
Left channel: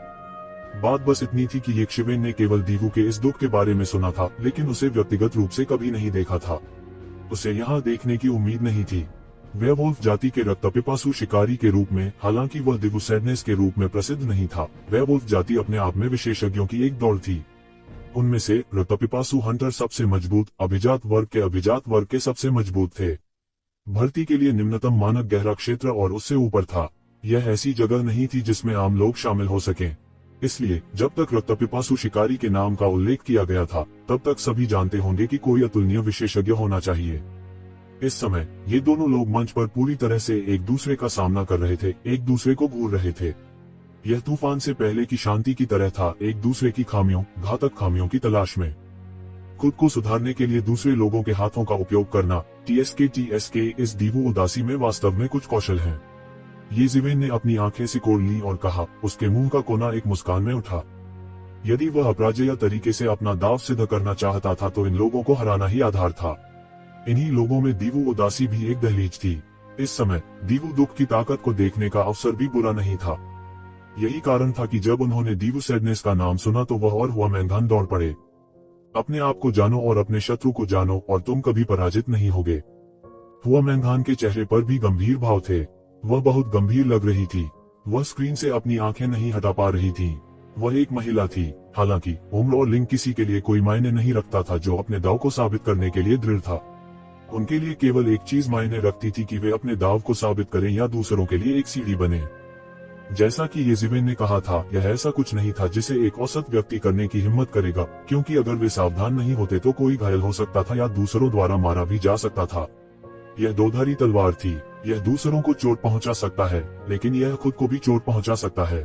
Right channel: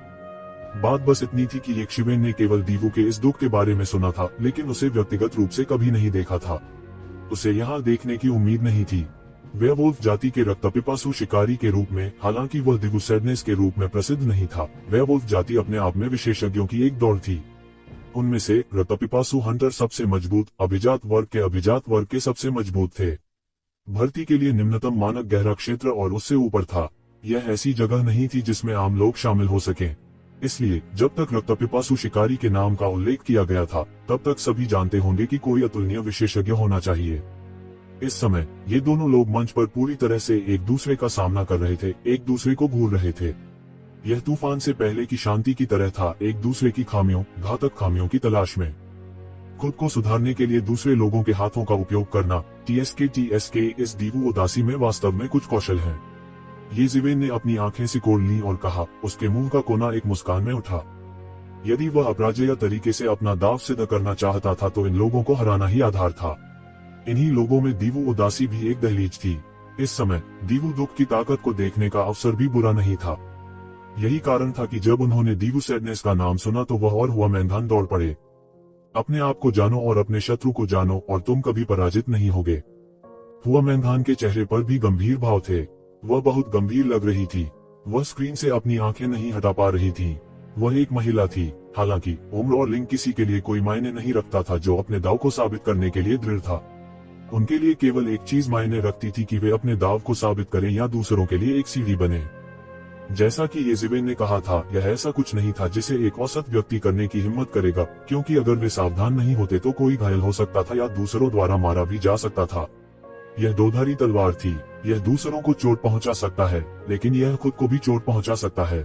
बात बस इतनी थी कि यक्षिबेन ने केवल दीवू के इस दुख के बारे में सुना था, लेकिन उसे व्यक्तिगत रूप से कभी नहीं देखा था। उसे यहाँ देखने की उम्मीद नहीं थी। वेयरवुल्फ जाति के रक्तपिपासु शिकारी के रूप में, हालांकि वह दीवू सैडनेस के रूप में प्रसिद्ध नहीं था, वेयरवुल्फ जाति अपने आप में विशेषज्ञों की एक दौड़ थी। उनमें से रक्तपिपासु हंटर सबसे मजबूत, अभिजात वर्ग के सबसे मजबूत थे। भर्ती के लिए निम्नतम मानक गहरा क्षेत्र और उससे ऊपर था। यह ऐसी जगह नहीं थी जिसमें आम लोग शामिल हो सकें। इसलिए जब तक रक्तपिपासु शिकारी के नाम का उल्लेख किया गया था, तब तक सभी जानते होंगे कि कोई अतुलनीय विशेषज्ञ होना चाहिए। इस समय ये दोनों लोग मंच पर पूरी तरह से एक दूसरे का सामना कर रहे थे, एक दूसरे को घूर रहे थे। यह तूफान से पहले की शांति की तरह था, एक दूसरे की खामियों, घातक खामियों की तलाश में। खुद को सुधारने के लिए दूसरे लोगों के हाथों का उपयोग करना, TSK इस दीवू उदासी में वास्तव में कुछ कौशल है। येज़िवेन ने अपनी आंखें सिकोड़ ली और कहा, उसके मुंह का कोना एक मुस्कान में उठा। यदि वह अपराजेय तरीके से अपना दाव सिद्ध करना चाहता था तो इन लोगों को हराना ही आधार था। इन्हीं लोगों में दीवू उदासी भी एक दहलीज थी। इस समय दीवू दुख की ताकत को देखने का अवसर भी बुरा नहीं था। यही कारण था कि जब उन्होंने दीवू सैडनेस का नाम सुना तो वह और हुआमैंगान दौड़ पड़े। अपने आप को जानो और अपने शत्रु को जानो और तुम कभी पराजित नहीं होगे। हुआमैंगान के चेहरे पर भी गंभीर भाव थे। वह बहुत गंभीर लग रही थी। वह स्क्रीन से अपनी आंखें नहीं हटा पा रही थी। वह एक महिला थी, हालांकि उम्र और लिंग किसी के लिए कोई मायने नहीं रखता था जो अपने दाव को साबित करने के लिए दृढ़ था। उनके लिए केवल एक चीज मायने रखती थी कि वे अपने दाव को साबित करें या दूसरों के लिए एक सीढ़ी बने। जैसा कि येज़िवेन ने कहा था, यह ऐसा कुछ नहीं था जिसे एक औसत व्यक्ति करने की हिम्मत करेगा, क्योंकि अगर वे सावधान नहीं होते तो कोई घायल हो सकता था या दूसरों द्वारा मारा भी जा सकता था। यह दोधारी तलवार थी। यह दूसरों को चोट पहुंचा सकता है, लेकिन यह खुद को भी चोट पहुंचा सकता है।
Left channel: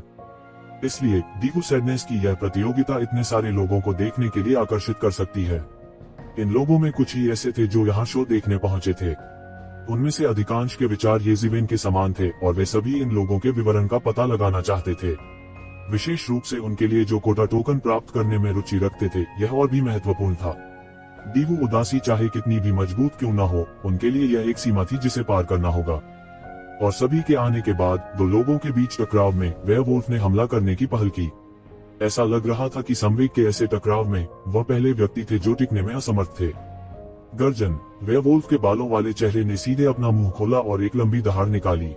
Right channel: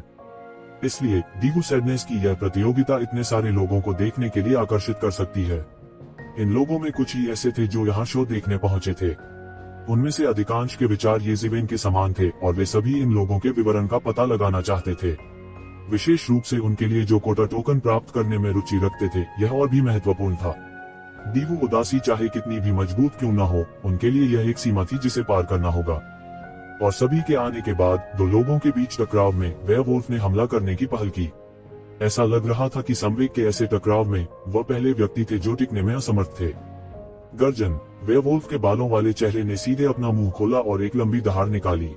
इसलिए दीवू सैडनेस की यह प्रतियोगिता इतने सारे लोगों को देखने के लिए आकर्षित कर सकती है। इन लोगों में कुछ ही ऐसे थे जो यहाँ शो देखने पहुंचे थे। उनमें से अधिकांश के विचार येज़िवेन के समान थे और वे सभी इन लोगों के विवरण का पता लगाना चाहते थे। विशेष रूप से उनके लिए जो कोटा टोकन प्राप्त करने में रुचि रखते थे, यह और भी महत्वपूर्ण था। दीवू उदासी चाहे कितनी भी मजबूत क्यों न हो, उनके लिए यह एक सीमा थी जिसे पार करना होगा। और सभी के आने के बाद दो लोगों के बीच टकराव में वेयरवुल्फ ने हमला करने की पहल की। ऐसा लग रहा था कि संवेग के ऐसे टकराव में वह पहले व्यक्ति थे जो टिकने में असमर्थ थे। गर्जन। वेयरवुल्फ के बालों वाले चेहरे ने सीधे अपना मुंह खोला और एक लंबी दहाड़ निकाली।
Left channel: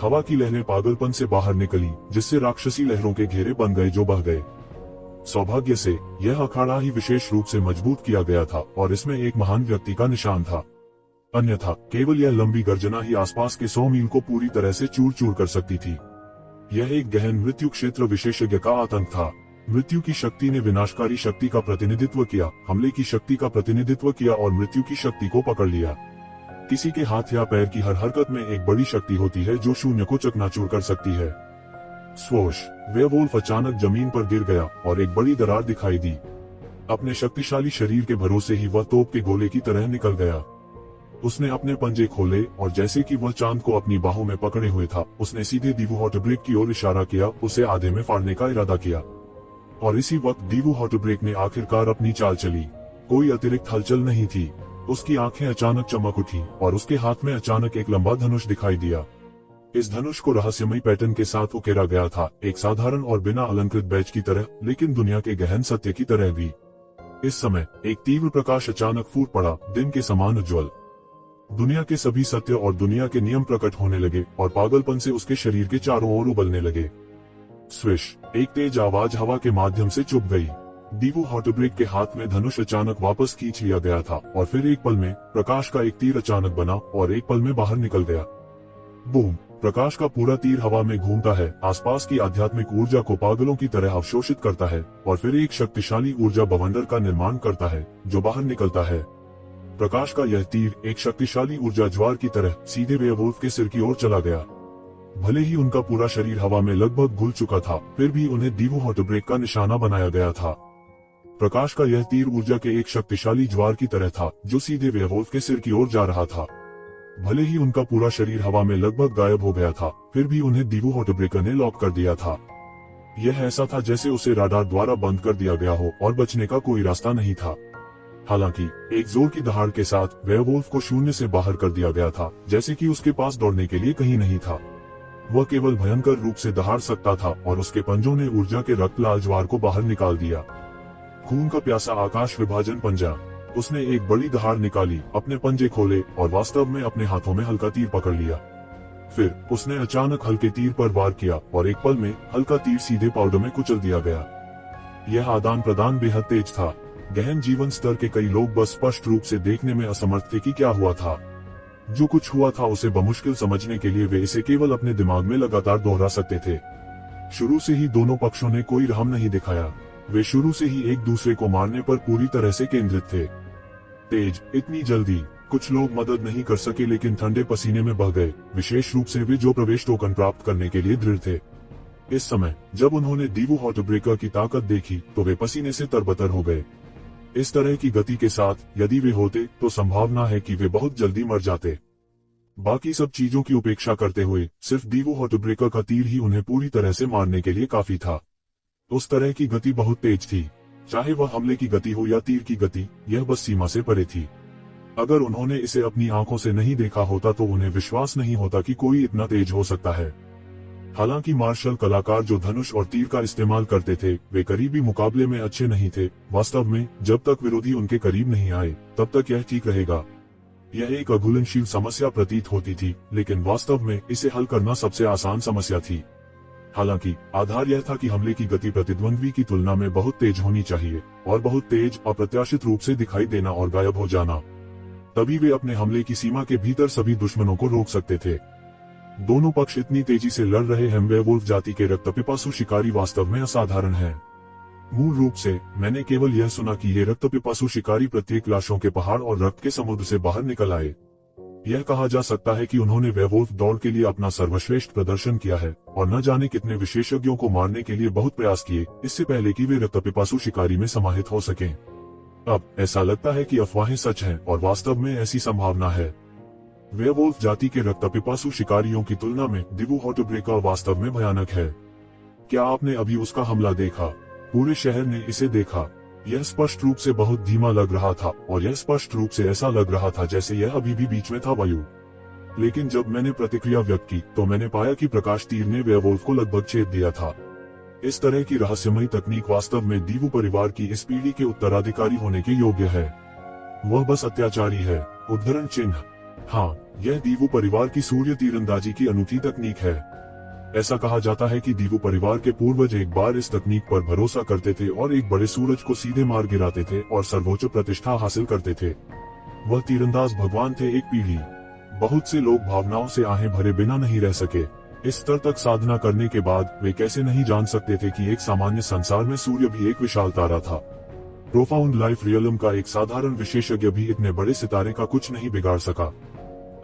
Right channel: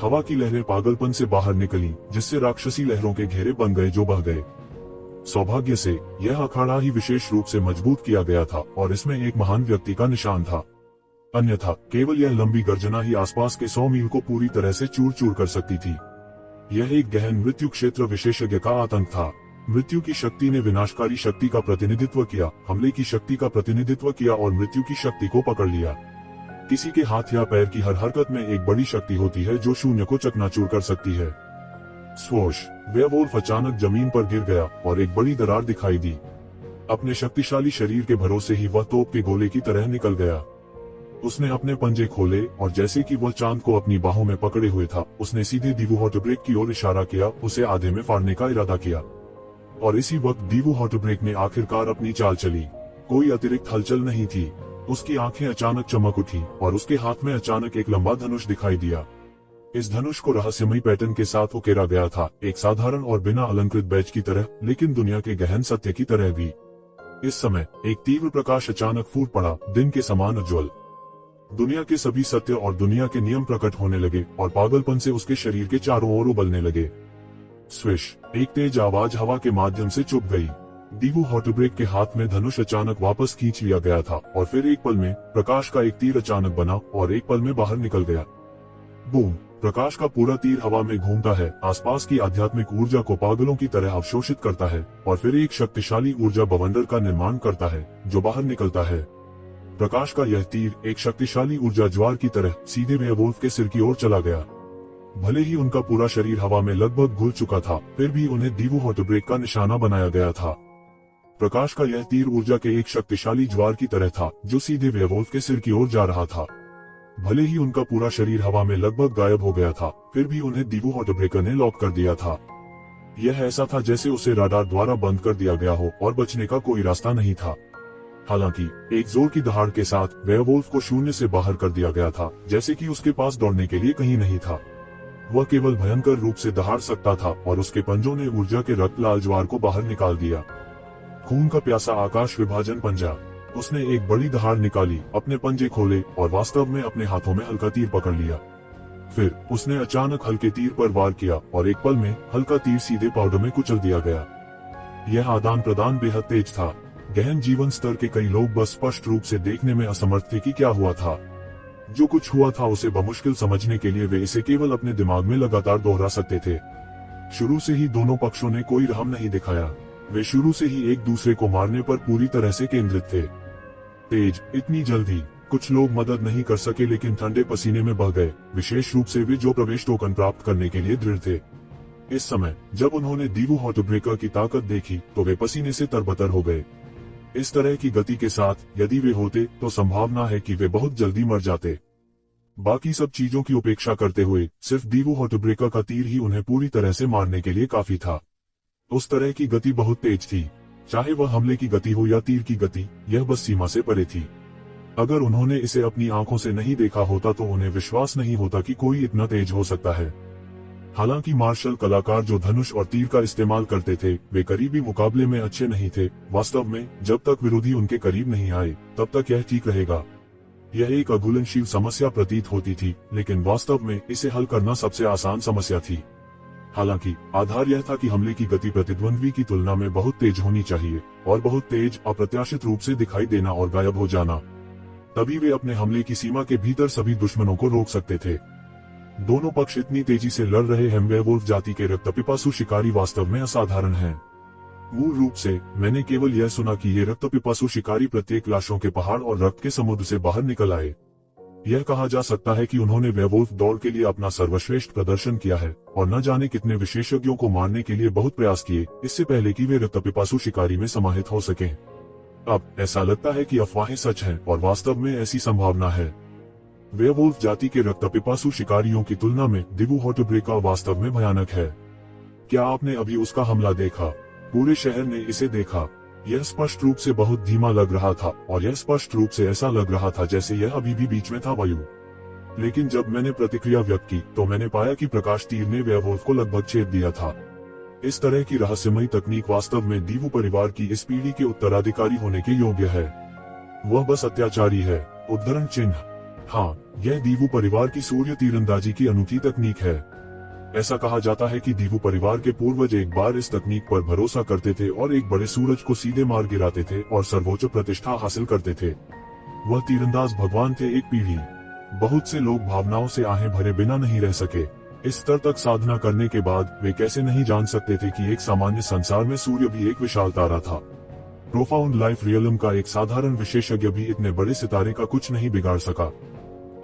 हवा की लहरें पागलपन से बाहर निकली, जिससे राक्षसी लहरों के घेरे बन गए जो बह गए। सौभाग्य से यह अखाड़ा ही विशेष रूप से मजबूत किया गया था और इसमें एक महान व्यक्ति का निशान था। अन्यथा केवल यह लंबी गर्जना ही आसपास के 100 मील को पूरी तरह से चूर चूर कर सकती थी। यह एक गहन मृत्यु क्षेत्र विशेषज्ञ का आतंक था। मृत्यु की शक्ति ने विनाशकारी शक्ति का प्रतिनिधित्व किया, हमले की शक्ति का प्रतिनिधित्व किया और मृत्यु की शक्ति को पकड़ लिया। किसी के हाथ या पैर की हर हरकत में एक बड़ी शक्ति होती है जो शून्य को चकनाचूर कर सकती है। स्वोश। वेयरवुल्फ अचानक जमीन पर गिर गया और एक बड़ी दरार दिखाई दी। अपने शक्तिशाली शरीर के भरोसे ही वह तोप के गोले की तरह निकल गया। उसने अपने पंजे खोले और जैसे कि वह चांद को अपनी बाहों में पकड़े हुए था, उसने सीधे दीवू हॉटब्रेक की ओर इशारा किया, उसे आधे में फाड़ने का इरादा किया। और इसी वक्त दीवू हॉटब्रेक ने आखिरकार अपनी चाल चली। कोई अतिरिक्त हलचल नहीं थी। उसकी आंखें अचानक चमक उठी और उसके हाथ में अचानक एक लंबा धनुष दिखाई दिया। इस धनुष को रहस्यमयी पैटर्न के साथ उकेरा गया था, एक साधारण और बिना अलंकृत बैज की तरह, लेकिन दुनिया के गहन सत्य की तरह भी। इस समय एक तीव्र प्रकाश अचानक फूट पड़ा, दिन के समान उज्ज्वल। दुनिया के सभी सत्य और दुनिया के नियम प्रकट होने लगे और पागलपन से उसके शरीर के चारों ओर उबलने लगे। स्विश, एक तेज आवाज हवा के माध्यम से चुभ गई। दीवू हॉटब्रेक के हाथ में धनुष अचानक वापस खींच लिया गया था और फिर एक पल में प्रकाश का एक तीर अचानक बना और एक पल में बाहर निकल गया। बूम! प्रकाश का पूरा तीर हवा में घूमता है, आसपास की आध्यात्मिक ऊर्जा को पागलों की तरह अवशोषित करता है और फिर एक शक्तिशाली ऊर्जा बवंडर का निर्माण करता है जो बाहर निकलता है। प्रकाश का यह तीर एक शक्तिशाली ऊर्जा ज्वार की तरह सीधे वेयरवुल्फ के सिर की ओर चला गया। भले ही उनका पूरा शरीर हवा में लगभग घुल चुका था, फिर भी उन्हें दीवू हॉटब्रेक का निशाना बनाया गया था। प्रकाश का यह तीर ऊर्जा के एक शक्तिशाली ज्वार की तरह था जो सीधे वेयरवुल्फ के सिर की ओर जा रहा था। भले ही उनका पूरा शरीर हवा में लगभग गायब हो गया था, फिर भी उन्हें दीवू हॉटब्रेकर ने लॉक कर दिया था। यह ऐसा था जैसे उसे राडार द्वारा बंद कर दिया गया हो और बचने का कोई रास्ता नहीं था। हालांकि एक जोर की दहाड़ के साथ वेयरवुल्फ को शून्य से बाहर कर दिया गया था, जैसे कि उसके पास दौड़ने के लिए कहीं नहीं था। वह केवल भयंकर रूप से दहाड़ सकता था और उसके पंजों ने ऊर्जा के रक्त लाल ज्वार को बाहर निकाल दिया। खून का प्यासा आकाश विभाजन पंजा। उसने एक बड़ी दहाड़ निकाली, अपने पंजे खोले और वास्तव में अपने हाथों में हल्का तीर पकड़ लिया। फिर उसने अचानक हल्के तीर पर वार किया और एक पल में हल्का तीर सीधे पाउडर में कुचल दिया गया। यह आदान प्रदान बेहद तेज था। गहन जीवन स्तर के कई लोग बस स्पष्ट रूप से देखने में असमर्थ थे कि क्या हुआ था। जो कुछ हुआ था उसे बमुश्किल समझने के लिए वे इसे केवल अपने दिमाग में लगातार दोहरा सकते थे। शुरू से ही दोनों पक्षों ने कोई रहम नहीं दिखाया। वे शुरू से ही एक दूसरे को मारने पर पूरी तरह से केंद्रित थे। तेज, इतनी जल्दी। कुछ लोग मदद नहीं कर सके लेकिन ठंडे पसीने में बह गए, विशेष रूप से वे जो प्रवेश टोकन प्राप्त करने के लिए दृढ़ थे। इस समय जब उन्होंने दीवू हॉटब्रेकर की ताकत देखी तो वे पसीने से तरबतर हो गए। इस तरह की गति के साथ यदि वे होते तो संभावना है कि वे बहुत जल्दी मर जाते। बाकी सब चीजों की उपेक्षा करते हुए सिर्फ दीवू हॉटब्रेकर का तीर ही उन्हें पूरी तरह से मारने के लिए काफी था। उस तरह की गति बहुत तेज थी, चाहे वह हमले की गति हो या तीर की गति, यह बस सीमा से परे थी। अगर उन्होंने इसे अपनी आंखों से नहीं देखा होता तो उन्हें विश्वास नहीं होता कि कोई इतना तेज हो सकता है। हालांकि मार्शल कलाकार जो धनुष और तीर का इस्तेमाल करते थे वे करीबी मुकाबले में अच्छे नहीं थे। वास्तव में जब तक विरोधी उनके करीब नहीं आए तब तक यह ठीक रहेगा। यह एक अघुलनशील समस्या प्रतीत होती थी, लेकिन वास्तव में इसे हल करना सबसे आसान समस्या थी। हालांकि आधार यह था कि हमले की गति प्रतिद्वंद्वी की तुलना में बहुत तेज होनी चाहिए और बहुत तेज अप्रत्याशित रूप से दिखाई देना और गायब हो जाना। तभी वे अपने हमले की सीमा के भीतर सभी दुश्मनों को रोक सकते थे। दोनों पक्ष इतनी तेजी से लड़ रहे हैं। वेयरवुल्फ जाति के रक्तपिपासु शिकारी वास्तव में असाधारण हैं। मूल रूप से मैंने केवल यह सुना कि ये रक्तपिपासु शिकारी प्रत्येक लाशों के पहाड़ और रक्त के समुद्र से बाहर निकल आए। यह कहा जा सकता है कि उन्होंने वेयरवुल्फ दौड़ के लिए अपना सर्वश्रेष्ठ प्रदर्शन किया है और न जाने कितने विशेषज्ञों को मारने के लिए बहुत प्रयास किए इससे पहले कि वे रक्तपिपासु शिकारी में समाहित हो सकें। अब ऐसा लगता है कि अफवाहें सच हैं और वास्तव में ऐसी संभावना है। वेयरवुल्फ जाति के रक्तपिपासु शिकारियों की तुलना में दीवू हॉटब्रेकर वास्तव में भयानक है। क्या आपने अभी उसका हमला देखा? पूरे शहर ने इसे देखा। यह स्पष्ट रूप से बहुत धीमा लग रहा था और यह स्पष्ट रूप से ऐसा लग रहा था जैसे यह अभी भी बीच में था वायु। लेकिन जब मैंने प्रतिक्रिया व्यक्त की तो मैंने पाया कि प्रकाश तीर ने वेयरवुल्फ को लगभग छेद दिया था। इस तरह की रहस्यमयी तकनीक वास्तव में दीवू परिवार की इस पीढ़ी के उत्तराधिकारी होने के योग्य है। वह बस अत्याचारी है। उद्धरण चिन्ह। हाँ, यह दीवू परिवार की सूर्य तीरंदाजी की अनूठी तकनीक है। ऐसा कहा जाता है कि दीवू परिवार के पूर्वज एक बार इस तकनीक पर भरोसा करते थे और एक बड़े सूरज को सीधे मार गिराते थे और सर्वोच्च प्रतिष्ठा हासिल करते थे। वह तीरंदाज भगवान थे। एक पीढ़ी। बहुत से लोग भावनाओं से आहें भरे बिना नहीं रह सके। इस स्तर तक साधना करने के बाद वे कैसे नहीं जान सकते थे कि एक सामान्य संसार में सूर्य भी एक विशाल तारा था। प्रोफाउंड लाइफ रियलम का एक साधारण विशेषज्ञ भी इतने बड़े सितारे का कुछ नहीं बिगाड़ सका।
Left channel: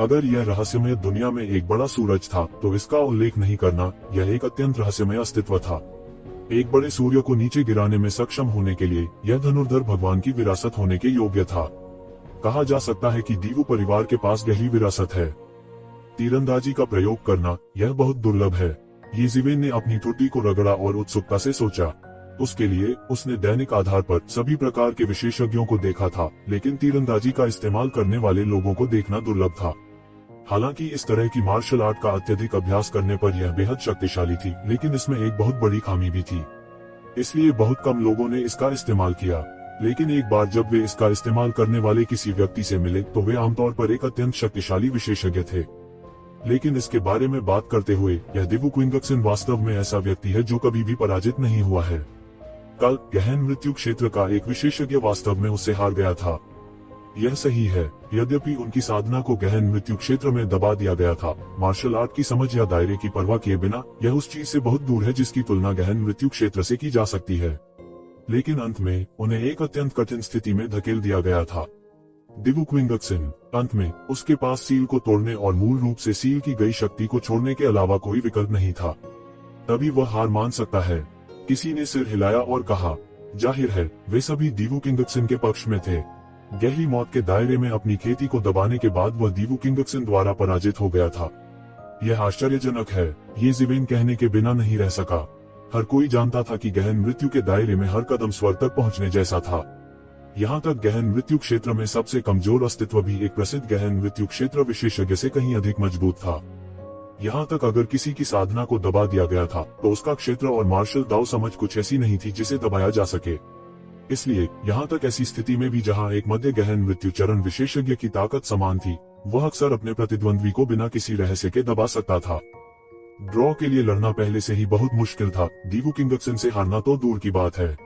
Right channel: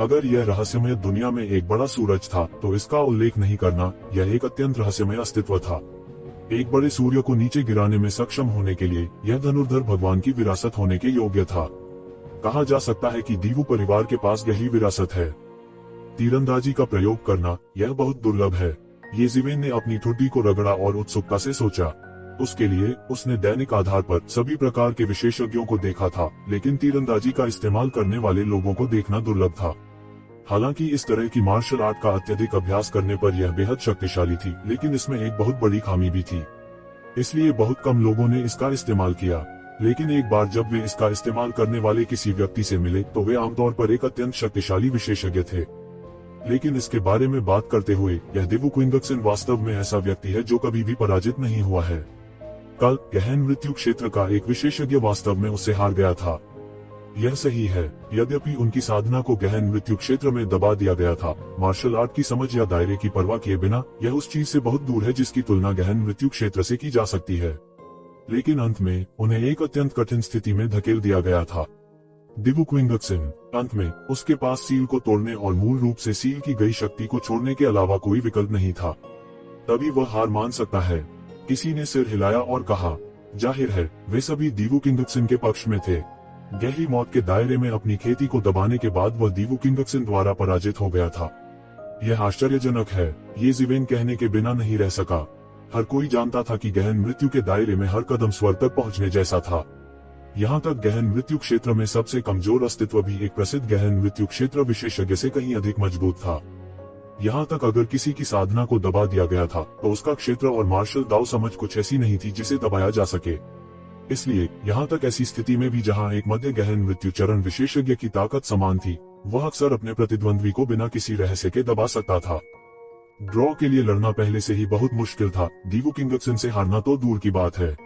अगर यह रहस्यमय दुनिया में एक बड़ा सूरज था तो इसका उल्लेख नहीं करना यह एक अत्यंत रहस्यमय अस्तित्व था। एक बड़े सूर्य को नीचे गिराने में सक्षम होने के लिए यह धनुर्धर भगवान की विरासत होने के योग्य था। कहा जा सकता है कि दीवू परिवार के पास गहरी विरासत है। तीरंदाजी का प्रयोग करना यह बहुत दुर्लभ है। येज़िवेन ने अपनी ठुड्डी को रगड़ा और उत्सुकता से सोचा। उसके लिए उसने दैनिक आधार पर सभी प्रकार के विशेषज्ञों को देखा था, लेकिन तीरंदाजी का इस्तेमाल करने वाले लोगों को देखना दुर्लभ था। हालांकि इस तरह की मार्शल आर्ट का अत्यधिक अभ्यास करने पर यह बेहद शक्तिशाली थी, लेकिन इसमें एक बहुत बड़ी खामी भी थी। इसलिए बहुत कम लोगों ने इसका इस्तेमाल किया। लेकिन एक बार जब वे इसका इस्तेमाल करने वाले किसी व्यक्ति से मिले तो वे आमतौर पर एक अत्यंत शक्तिशाली विशेषज्ञ थे। लेकिन इसके बारे में बात करते हुए यह दिवु क्विंगक्सन वास्तव में ऐसा व्यक्ति है जो कभी भी पराजित नहीं हुआ है। कल गहन मृत्यु क्षेत्र का एक विशेषज्ञ वास्तव में उससे हार गया था। यह सही है, यद्यपि उनकी साधना को गहन मृत्यु क्षेत्र में दबा दिया गया था। मार्शल आर्ट की समझ या दायरे की परवाह किए बिना यह उस चीज से बहुत दूर है जिसकी तुलना गहन मृत्यु क्षेत्र से की जा सकती है। लेकिन अंत में उन्हें एक अत्यंत कठिन स्थिति में धकेल दिया गया था। दिवु क्विंगक्सन अंत में उसके पास सील को तोड़ने और मूल रूप से सील की गई शक्ति को छोड़ने के अलावा कोई विकल्प नहीं था। तभी वह हार मान सकता है। किसी ने सिर हिलाया और कहा, जाहिर है वे सभी दिवु क्विंगक्सन के पक्ष में थे। गहरी मौत के दायरे में अपनी खेती को दबाने के बाद वह दिवु क्विंगक्सन द्वारा पराजित हो गया था। यह आश्चर्यजनक है, ये ज़िवेन कहने के बिना नहीं रह सका। हर कोई जानता था कि गहन मृत्यु के दायरे में हर कदम स्वर तक पहुंचने जैसा था। यहाँ तक गहन मृत्यु क्षेत्र में सबसे कमजोर अस्तित्व भी एक प्रसिद्ध गहन मृत्यु क्षेत्र विशेषज्ञ से कहीं अधिक मजबूत था। यहाँ तक अगर किसी की साधना को दबा दिया गया था तो उसका क्षेत्र और मार्शल दाव समझ कुछ ऐसी नहीं थी जिसे दबाया जा सके। इसलिए यहाँ तक ऐसी स्थिति में भी जहाँ एक मध्य गहन मृत्यु चरण विशेषज्ञ की ताकत समान थी, वह अक्सर अपने प्रतिद्वंद्वी को बिना किसी रहस्य के दबा सकता था। ड्रॉ के लिए लड़ना पहले से ही बहुत मुश्किल था, दिवु क्विंगक्सन से हारना तो दूर की बात है।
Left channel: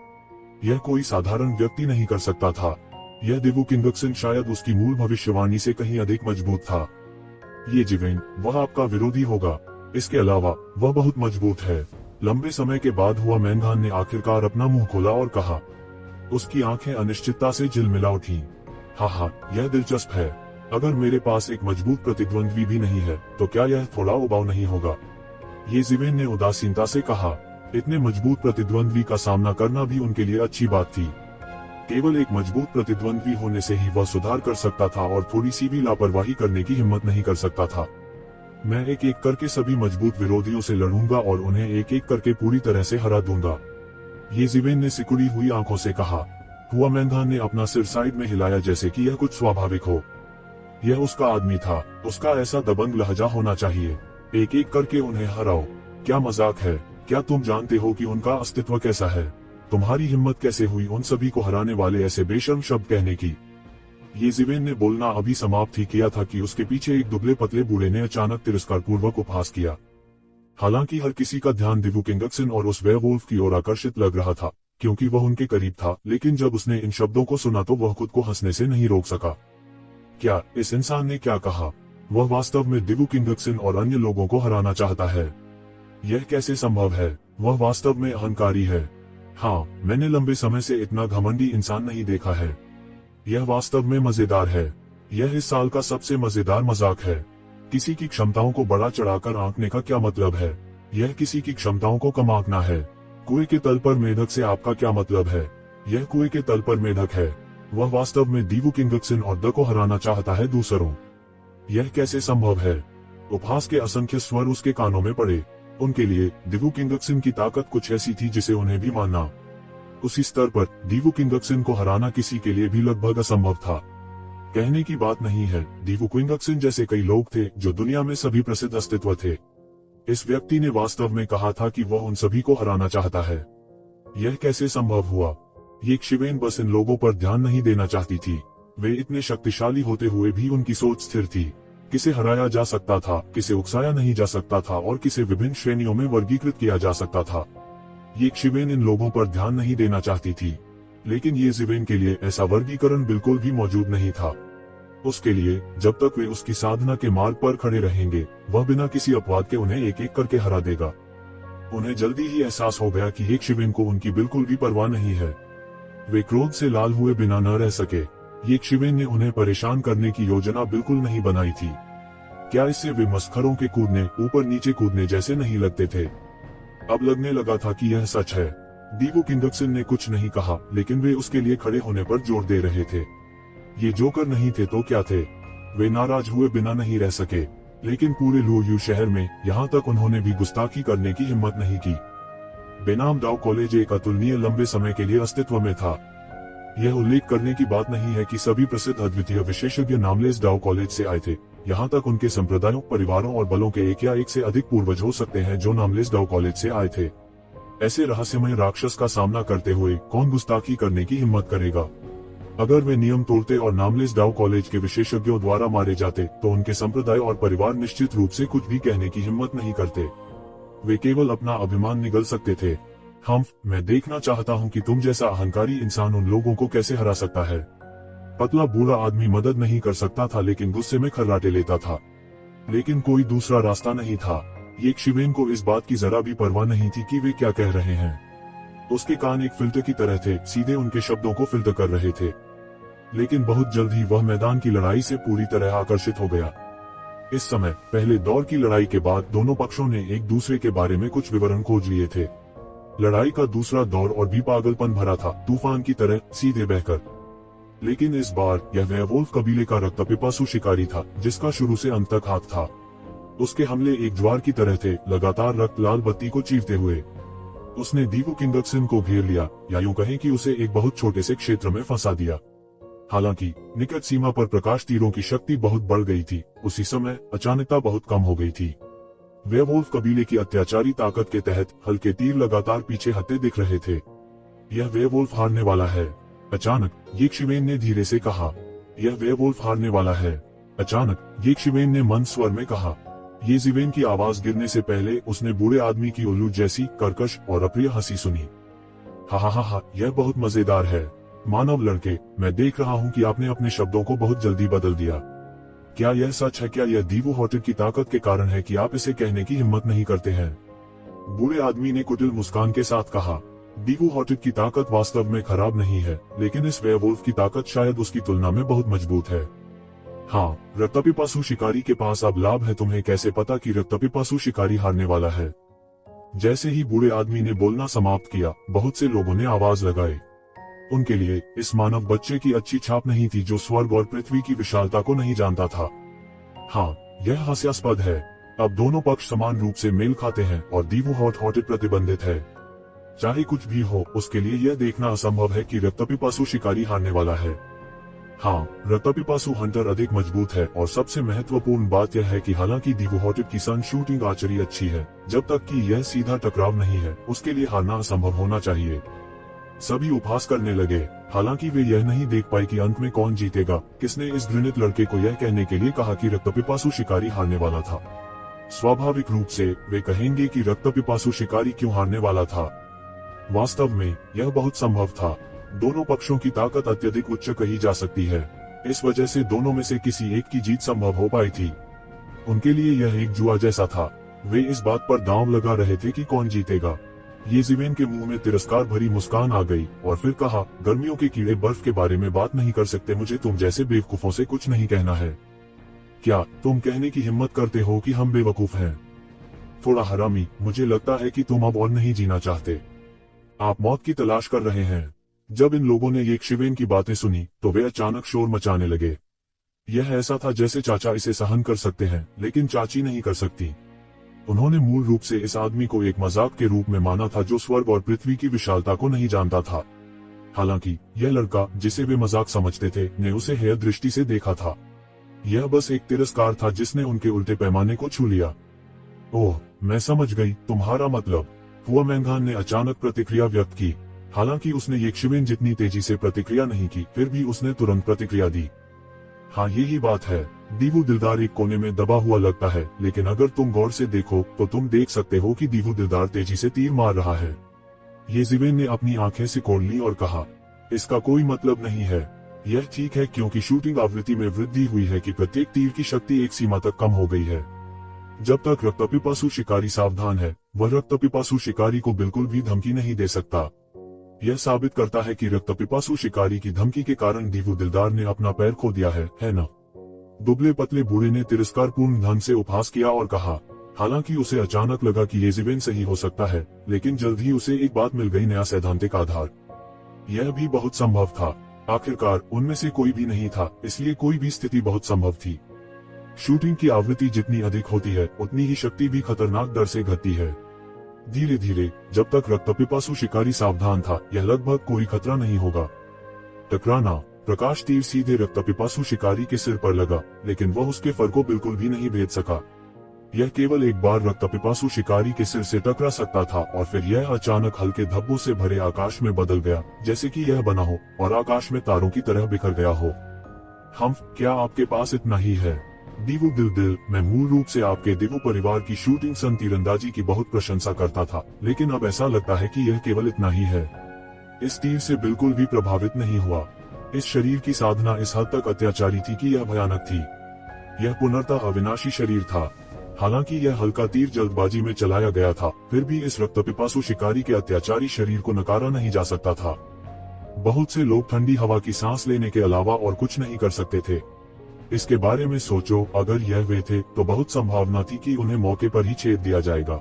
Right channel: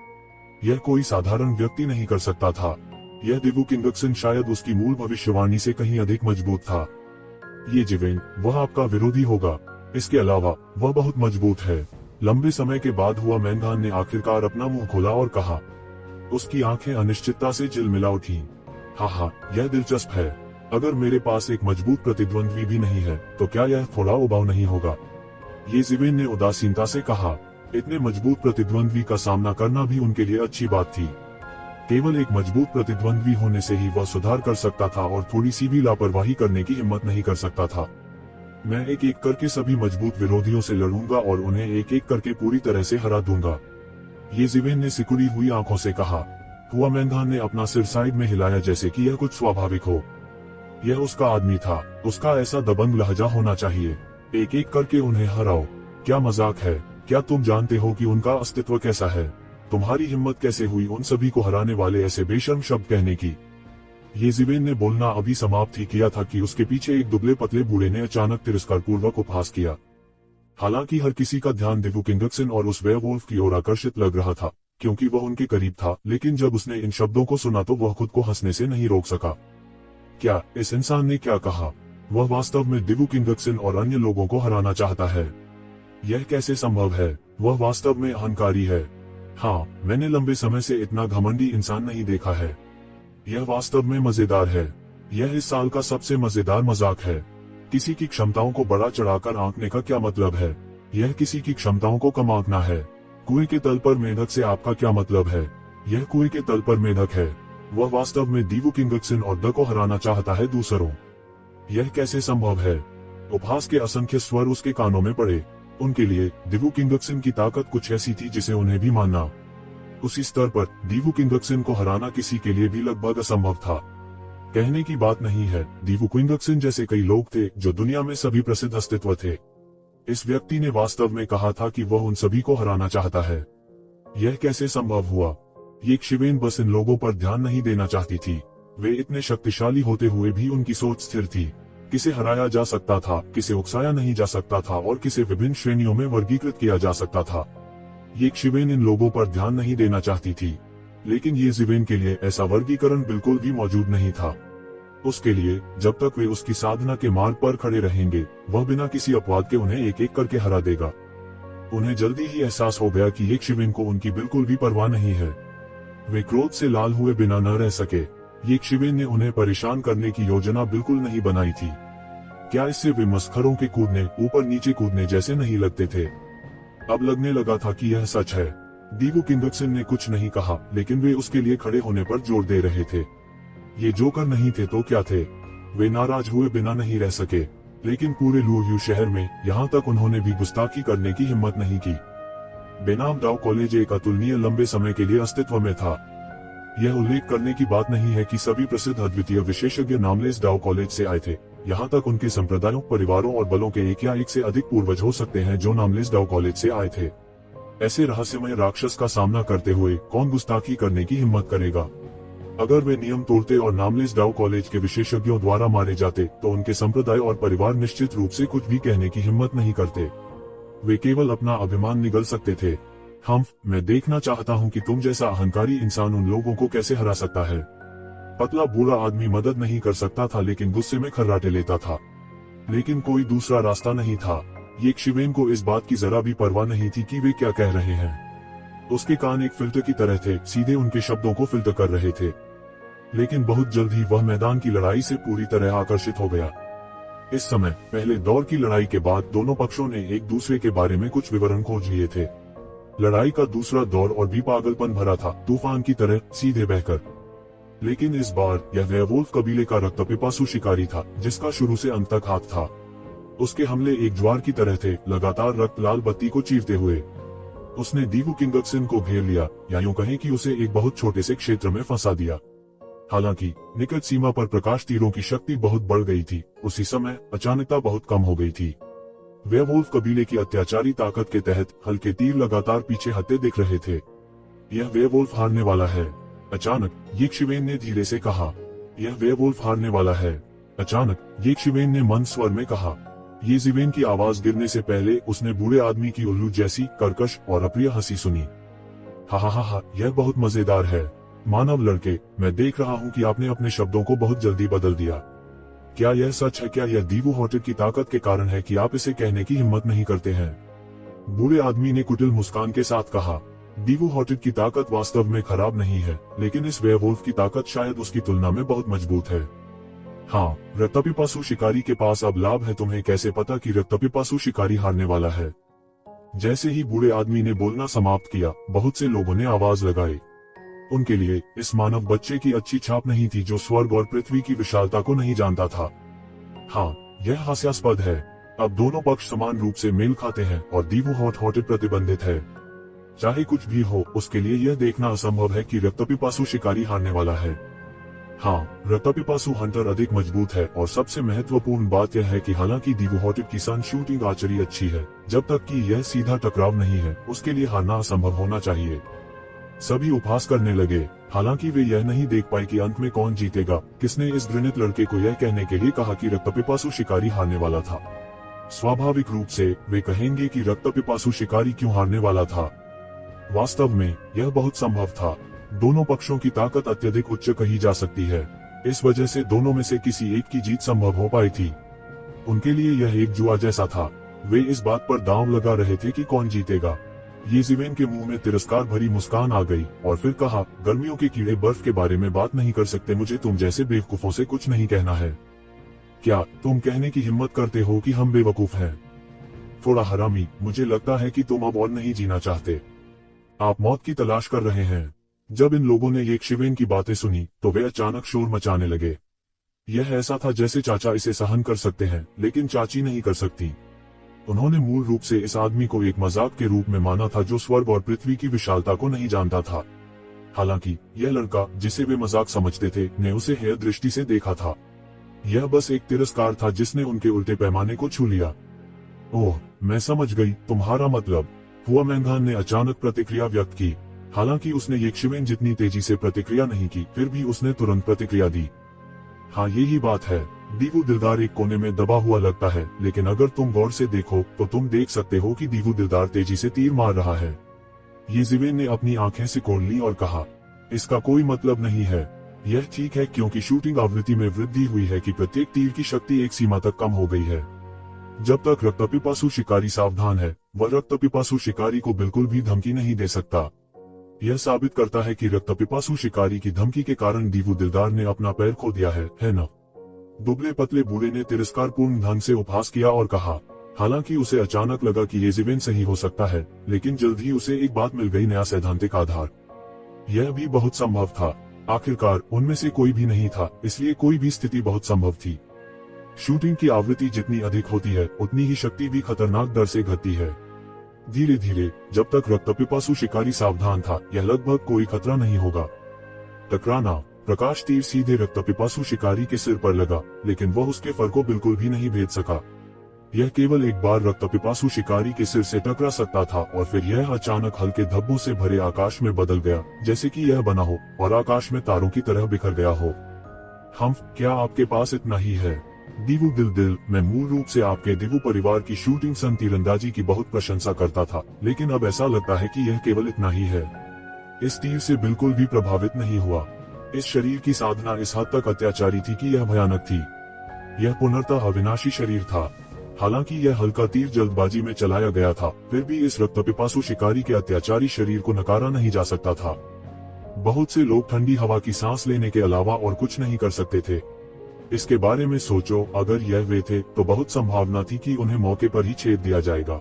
यह कोई साधारण व्यक्ति नहीं कर सकता था। यह दिवु क्विंगक्सन शायद उसकी मूल भविष्यवाणी से कहीं अधिक मजबूत था। ये ज़िवेन, वह आपका विरोधी होगा। इसके अलावा वह बहुत मजबूत है। लंबे समय के बाद हुआ मैनगान ने आखिरकार अपना मुंह खोला और कहा। उसकी आंखें अनिश्चितता से झिलमिला उठी। हाँ, यह दिलचस्प है। अगर मेरे पास एक मजबूत प्रतिद्वंद्वी भी नहीं है तो क्या यह थोड़ा उबाऊ नहीं होगा? ये ज़िवेन ने उदासीनता से कहा। इतने मजबूत प्रतिद्वंद्वी का सामना करना भी उनके लिए अच्छी बात थी। केवल एक मजबूत प्रतिद्वंद्वी होने से ही वह सुधार कर सकता था और थोड़ी सी भी लापरवाही करने की हिम्मत नहीं कर सकता था। मैं एक एक करके सभी मजबूत विरोधियों से लड़ूंगा और उन्हें एक एक करके पूरी तरह से हरा दूंगा, ये ज़िवेन ने सिकुड़ी हुई आंखों से कहा। हुआ मैनगान ने अपना सिर साइड में हिलाया जैसे कि यह कुछ स्वाभाविक हो। यह उसका आदमी था, उसका ऐसा दबंग लहजा होना चाहिए। एक एक करके उन्हें हराओ। क्या मजाक है? क्या तुम जानते हो कि उनका अस्तित्व कैसा है? तुम्हारी हिम्मत कैसे हुई उन सभी को हराने वाले ऐसे बेशर्म शब्द कहने की? ये ज़िवेन ने बोलना अभी समाप्त ही किया था कि उसके पीछे एक दुबले पतले बूढ़े ने अचानक तिरस्कार पूर्वक उपहास किया। हालांकि हर किसी का ध्यान दिवु क्विंगक्सन और उस वेयरवुल्फ की ओर आकर्षित लग रहा था क्योंकि वह उनके करीब था, लेकिन जब उसने इन शब्दों को सुना तो वह खुद को हंसने से नहीं रोक सका। क्या इस इंसान ने क्या कहा? वह वास्तव में दिवु क्विंगक्सन और अन्य लोगों को हराना चाहता है। यह कैसे संभव है? वह वास्तव में अहंकारी है। हाँ, मैंने लंबे समय से इतना घमंडी इंसान नहीं देखा है। यह वास्तव में मजेदार है। यह इस साल का सबसे मजेदार मजाक है। किसी की क्षमताओं को बड़ा चढ़ाकर आंकने का क्या मतलब है? यह किसी की क्षमताओं को कम आंकना है। कुएं के तल पर मेढक से आपका क्या मतलब है? यह कुएं के तल पर मेढक है। वह वास्तव में दिवु क्विंगक्सन और द को हराना चाहता है दूसरों। यह कैसे संभव है? उपहास के असंख्य स्वर उसके कानों में पड़े। उनके लिए दिवु क्विंगक्सन की ताकत कुछ ऐसी थी जिसे उन्हें भी मानना। उसी स्तर पर दिवु क्विंगक्सन को हराना किसी के लिए भी लगभग असंभव था। कहने की बात नहीं है, दिवु क्विंगक्सन जैसे कई लोग थे जो दुनिया में सभी प्रसिद्ध अस्तित्व थे। इस व्यक्ति ने वास्तव में कहा था कि वह उन सभी को हराना चाहता है। यह कैसे संभव हुआ? ये ज़िवेन बस इन लोगों पर ध्यान नहीं देना चाहती थी। वे इतने शक्तिशाली होते हुए भी उनकी सोच स्थिर थी। किसे हराया जा सकता था, किसे उकसाया नहीं जा सकता था और किसे विभिन्न श्रेणियों में वर्गीकृत किया जा सकता था। ये ज़िवेन इन लोगों पर ध्यान नहीं देना चाहती थी, लेकिन ये ज़िवेन के लिए ऐसा वर्गीकरण बिल्कुल भी मौजूद नहीं था। उसके लिए जब तक वे उसकी साधना के मार्ग पर खड़े रहेंगे, वह बिना किसी अपवाद के उन्हें एक एक करके हरा देगा। उन्हें जल्दी ही एहसास हो गया कि एक ज़िवेन को उनकी बिल्कुल भी परवाह नहीं है। वे क्रोध से लाल हुए बिना न रह सके। ये ज़िवेन ने उन्हें परेशान करने की योजना बिल्कुल नहीं बनाई थी। क्या इससे वे मस्खरों के कूदने, ऊपर नीचे कूदने जैसे नहीं लगते थे? अब लगने लगा था कि यह सच है। दिवु क्विंगक्सन ने कुछ नहीं कहा, लेकिन वे उसके लिए खड़े होने पर जोर दे रहे थे। ये जोकर नहीं थे तो क्या थे? वे नाराज हुए बिना नहीं रह सके, लेकिन पूरे लुयू शहर में यहाँ तक उन्होंने भी गुस्ताखी करने की हिम्मत नहीं की। बेनाम दाव कॉलेज एक अतुलनीय लंबे समय के लिए अस्तित्व में था। यह उल्लेख करने की बात नहीं है कि सभी प्रसिद्ध अद्वितीय विशेषज्ञ नामलेस दाव कॉलेज से आए थे। यहाँ तक उनके संप्रदायों, परिवारों और बलों के एक या एक से अधिक पूर्वज हो सकते हैं जो नामलेस दाव कॉलेज से आए थे। ऐसे रहस्यमय राक्षस का सामना करते हुए कौन गुस्ताखी करने की हिम्मत करेगा? अगर वे नियम तोड़ते और नामलेस डाउ कॉलेज के विशेषज्ञों द्वारा मारे जाते तो उनके संप्रदाय और परिवार निश्चित रूप से कुछ भी कहने की हिम्मत नहीं करते। वे केवल अपना अभिमान निगल सकते थे। मैं देखना चाहता हूँ कि तुम जैसा अहंकारी इंसान उन लोगों को कैसे हरा सकता है। पतला बूढ़ा आदमी मदद नहीं कर सकता था, लेकिन गुस्से में खर्राटे लेता था। लेकिन कोई दूसरा रास्ता नहीं था। ये शिवेन को इस बात की जरा भी परवाह नहीं थी कि वे क्या कह रहे हैं। उसके कान एक फिल्टर की तरह थे, सीधे उनके शब्दों को फिल्टर कर रहे थे। लेकिन बहुत जल्द ही वह मैदान की लड़ाई से पूरी तरह आकर्षित हो गया। इस समय पहले दौर की लड़ाई के बाद दोनों पक्षों ने एक दूसरे के बारे में कुछ विवरण खोज लिए थे। लड़ाई का दूसरा दौर और भी पागलपन भरा था, तूफान की तरह सीधे बहकर। लेकिन इस बार यह वेयरवुल्फ कबीले का रक्तपिपासु शिकारी था, जिसका शुरू से अंत तक हाथ था। उसके हमले एक ज्वार की तरह थे, लगातार रक्त लाल बत्ती को चीरते हुए। उसने दीवू किंगक्सन को घेर लिया, या यूं कहें कि उसे एक बहुत छोटे से क्षेत्र में फंसा दिया। हालांकि निकट सीमा पर प्रकाश तीरों की शक्ति बहुत बढ़ गई थी, उसी समय अचानकता बहुत कम हो गई थी। वेयरवुल्फ कबीले की अत्याचारी ताकत के तहत हल्के तीर लगातार पीछे हटते दिख रहे थे। यह वेयरवुल्फ हारने वाला है, अचानक यिक्शिवेन ने धीरे से कहा। यह वेयरवुल्फ हारने वाला है, अचानक यिक्शिवेन ने मंद स्वर में कहा। येजिवेन की आवाज गिरने से पहले उसने बूढ़े आदमी की उल्लू जैसी कर्कश और अप्रिय हंसी सुनी। हा, यह बहुत मजेदार है। मानव लड़के, मैं देख रहा हूँ कि आपने अपने शब्दों को बहुत जल्दी बदल दिया। क्या यह सच है? क्या यह दीवू हॉटेट की ताकत के कारण है कि आप इसे कहने की हिम्मत नहीं करते हैं? बूढ़े आदमी ने कुटिल मुस्कान के साथ कहा। दीवू हॉटेट की ताकत वास्तव में खराब नहीं है, लेकिन इस वेयरवुल्फ की ताकत शायद उसकी तुलना में बहुत मजबूत है। हाँ, रक्तपिपासु शिकारी के पास अब लाभ है। तुम्हें कैसे पता कि रक्तपिपासु शिकारी हारने वाला है? जैसे ही बूढ़े आदमी ने बोलना समाप्त किया, बहुत से लोगों ने आवाज लगाई। उनके लिए इस मानव बच्चे की अच्छी छाप नहीं थी, जो स्वर्ग और पृथ्वी की विशालता को नहीं जानता था। हाँ, यह हास्यास्पद है। अब दोनों पक्ष समान रूप से मेल खाते हैं और दीवू हॉटेट प्रतिबंधित है। चाहे कुछ भी हो, उसके लिए यह देखना असंभव है कि रक्तपिपासु शिकारी हारने वाला है। हाँ, रक्तपिपासु हंटर अधिक मजबूत है, और सबसे महत्वपूर्ण बात यह है कि हालांकि दीवू हॉटेट की सन शूटिंग आर्चरी अच्छी है, जब तक कि यह सीधा टकराव नहीं है, उसके लिए हारना असंभव होना चाहिए। सभी उपहास करने लगे, हालांकि वे यह नहीं देख पाए कि अंत में कौन जीतेगा। किसने इस घृणित लड़के को यह कहने के लिए कहा कि रक्तपिपासु शिकारी हारने वाला था? स्वाभाविक रूप से वे कहेंगे कि रक्तपिपासु शिकारी क्यों हारने वाला था। वास्तव में यह बहुत संभव था। दोनों पक्षों की ताकत अत्यधिक उच्च कही जा सकती है। इस वजह से दोनों में से किसी एक की जीत संभव हो पाई थी। उनके लिए यह एक जुआ जैसा था। वे इस बात पर दांव लगा रहे थे कि कौन जीतेगा। येजिवेन के मुंह में तिरस्कार भरी मुस्कान आ गई और फिर कहा, गर्मियों के कीड़े बर्फ के बारे में बात नहीं कर सकते। मुझे तुम जैसे बेवकूफों से कुछ नहीं कहना है। क्या तुम कहने की हिम्मत करते हो कि हम बेवकूफ हैं? थोड़ा हरामी, मुझे लगता है कि तुम अब और नहीं जीना चाहते। आप मौत की तलाश कर रहे हैं। जब इन लोगों ने यिक्शिवेन की बातें सुनी तो वे अचानक शोर मचाने लगे। यह ऐसा था जैसे चाचा इसे सहन कर सकते हैं, लेकिन चाची नहीं कर सकती। उन्होंने मूल रूप से इस आदमी को एक मजाक के रूप में माना था, जो स्वर्ग और पृथ्वी की विशालता को नहीं जानता था। हालांकि यह लड़का, जिसे वे मजाक समझते थे, ने उसे हेय दृष्टि से देखा था। यह बस एक तिरस्कार था जिसने उनके उल्टे पैमाने को छू लिया। ओह, मैं समझ गई, तुम्हारा मतलब। हुआमेंगान ने अचानक प्रतिक्रिया व्यक्त की। हालांकि उसने यिक्शिवेन जितनी तेजी से प्रतिक्रिया नहीं की, फिर भी उसने तुरंत प्रतिक्रिया दी। हाँ, यही बात है। दीवू दिलदार एक कोने में दबा हुआ लगता है, लेकिन अगर तुम गौर से देखो तो तुम देख सकते हो कि दीवू दिलदार तेजी से तीर मार रहा है। येजिवेन ने अपनी आंखें सिकोड़ ली और कहा, इसका कोई मतलब नहीं है। यह ठीक है, क्योंकि शूटिंग आवृत्ति में वृद्धि हुई है कि प्रत्येक तीर की शक्ति एक सीमा तक कम हो गई है। जब तक रक्तपिपासु शिकारी सावधान है, वह रक्तपिपासु शिकारी को बिल्कुल भी धमकी नहीं दे सकता। यह साबित करता है कि रक्तपिपासु शिकारी की धमकी के कारण दीवू दिलदार ने अपना पैर खो दिया है ना? दुबले पतले बूढ़े ने तिरस्कारपूर्ण ढंग से उपहास किया और कहा। हालांकि उसे अचानक लगा कि येजिवेन सही हो सकता है, लेकिन जल्द ही उसे एक बात मिल गई, नया सैद्धांतिक आधार। यह भी बहुत संभव था। आखिरकार उनमें से कोई भी नहीं था, इसलिए कोई भी स्थिति बहुत संभव थी। शूटिंग की आवृत्ति जितनी अधिक होती है, उतनी ही शक्ति भी खतरनाक दर से घटती है। धीरे धीरे, जब तक रक्तपिपासु शिकारी सावधान था, यह लगभग कोई खतरा नहीं होगा। टकराना। प्रकाश तीर सीधे रक्तपिपासु शिकारी के सिर पर लगा, लेकिन वह उसके फर को बिल्कुल भी नहीं भेद सका। यह केवल एक बार रक्त पिपासु शिकारी के सिर से टकरा सकता था और फिर यह अचानक हल्के धब्बों से भरे आकाश में बदल गया, जैसे कि यह बना हो और आकाश में तारों की तरह बिखर गया हो। क्या आपके पास इतना ही है? दीवू दिल, मैं मूल रूप से आपके दीवू परिवार की शूटिंग सन तीरंदाजी की बहुत प्रशंसा करता था, लेकिन अब ऐसा लगता है कि यह केवल इतना ही है। इस तीर से बिल्कुल भी प्रभावित नहीं हुआ। इस शरीर की साधना इस हद तक अत्याचारी थी कि यह भयानक थी। यह पूर्णतः अविनाशी शरीर था। हालांकि यह हल्का तीर जल्दबाजी में चलाया गया था, फिर भी इस रक्तपिपासु शिकारी के अत्याचारी शरीर को नकारा नहीं जा सकता था। बहुत से लोग ठंडी हवा की सांस लेने के अलावा और कुछ नहीं कर सकते थे। इसके बारे में सोचो, अगर यह वे थे तो बहुत संभावना थी कि उन्हें मौके पर ही छेद दिया जाएगा।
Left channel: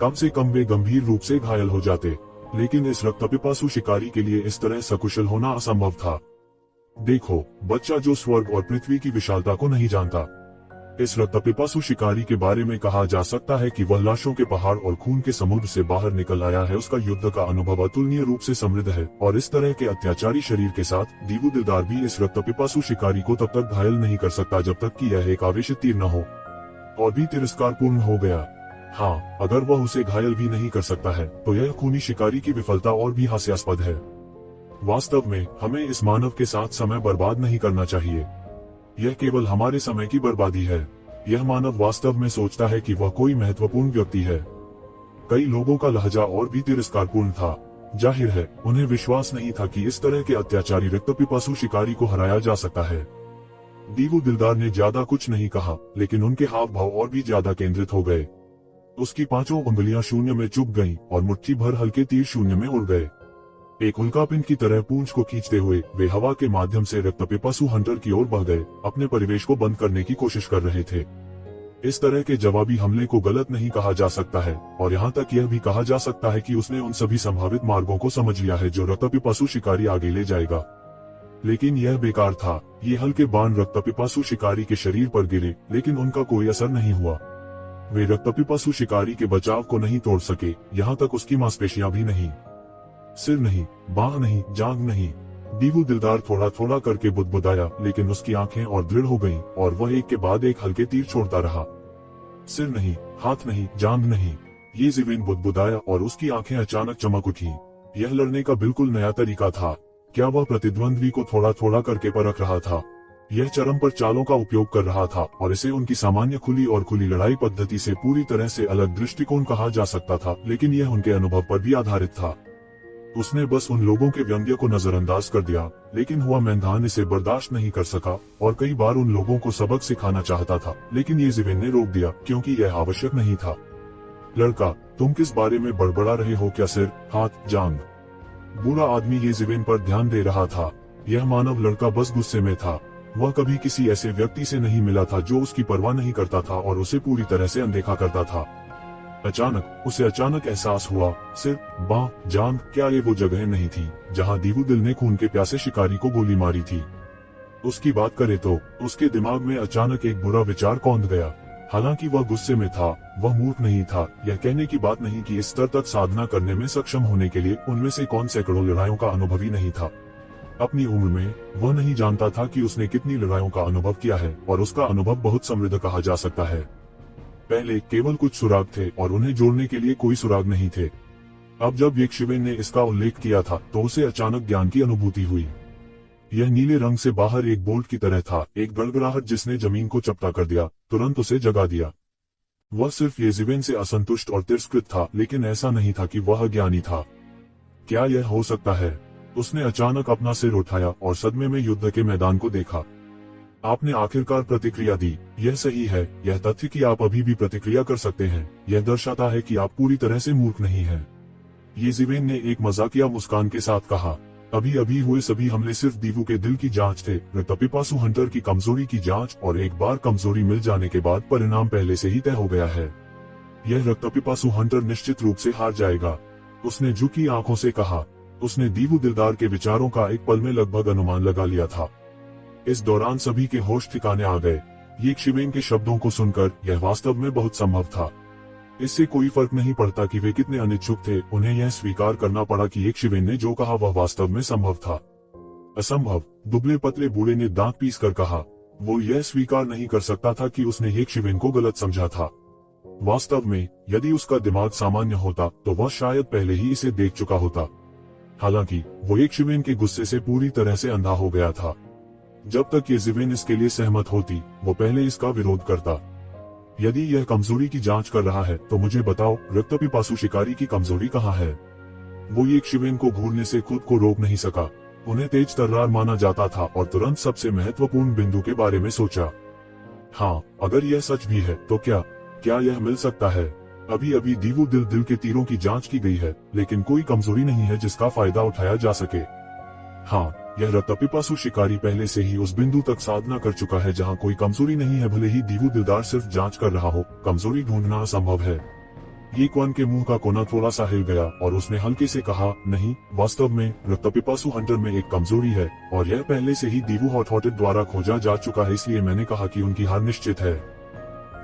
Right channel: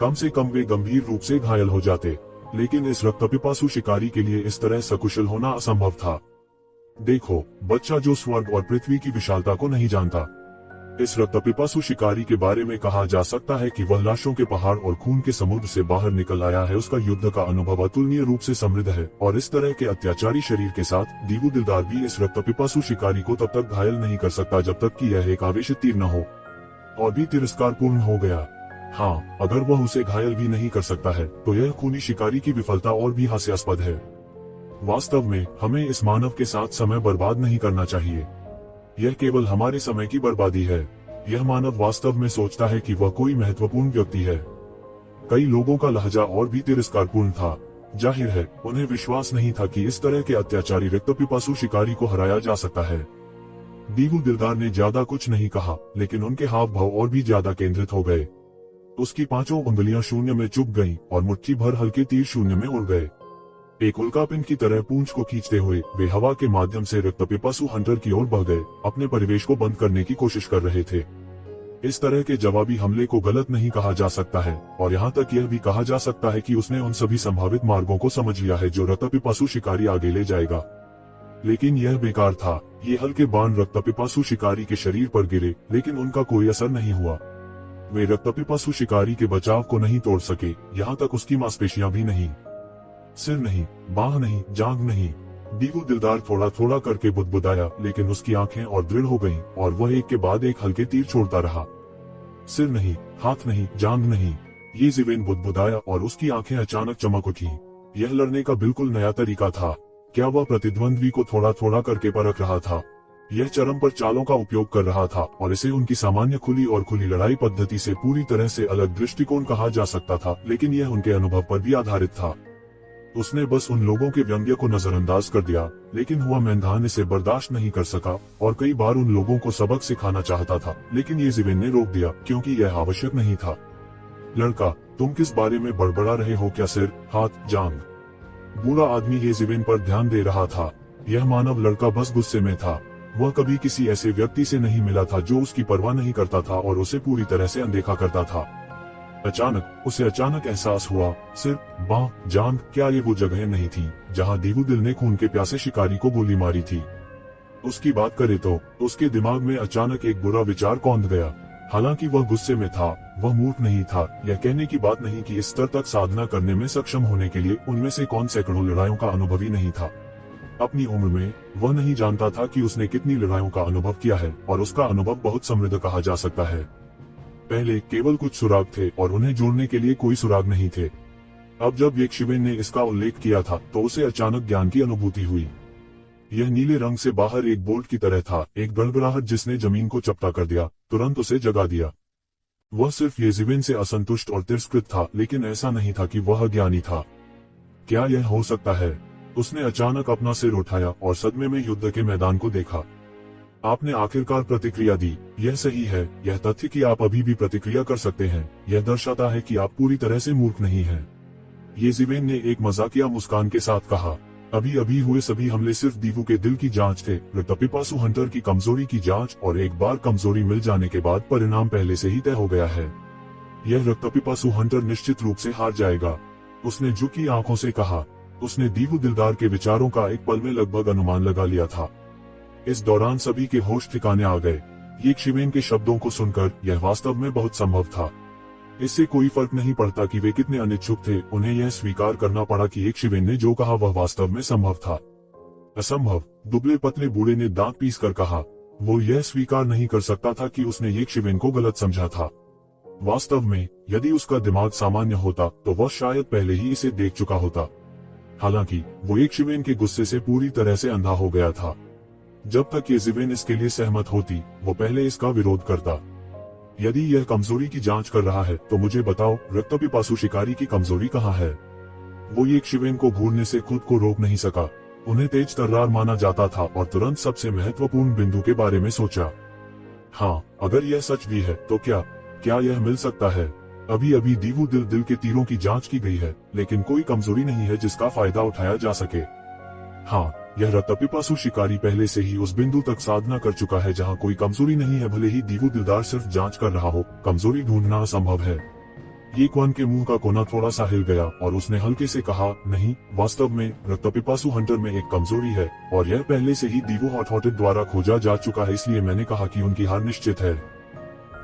कम से कम वे गंभीर रूप से घायल हो जाते, लेकिन इस रक्तपिपासु शिकारी के लिए इस तरह सकुशल होना असंभव था। देखो, बच्चा जो स्वर्ग और पृथ्वी की विशालता को नहीं जानता। इस रक्तपिपासु शिकारी के बारे में कहा जा सकता है कि वह लाशों के पहाड़ और खून के समुद्र से बाहर निकल आया है। उसका युद्ध का अनुभव अतुलनीय रूप से समृद्ध है, और इस तरह के अत्याचारी शरीर के साथ दीवू दिलदार भी इस रक्तपिपासु शिकारी को तब तक घायल नहीं कर सकता जब तक कि यह एक आवेशित तीर न हो और भी तिरस्कारपूर्ण हो गया। हाँ, अगर वह उसे घायल भी नहीं कर सकता है तो यह खूनी शिकारी की विफलता और भी हास्यास्पद है। वास्तव में हमें इस मानव के साथ समय बर्बाद नहीं करना चाहिए। यह केवल हमारे समय की बर्बादी है। यह मानव वास्तव में सोचता है कि वह कोई महत्वपूर्ण व्यक्ति है। कई लोगों का लहजा और भी तिरस्कारपूर्ण था। जाहिर है, उन्हें विश्वास नहीं था कि इस तरह के अत्याचारी रक्तपिपासु शिकारी को हराया जा सकता है। दीवू दिलदार ने ज्यादा कुछ नहीं कहा, लेकिन उनके हाव भाव और भी ज्यादा केंद्रित हो गए। उसकी 5 उंगलियां शून्य में चुप गईं और मुट्ठी भर हल्के तीर शून्य में उड़ गए। एक उल्कापिंड की तरह पूंछ को खींचते हुए वे हवा के माध्यम से रक्तपिपासु हंटर की ओर बढ़ गए, अपने परिवेश को बंद करने की कोशिश कर रहे थे। इस तरह के जवाबी हमले को गलत नहीं कहा जा सकता है, और यहाँ तक यह भी कहा जा सकता है कि उसने उन सभी संभावित मार्गों को समझ लिया है जो रक्तपिपासु शिकारी आगे ले जाएगा। लेकिन यह बेकार था। ये हल्के बाण रक्तपिपासु शिकारी के शरीर पर गिरे, लेकिन उनका कोई असर नहीं हुआ। वे रक्तपिपासु शिकारी के बचाव को नहीं तोड़ सके, यहाँ तक उसकी मांसपेशियां भी नहीं। सिर नहीं, बाह नहीं, जांघ नहीं। दीवू दिलदार थोड़ा थोड़ा करके बुदबुदाया, लेकिन उसकी आंखें और दृढ़ हो गईं और वह एक के बाद एक हल्के तीर छोड़ता रहा। सिर नहीं, हाथ नहीं, जांघ नहीं। ये ज़िवेन बुदबुदाया और उसकी आंखें अचानक चमक उठी। यह लड़ने का बिल्कुल नया तरीका था। क्या वह प्रतिद्वंद्वी को थोड़ा थोड़ा करके परख रहा था? यह चरम पर चालों का उपयोग कर रहा था, और इसे उनकी सामान्य खुली लड़ाई पद्धति से पूरी तरह से अलग दृष्टिकोण कहा जा सकता था, लेकिन यह उनके अनुभव पर भी आधारित था। उसने बस उन लोगों के व्यंग्य को नजरअंदाज कर दिया, लेकिन हुआ मैदान इसे बर्दाश्त नहीं कर सका और कई बार उन लोगों को सबक सिखाना चाहता था, लेकिन ये ज़िवेन ने रोक दिया क्योंकि यह आवश्यक नहीं था। लड़का, तुम किस बारे में बड़बड़ा रहे हो? क्या सिर, हाथ, जांघ? बूढ़ा आदमी ये ज़िवेन पर ध्यान दे रहा था। यह मानव लड़का बस गुस्से में था। वह कभी किसी ऐसे व्यक्ति से नहीं मिला था जो उसकी परवाह नहीं करता था और उसे पूरी तरह से अनदेखा करता था। उसे अचानक एहसास हुआ, सिर, बाह, जांघ, क्या ये वो जगह नहीं थी जहां दीवू दिल ने खून के प्यासे शिकारी को गोली मारी थी? उसकी बात करे तो उसके दिमाग में अचानक एक बुरा विचार कौंध गया। हालांकि वह गुस्से में था, वह मूर्ख नहीं था। यह कहने की बात नहीं कि इस स्तर तक साधना करने में सक्षम होने के लिए उनमें से कौन सैकड़ों लड़ाइयों का अनुभवी नहीं था। अपनी उम्र में वह नहीं जानता था कि उसने कितनी लड़ाइयों का अनुभव किया है, और उसका अनुभव बहुत समृद्ध कहा जा सकता है। पहले केवल कुछ सुराग थे और उन्हें जोड़ने के लिए कोई सुराग नहीं थे। अब जब यक्षिवेन ने इसका उल्लेख किया था तो उसे अचानक ज्ञान की अनुभूति हुई। यह नीले रंग से बाहर एक बोल्ट की तरह था, एक गड़गड़ाहट जिसने जमीन को चपटा कर दिया, तुरंत उसे जगा दिया। वह सिर्फ यज़िवेन से असंतुष्ट और तिरस्कृत था, लेकिन ऐसा नहीं था कि वह अज्ञानी था। क्या यह हो सकता है? उसने अचानक अपना सिर उठाया और सदमे में युद्ध के मैदान को देखा। आपने आखिरकार प्रतिक्रिया दी। यह सही है। यह तथ्य कि आप अभी भी प्रतिक्रिया कर सकते हैं, यह दर्शाता है कि आप पूरी तरह से मूर्ख नहीं हैं। यज़िवेन ने एक मजाकिया मुस्कान के साथ कहा, अभी अभी हुए सभी हमले सिर्फ दीवू के दिल की जांच थे, रक्तपिपासु हंटर की कमजोरी की जांच, और एक बार कमजोरी मिल जाने के बाद परिणाम पहले से ही तय हो गया है। यह रक्तपिपासु हंटर निश्चित रूप से हार जाएगा। उसने झुकी आंखों से कहा। उसने दीवू दिलदार के विचारों का एक पल में लगभग अनुमान लगा लिया था। इस दौरान सभी के होश ठिकाने आ गए। यक्षिवेन के शब्दों को सुनकर यह वास्तव में बहुत संभव था। इससे कोई फर्क नहीं पड़ता कि वे कितने अनिच्छुक थे, उन्हें यह स्वीकार करना पड़ा कि यक्षिवेन ने जो कहा वह वास्तव में संभव था। असंभव, दुबले पतले बूढ़े ने दांत पीस कर कहा। वो यह स्वीकार नहीं कर सकता था कि उसने यक्षिवेन को गलत समझा था। वास्तव में यदि उसका दिमाग सामान्य होता तो वह शायद पहले ही इसे देख चुका होता। हालांकि वो एक शिवेन के गुस्से से पूरी तरह से अंधा हो गया था। जब तक ये शिवेन इसके लिए सहमत होती, वो पहले इसका विरोध करता। यदि यह कमजोरी की जांच कर रहा है तो मुझे बताओ, रक्तपिपासु शिकारी की कमजोरी कहाँ है? वो एक शिवेन को घूरने से खुद को रोक नहीं सका। उन्हें तेज तर्रार माना जाता था और तुरंत सबसे महत्वपूर्ण बिंदु के बारे में सोचा। हाँ, अगर यह सच भी है तो क्या यह मिल सकता है? अभी अभी दीवू दिल के तीरों की जांच की गई है, लेकिन कोई कमजोरी नहीं है जिसका फायदा उठाया जा सके। हाँ, यह रक्तपिपासु शिकारी पहले से ही उस बिंदु तक साधना कर चुका है जहाँ कोई कमजोरी नहीं है। भले ही दीवू दिलदार सिर्फ जांच कर रहा हो, कमजोरी ढूंढना असंभव है। ये क्वान के मुंह का कोना थोड़ा सा हिल गया और उसने हल्के से कहा, नहीं, वास्तव में रक्तपिपासु हंटर में एक कमजोरी है और यह पहले से ही दीवू हॉट-हॉटेड द्वारा खोजा जा चुका है, इसलिए मैंने कहा कि उनकी हार निश्चित है।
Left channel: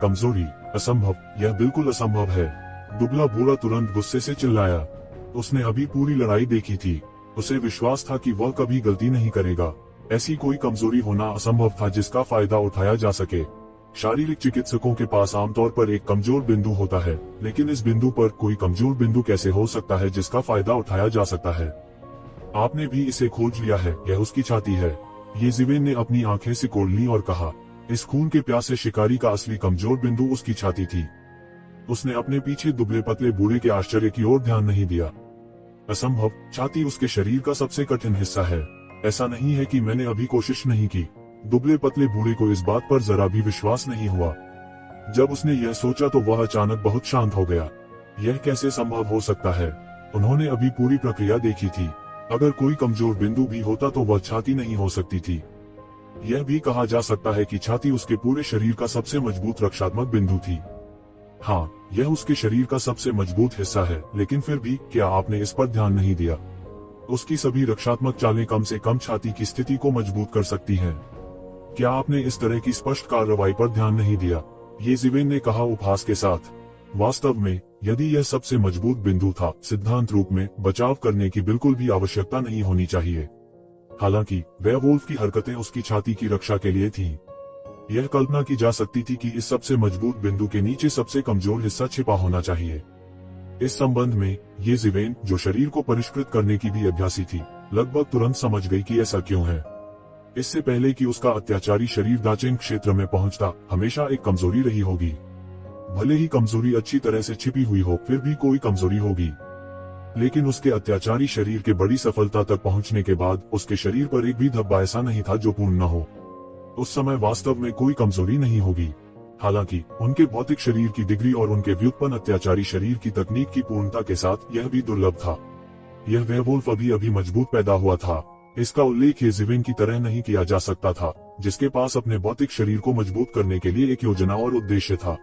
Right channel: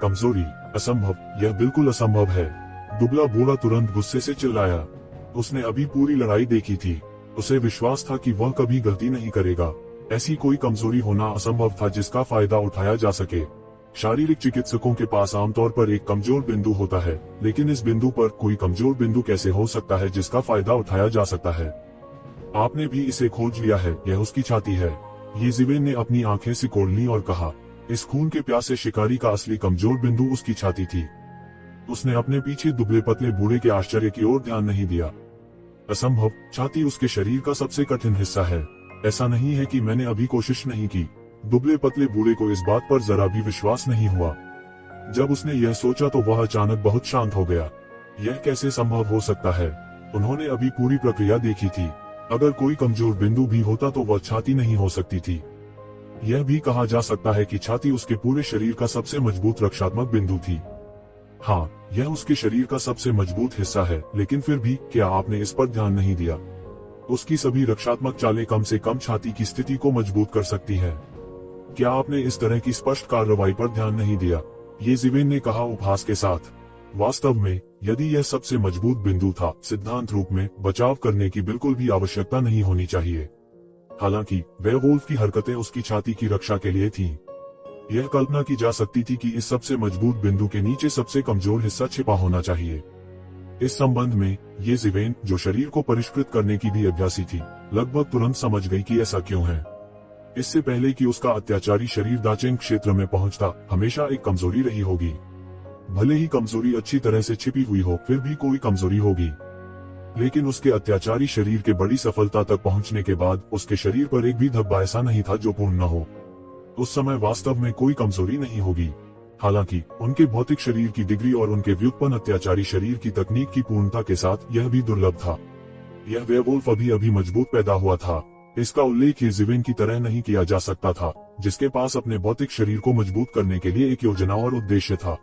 कमजोरी? असंभव, यह बिल्कुल असंभव है। दुबला बूढ़ा तुरंत गुस्से से चिल्लाया। उसने अभी पूरी लड़ाई देखी थी। उसे विश्वास था कि वह कभी गलती नहीं करेगा। ऐसी कोई कमजोरी होना असंभव था जिसका फायदा उठाया जा सके। शारीरिक चिकित्सकों के पास आमतौर पर एक कमजोर बिंदु होता है, लेकिन इस बिंदु पर कोई कमजोर बिंदु कैसे हो सकता है जिसका फायदा उठाया जा सकता है? आपने भी इसे खोज लिया है, यह उसकी छाती है। ये जिवेन ने अपनी आंखें सिकोड़ ली और कहा, इस खून के प्यासे शिकारी का असली कमजोर बिंदु उसकी छाती थी। उसने अपने पीछे दुबले पतले बूढ़े के आश्चर्य की ओर ध्यान नहीं दिया। असंभव, छाती उसके शरीर का सबसे कठिन हिस्सा है। ऐसा नहीं है कि मैंने अभी कोशिश नहीं की। दुबले पतले बूढ़े को इस बात पर जरा भी विश्वास नहीं हुआ। जब उसने यह सोचा तो वह अचानक बहुत शांत हो गया। यह कैसे संभव हो सकता है? उन्होंने अभी पूरी प्रक्रिया देखी थी। अगर कोई कमजोर बिंदु भी होता तो वह छाती नहीं हो सकती थी। यह भी कहा जा सकता है कि छाती उसके पूरे शरीर का सबसे मजबूत रक्षात्मक बिंदु थी। हाँ, यह उसके शरीर का सबसे मजबूत हिस्सा है, लेकिन फिर भी क्या आपने इस पर ध्यान नहीं दिया? उसकी सभी रक्षात्मक चालें कम से कम छाती की स्थिति को मजबूत कर सकती हैं। क्या आपने इस तरह की स्पष्ट कार्रवाई पर ध्यान नहीं दिया? ये जिवेन ने कहा उपहास के साथ। वास्तव में यदि यह सबसे मजबूत बिंदु था, सिद्धांत रूप में बचाव करने की बिल्कुल भी आवश्यकता नहीं होनी चाहिए। हालांकि वेयरवुल्फ की हरकतें उसकी छाती की रक्षा के लिए थीं। यह कल्पना की जा सकती थी कि इस सबसे मजबूत बिंदु के नीचे सबसे कमजोर हिस्सा छिपा होना चाहिए। इस संबंध में ये जिवेन, जो शरीर को परिष्कृत करने की भी अभ्यासी थी, लगभग तुरंत समझ गई कि ऐसा क्यों है। इससे पहले कि उसका अत्याचारी शरीर दाचेन क्षेत्र में पहुंचता, हमेशा एक कमजोरी रही होगी। भले ही कमजोरी अच्छी तरह से छिपी हुई हो, फिर भी कोई कमजोरी होगी। लेकिन उसके अत्याचारी शरीर के बड़ी सफलता तक पहुंचने के बाद उसके शरीर पर एक भी धब्बा ऐसा नहीं था जो पूर्ण न हो। उस समय वास्तव में कोई कमजोरी नहीं होगी। हालांकि उनके भौतिक शरीर की डिग्री और उनके व्युत्पन्न अत्याचारी शरीर की तकनीक की पूर्णता के साथ यह भी दुर्लभ था। यह वेयरवुल्फ अभी अभी मजबूत पैदा हुआ था। इसका उल्लेख ये जिवेन की तरह नहीं किया जा सकता था, जिसके पास अपने भौतिक शरीर को मजबूत करने के लिए एक योजना और उद्देश्य था।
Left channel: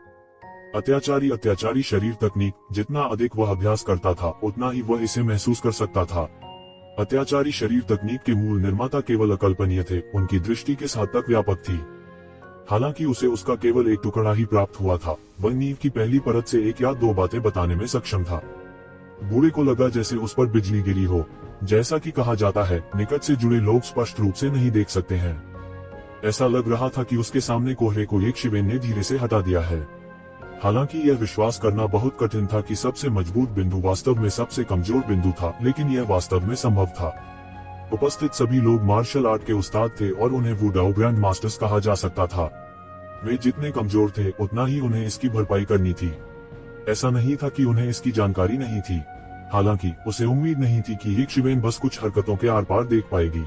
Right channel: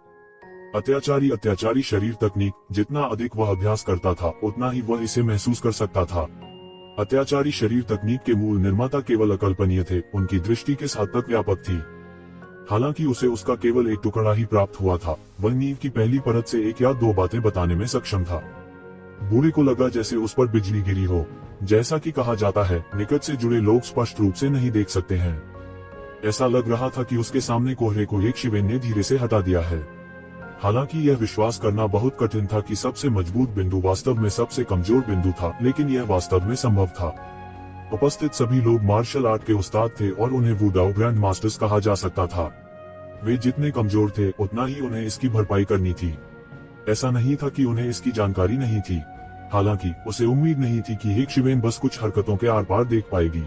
अत्याचारी शरीर तकनीक, जितना अधिक वह अभ्यास करता था उतना ही वह इसे महसूस कर सकता था। अत्याचारी शरीर तकनीक के मूल निर्माता केवल अकल्पनीय थे, उनकी दृष्टि किस हद तक व्यापक थी। हालांकि उसे उसका केवल एक टुकड़ा ही प्राप्त हुआ था। वह नींव की पहली परत से एक या दो बातें बताने में सक्षम था। बूढ़े को लगा जैसे उस पर बिजली गिरी हो। जैसा कि कहा जाता है, निकट से जुड़े लोग स्पष्ट रूप से नहीं देख सकते हैं। ऐसा लग रहा था कि उसके सामने कोहरे को एक शिवेन ने धीरे से हटा दिया है। हालांकि यह विश्वास करना बहुत कठिन था कि सबसे मजबूत बिंदु वास्तव में सबसे कमजोर बिंदु था, लेकिन यह वास्तव में संभव था। उपस्थित सभी लोग मार्शल आर्ट के उस्ताद थे और उन्हें वुडाओ ग्रैंड मास्टर्स कहा जा सकता था। वे जितने कमजोर थे उतना ही उन्हें इसकी भरपाई करनी थी। ऐसा नहीं था कि उन्हें इसकी जानकारी नहीं थी। हालांकि उसे उम्मीद नहीं थी कि एक शिवेन बस कुछ हरकतों के आर पार देख पाएगी।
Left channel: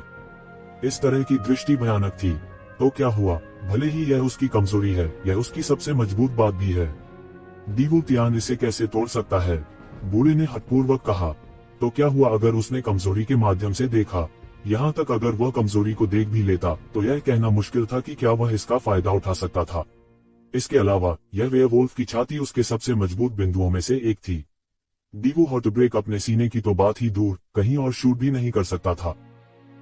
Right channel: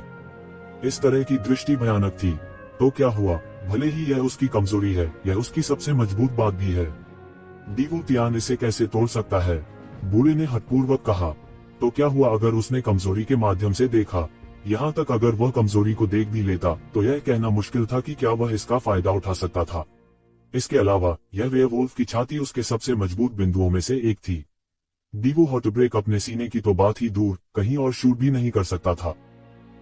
इस तरह की दृष्टि भयानक थी। तो क्या हुआ? भले ही यह उसकी कमजोरी है, यह उसकी सबसे मजबूत बात भी है। दीवू तियान इसे कैसे तोड़ सकता है? बूढ़े ने हठपूर्वक कहा। तो क्या हुआ अगर उसने कमजोरी के माध्यम से देखा? यहाँ तक अगर वह कमजोरी को देख भी लेता तो यह कहना मुश्किल था कि क्या वह इसका फायदा उठा सकता था। इसके अलावा यह वेयरवुल्फ की छाती उसके सबसे मजबूत बिंदुओं में से एक थी। दीवू हॉटब्रेक अपने सीने की तो बात ही दूर, कहीं और शूट भी नहीं कर सकता था।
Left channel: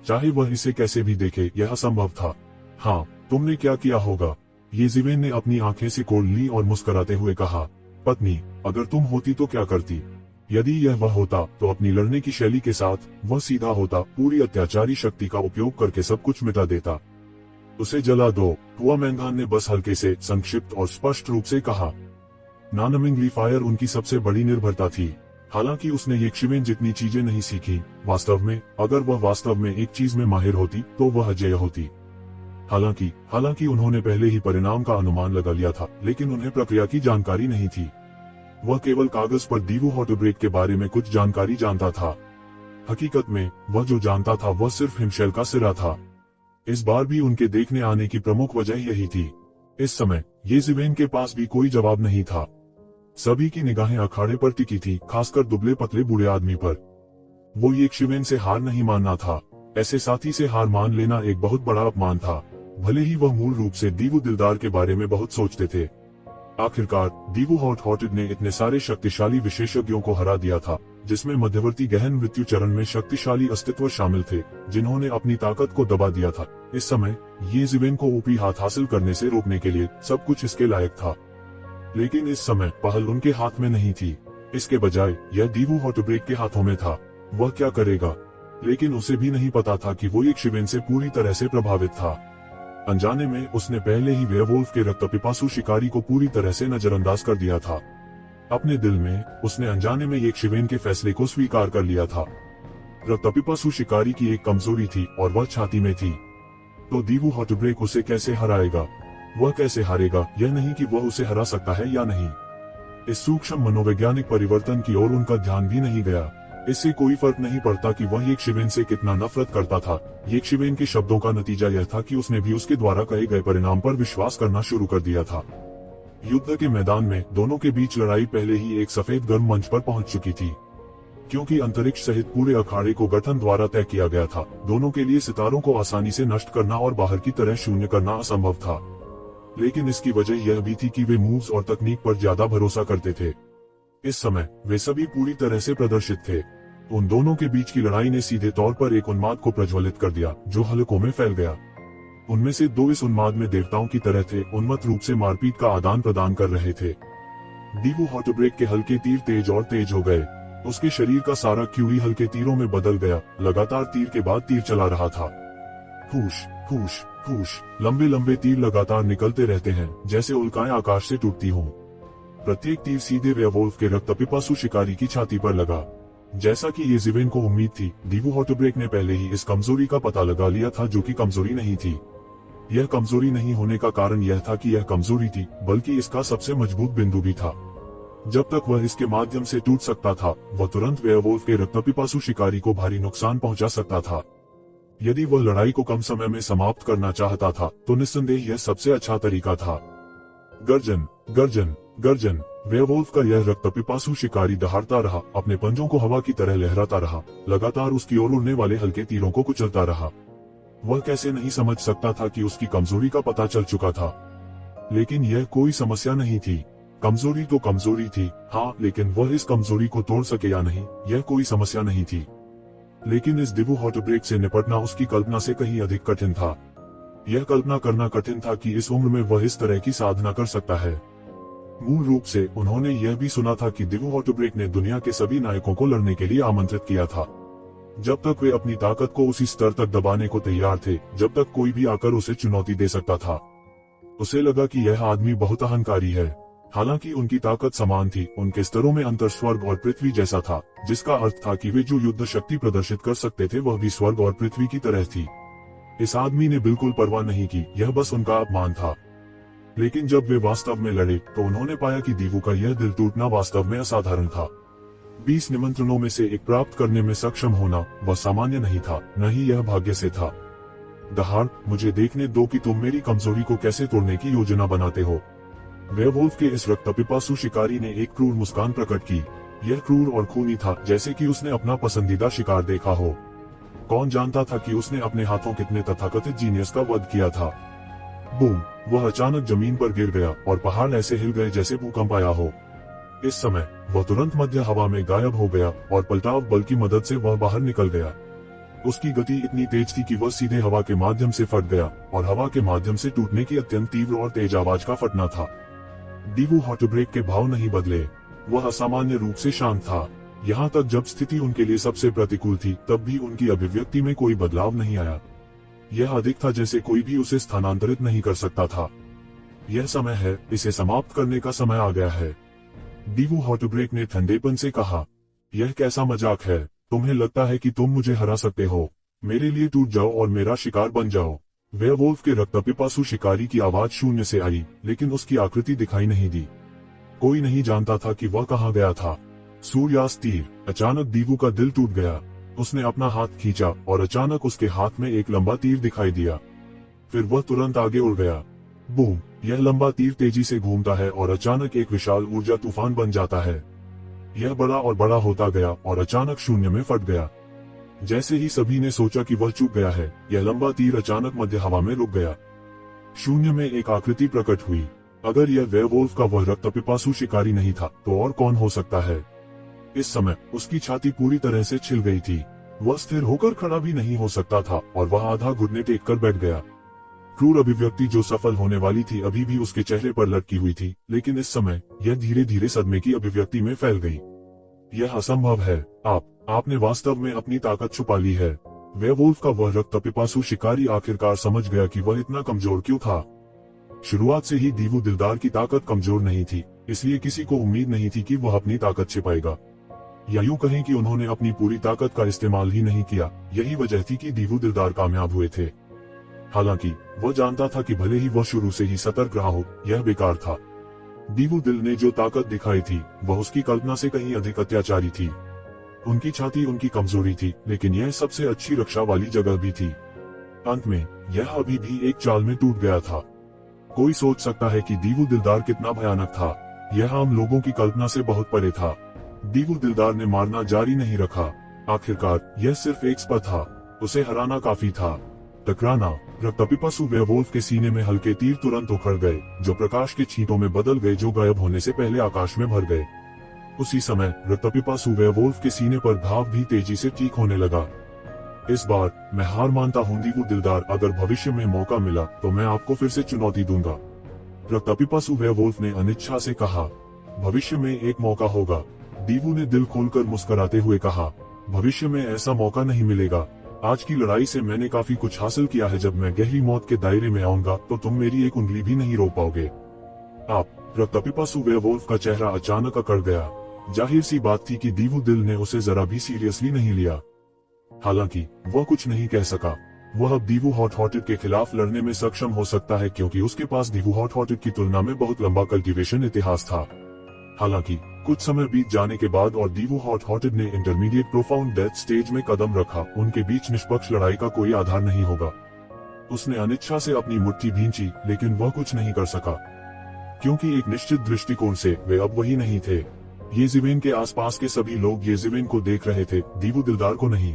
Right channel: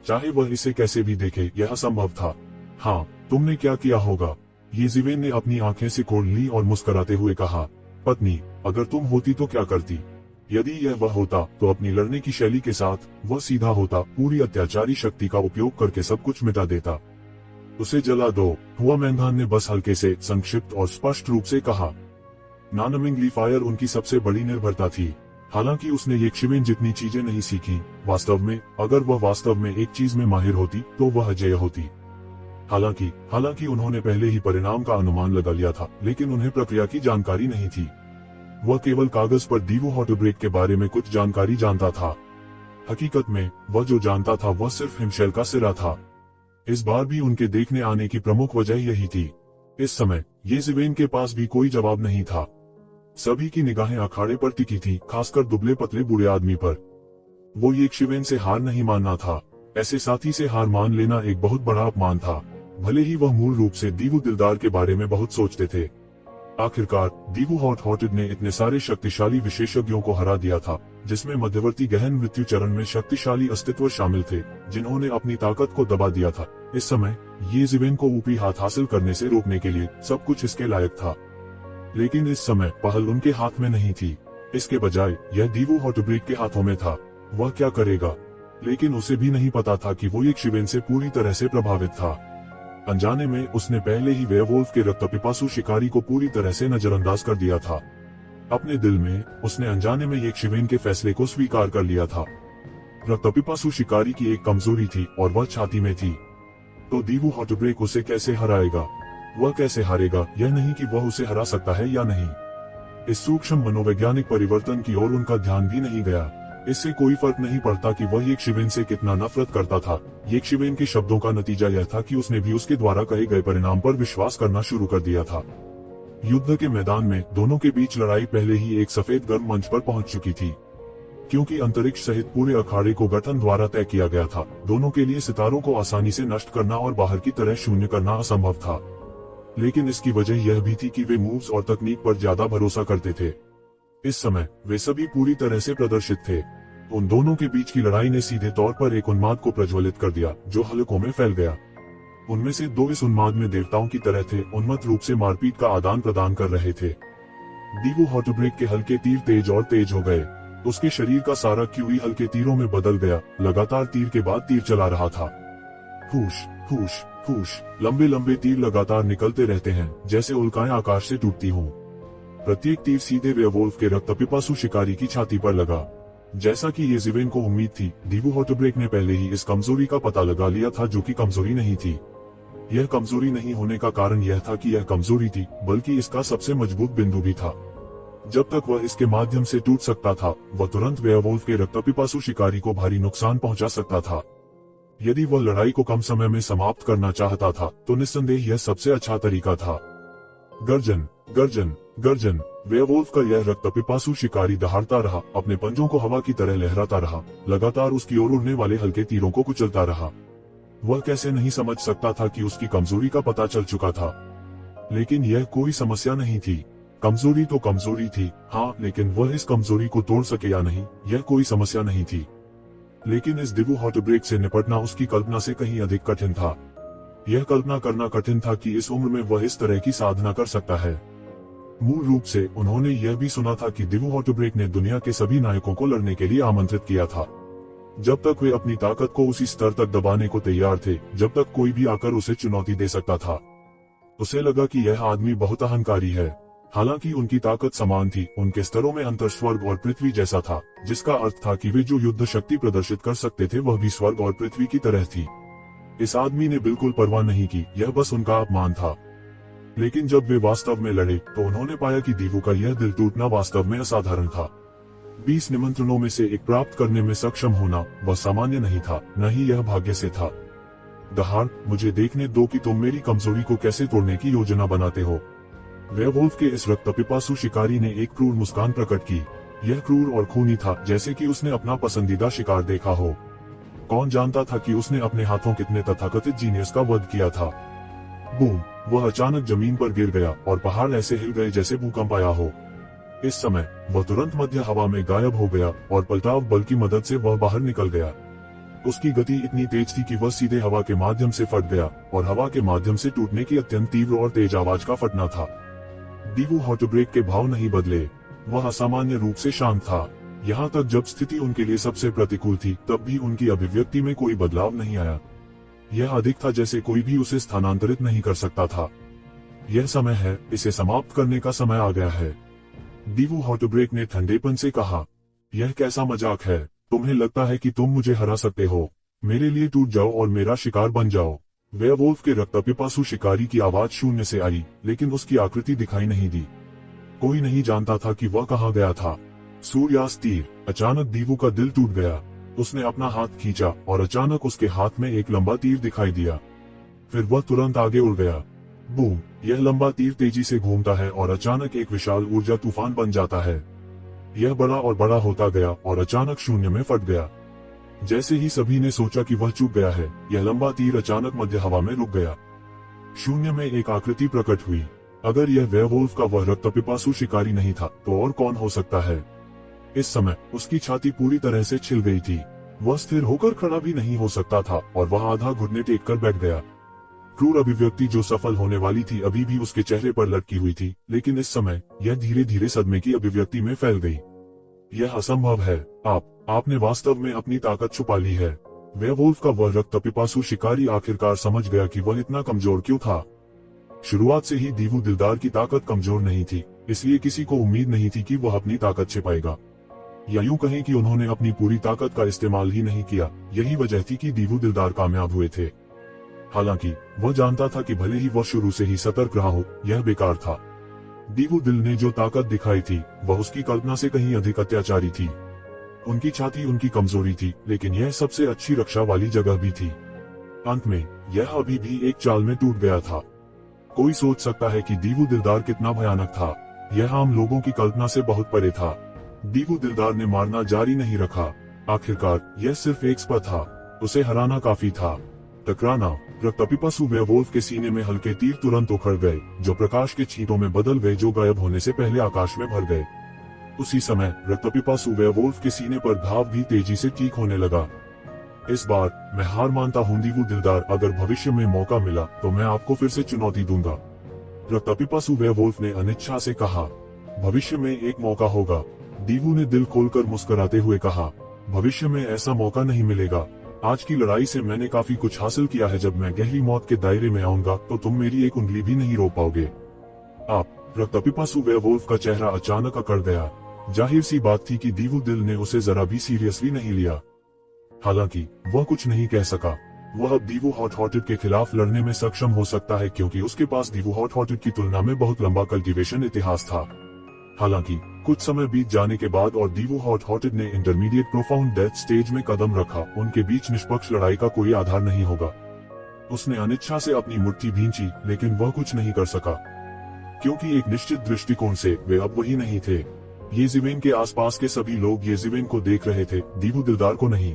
चाहे वह इसे कैसे भी देखे, यह संभव था। हाँ, तुमने क्या किया होगा? ये जिवेन ने अपनी आंखें सिकोड़ ली और मुस्कुराते हुए कहा, पत्नी, अगर तुम होती तो क्या करती? यदि यह वह होता तो अपनी लड़ने की शैली के साथ वह सीधा होता, पूरी अत्याचारी शक्ति का उपयोग करके सब कुछ मिटा देता। उसे जला दो, हुआ मैंधान ने बस हल्के से, संक्षिप्त और स्पष्ट रूप से कहा। नॉनमिंगली फायर उनकी सबसे बड़ी निर्भरता थी। हालांकि उसने यक्षिवेन जितनी चीजें नहीं सीखी, वास्तव में अगर वह वास्तव में एक चीज में माहिर होती तो वह अजेय होती। हालांकि उन्होंने पहले ही परिणाम का अनुमान लगा लिया था, लेकिन उन्हें प्रक्रिया की जानकारी नहीं थी। वह केवल कागज पर डीवो हॉटब्रेक के बारे में कुछ जानकारी जानता था। हकीकत में वह जो जानता था वह सिर्फ हिमशैल का सिरा था। इस बार भी उनके देखने आने की प्रमुख वजह यही थी। इस समय येज़ेबेल के पास भी कोई जवाब नहीं था। सभी की निगाहें अखाड़े पर टिकी थी, खासकर दुबले पतले बूढ़े आदमी पर। वो यक्षिवेन से हार नहीं मानना था। ऐसे साथी से हार मान लेना एक बहुत बड़ा अपमान था, भले ही वह मूल रूप से दीवो दिलदार के बारे में बहुत सोचते थे। आखिरकार दीवो हॉट-हॉटेड ने इतने सारे शक्तिशाली विशेषज्ञों को हरा दिया था, जिसमें मध्यवर्ती गहन मृत्यु चरण में शक्तिशाली अस्तित्व शामिल थे, जिन्होंने अपनी ताकत को दबा दिया था। इस समय येज़ेबेल को ऊपरी हाथ हासिल करने से रोकने के लिए सब कुछ इसके लायक था, लेकिन इस समय पहल उनके हाथ में नहीं थी। इसके बजाय यह दीवो हॉटब्रेक के हाथों में था। वह क्या करेगा? लेकिन उसे भी नहीं पता था कि वो यक्षिवेन से पूरी तरह से प्रभावित था। अनजाने में उसने पहले ही वेयरवुल्फ के रक्तपिपासु शिकारी को पूरी तरह से नजरअंदाज कर दिया था। अपने दिल में उसने अनजाने में यक्षिवेन के फैसले को स्वीकार कर लिया था। रक्तपिपासु शिकारी की एक कमजोरी थी और वह छाती में थी। तो दीवो हॉटब्रेक उसे कैसे हराएगा? वह कैसे हारेगा, यह नहीं कि वह उसे हरा सकता है या नहीं। इस सूक्ष्म मनोवैज्ञानिक परिवर्तन की ओर उनका ध्यान भी नहीं गया। इससे कोई फर्क नहीं पड़ता कि वह यक्षिवेन से कितना नफरत करता था। यक्षिवेन के शब्दों का नतीजा यह था कि उसने भी उसके द्वारा कहे गए परिणाम पर विश्वास करना शुरू कर दिया था। युद्ध के मैदान में दोनों के बीच लड़ाई पहले ही एक सफेद गर्म मंच पर पहुंच चुकी थी। क्योंकि अंतरिक्ष सहित पूरे अखाड़े को गठन द्वारा तय किया गया था, दोनों के लिए सितारों को आसानी से नष्ट करना और बाहर की तरह शून्य करना असंभव था। लेकिन इसकी वजह यह भी थी कि वे मूव्स और तकनीक पर ज्यादा भरोसा करते थे। इस समय वे सभी पूरी तरह से प्रदर्शित थे। उन दोनों के बीच की लड़ाई ने सीधे तौर पर एक उन्माद को प्रज्वलित कर दिया, जो हलकों में फैल गया। उनमें से दो इस उन्माद में देवताओं की तरह थे, उन्मत्त रूप से मारपीट का आदान प्रदान कर रहे थे। दीवो हॉटब्रेक के हल्के तीर तेज और तेज हो गए। उसके शरीर का सारा क्यूई हल्के तीरों में बदल गया, लगातार तीर के बाद तीर चला रहा था। फूश फूश फूश, लंबे लंबे तीर लगातार निकलते रहते हैं, जैसे उल्काएं आकाश से टूटती हों। प्रत्येक तीर सीधे वेयरवुल्फ के रक्तपिपासु शिकारी की छाती पर लगा। जैसा कि येज़ेबेल को उम्मीद थी, दीवो हॉटब्रेक ने पहले ही इस कमजोरी का पता लगा लिया था, जो कि कमजोरी नहीं थी। यह कमजोरी नहीं होने का कारण यह था कि यह कमजोरी थी, बल्कि इसका सबसे मजबूत बिंदु भी था। जब तक वह इसके माध्यम से टूट सकता था, वह तुरंत वेयरवुल्फ के रक्तपिपासु शिकारी को भारी नुकसान पहुंचा सकता था। यदि वह लड़ाई को कम समय में समाप्त करना चाहता था, तो निस्संदेह यह सबसे अच्छा तरीका था। गर्जन गर्जन गर्जन, वेयरवुल्फ का यह रक्तपिपासु शिकारी दहाड़ता रहा, अपने पंजों को हवा की तरह लहराता रहा, लगातार उसकी ओर उड़ने वाले हल्के तीरों को कुचलता रहा। वह कैसे नहीं समझ सकता था कि उसकी कमजोरी का पता चल चुका था। लेकिन यह कोई समस्या नहीं थी। कमजोरी तो कमजोरी थी, हाँ, लेकिन वह इस कमजोरी को तोड़ सके या नहीं, यह कोई समस्या नहीं थी। लेकिन इस दीवो हॉटब्रेक से निपटना उसकी कल्पना से कहीं अधिक कठिन था। यह कल्पना करना कठिन था कि इस उम्र में वह इस तरह की साधना कर सकता है। मूल रूप से उन्होंने यह भी सुना था कि दीवो हॉटब्रेक ने दुनिया के सभी नायकों को लड़ने के लिए आमंत्रित किया था। जब तक वे अपनी ताकत को उसी स्तर तक दबाने को तैयार थे, जब तक कोई भी आकर उसे चुनौती दे सकता था। उसे लगा कि यह आदमी बहुत अहंकारी है। हालांकि उनकी ताकत समान थी, उनके स्तरों में अंतर स्वर्ग और पृथ्वी जैसा था, जिसका अर्थ था कि वे जो युद्ध शक्ति प्रदर्शित कर सकते थे वह भी स्वर्ग और पृथ्वी की तरह थी। इस आदमी ने बिल्कुल परवाह नहीं की, यह बस उनका अपमान था। लेकिन जब वे वास्तव में लड़े, तो उन्होंने पाया कि दीवो का यह दिल टूटना वास्तव में असाधारण था। 20 निमंत्रणों में से एक प्राप्त करने में सक्षम होना वह सामान्य नहीं था, न ही यह भाग्य से था। दहाड़, मुझे देखने दो कि तुम मेरी कमजोरी को कैसे तोड़ने की योजना बनाते हो। वेयरवुल्फ के इस रक्तपिपासु शिकारी ने एक क्रूर मुस्कान प्रकट की। यह क्रूर और खूनी था, जैसे कि उसने अपना पसंदीदा शिकार देखा हो। कौन जानता था कि उसने अपने हाथों कितने तथाकथित जीनियस का वध किया था। बूम! वह अचानक जमीन पर गिर गया और पहाड़ ऐसे हिल गए जैसे भूकंप आया हो। इस समय वह तुरंत मध्य हवा में गायब हो गया और पलटाव बल की मदद से वह बाहर निकल गया। उसकी गति इतनी तेज थी कि वह सीधे हवा के माध्यम से फट गया, और हवा के माध्यम से टूटने की अत्यंत तीव्र और तेज आवाज का फटना था। दीवो हॉटब्रेक के भाव नहीं बदले। वह असामान्य रूप से शांत था। यहाँ तक जब स्थिति उनके लिए सबसे प्रतिकूल थी, तब भी उनकी अभिव्यक्ति में कोई बदलाव नहीं आया। यह अधिक था जैसे कोई भी उसे स्थानांतरित नहीं कर सकता था। यह समय है, इसे समाप्त करने का समय आ गया है। दीवू हॉटब्रेक ने ठंडेपन से कहा, यह कैसा मजाक है? तुम्हें लगता है कि तुम मुझे हरा सकते हो? मेरे लिए टूट जाओ और मेरा शिकार बन जाओ। वेयरवुल्फ के रक्तपिपासु शिकारी की आवाज शून्य से आई, लेकिन उसकी आकृति दिखाई नहीं दी। कोई नहीं जानता था कि वह कहाँ गया था। सूर्यास्त तीर। अचानक दीवू का दिल टूट गया। उसने अपना हाथ खींचा और अचानक उसके हाथ में एक लंबा तीर दिखाई दिया। फिर वह तुरंत आगे उड़ गया। बूम! यह लंबा तीर तेजी से घूमता है और अचानक एक विशाल ऊर्जा तूफान बन जाता है। यह बड़ा और बड़ा होता गया और अचानक शून्य में फट गया। जैसे ही सभी ने सोचा कि वह चूक गया है, यह लंबा तीर अचानक मध्य हवा में रुक गया। शून्य में एक आकृति प्रकट हुई। अगर यह वेयरवुल्फ का वह रक्तपिपासु शिकारी नहीं था तो और कौन हो सकता है? इस समय उसकी छाती पूरी तरह से छिल गई थी। वह स्थिर होकर खड़ा भी नहीं हो सकता था और वह आधा घुटने टेक कर बैठ गया। क्रूर अभिव्यक्ति जो सफल होने वाली थी अभी भी उसके चेहरे पर लटकी हुई थी, लेकिन इस समय यह धीरे धीरे सदमे की अभिव्यक्ति में फैल गई। यह असंभव है। आपने वास्तव में अपनी ताकत छुपा ली है। वेयरवुल्फ का वह रक्तपिपासु शिकारी आखिरकार समझ गया कि वह इतना कमजोर क्यों था। शुरुआत से ही दीवू दिलदार की ताकत कमजोर नहीं थी, इसलिए किसी को उम्मीद नहीं थी कि वह अपनी ताकत छिपाएगा। या यूं कहें कि उन्होंने अपनी पूरी ताकत का इस्तेमाल ही नहीं किया। यही वजह थी कि दीवू दिलदार कामयाब हुए थे। हालांकि वह जानता था कि भले ही वह शुरू से ही सतर्क रहा हो, यह बेकार था। दीवू दिल ने जो ताकत दिखाई थी वह उसकी कल्पना से कहीं अधिक अत्याचारी थी। उनकी छाती उनकी कमजोरी थी, लेकिन यह सबसे अच्छी रक्षा वाली जगह भी थी। अंत में यह अभी भी एक चाल में टूट गया था। कोई सोच सकता है कि दीवू दिलदार कितना भयानक था। यह आम लोगों की कल्पना से बहुत परे था। दीवू दिलदार ने मारना जारी नहीं रखा। आखिरकार यह सिर्फ एक स्पर था। उसे हराना काफी था। टकराना। रक्तपिपासु वेयरवुल्फ के सीने में हल्के तीर तुरंत उखड़ गए, जो प्रकाश के छींटों में बदल गए, जो गायब होने से पहले आकाश में भर गए। उसी समय रक्तपिपासु वेयरवुल्फ के सीने पर घाव भी तेजी से ठीक होने लगा। इस बार मैं हार मानता हूँ दीवू दिलदार, अगर भविष्य में मौका मिला तो मैं आपको फिर से चुनौती दूंगा। रक्तपिपासु वेयरवुल्फ ने अनिच्छा से कहा। भविष्य में एक मौका होगा। दीवू ने दिल खोलकर मुस्कुराते हुए कहा, भविष्य में ऐसा मौका नहीं मिलेगा। आज की लड़ाई से मैंने काफी कुछ हासिल किया है। जब मैं गहरी मौत के दायरे में आऊंगा तो तुम मेरी एक उंगली भी नहीं रोक पाओगे। रक्तपिपासु वेयरवुल्फ का चेहरा अचानक अकड़ गया। जाहिर सी बात थी कि दीवू दिल ने उसे जरा भी सीरियसली नहीं लिया। हालांकि वह कुछ नहीं कह सका। वह अब दीवू हॉट-हॉटेड के खिलाफ लड़ने में सक्षम हो सकता है, क्योंकि उसके पास दीवू हॉट-हॉटेड की तुलना में बहुत लंबा कल्टीवेशन इतिहास था। हालांकि कुछ समय बीत जाने के बाद और दीवू हॉट-हॉटेड ने इंटरमीडिएट प्रोफाउंड डेथ स्टेज में कदम रखा, उनके बीच निष्पक्ष लड़ाई का कोई आधार नहीं होगा। उसने अनिच्छा से अपनी मुट्ठी भींची, लेकिन वह कुछ नहीं कर सका, क्योंकि एक निश्चित दृष्टिकोण से वे अब वही नहीं थे। येज़िवेन के आसपास के सभी लोग येज़िवेन को देख रहे थे, दीवू दिलदार को नहीं।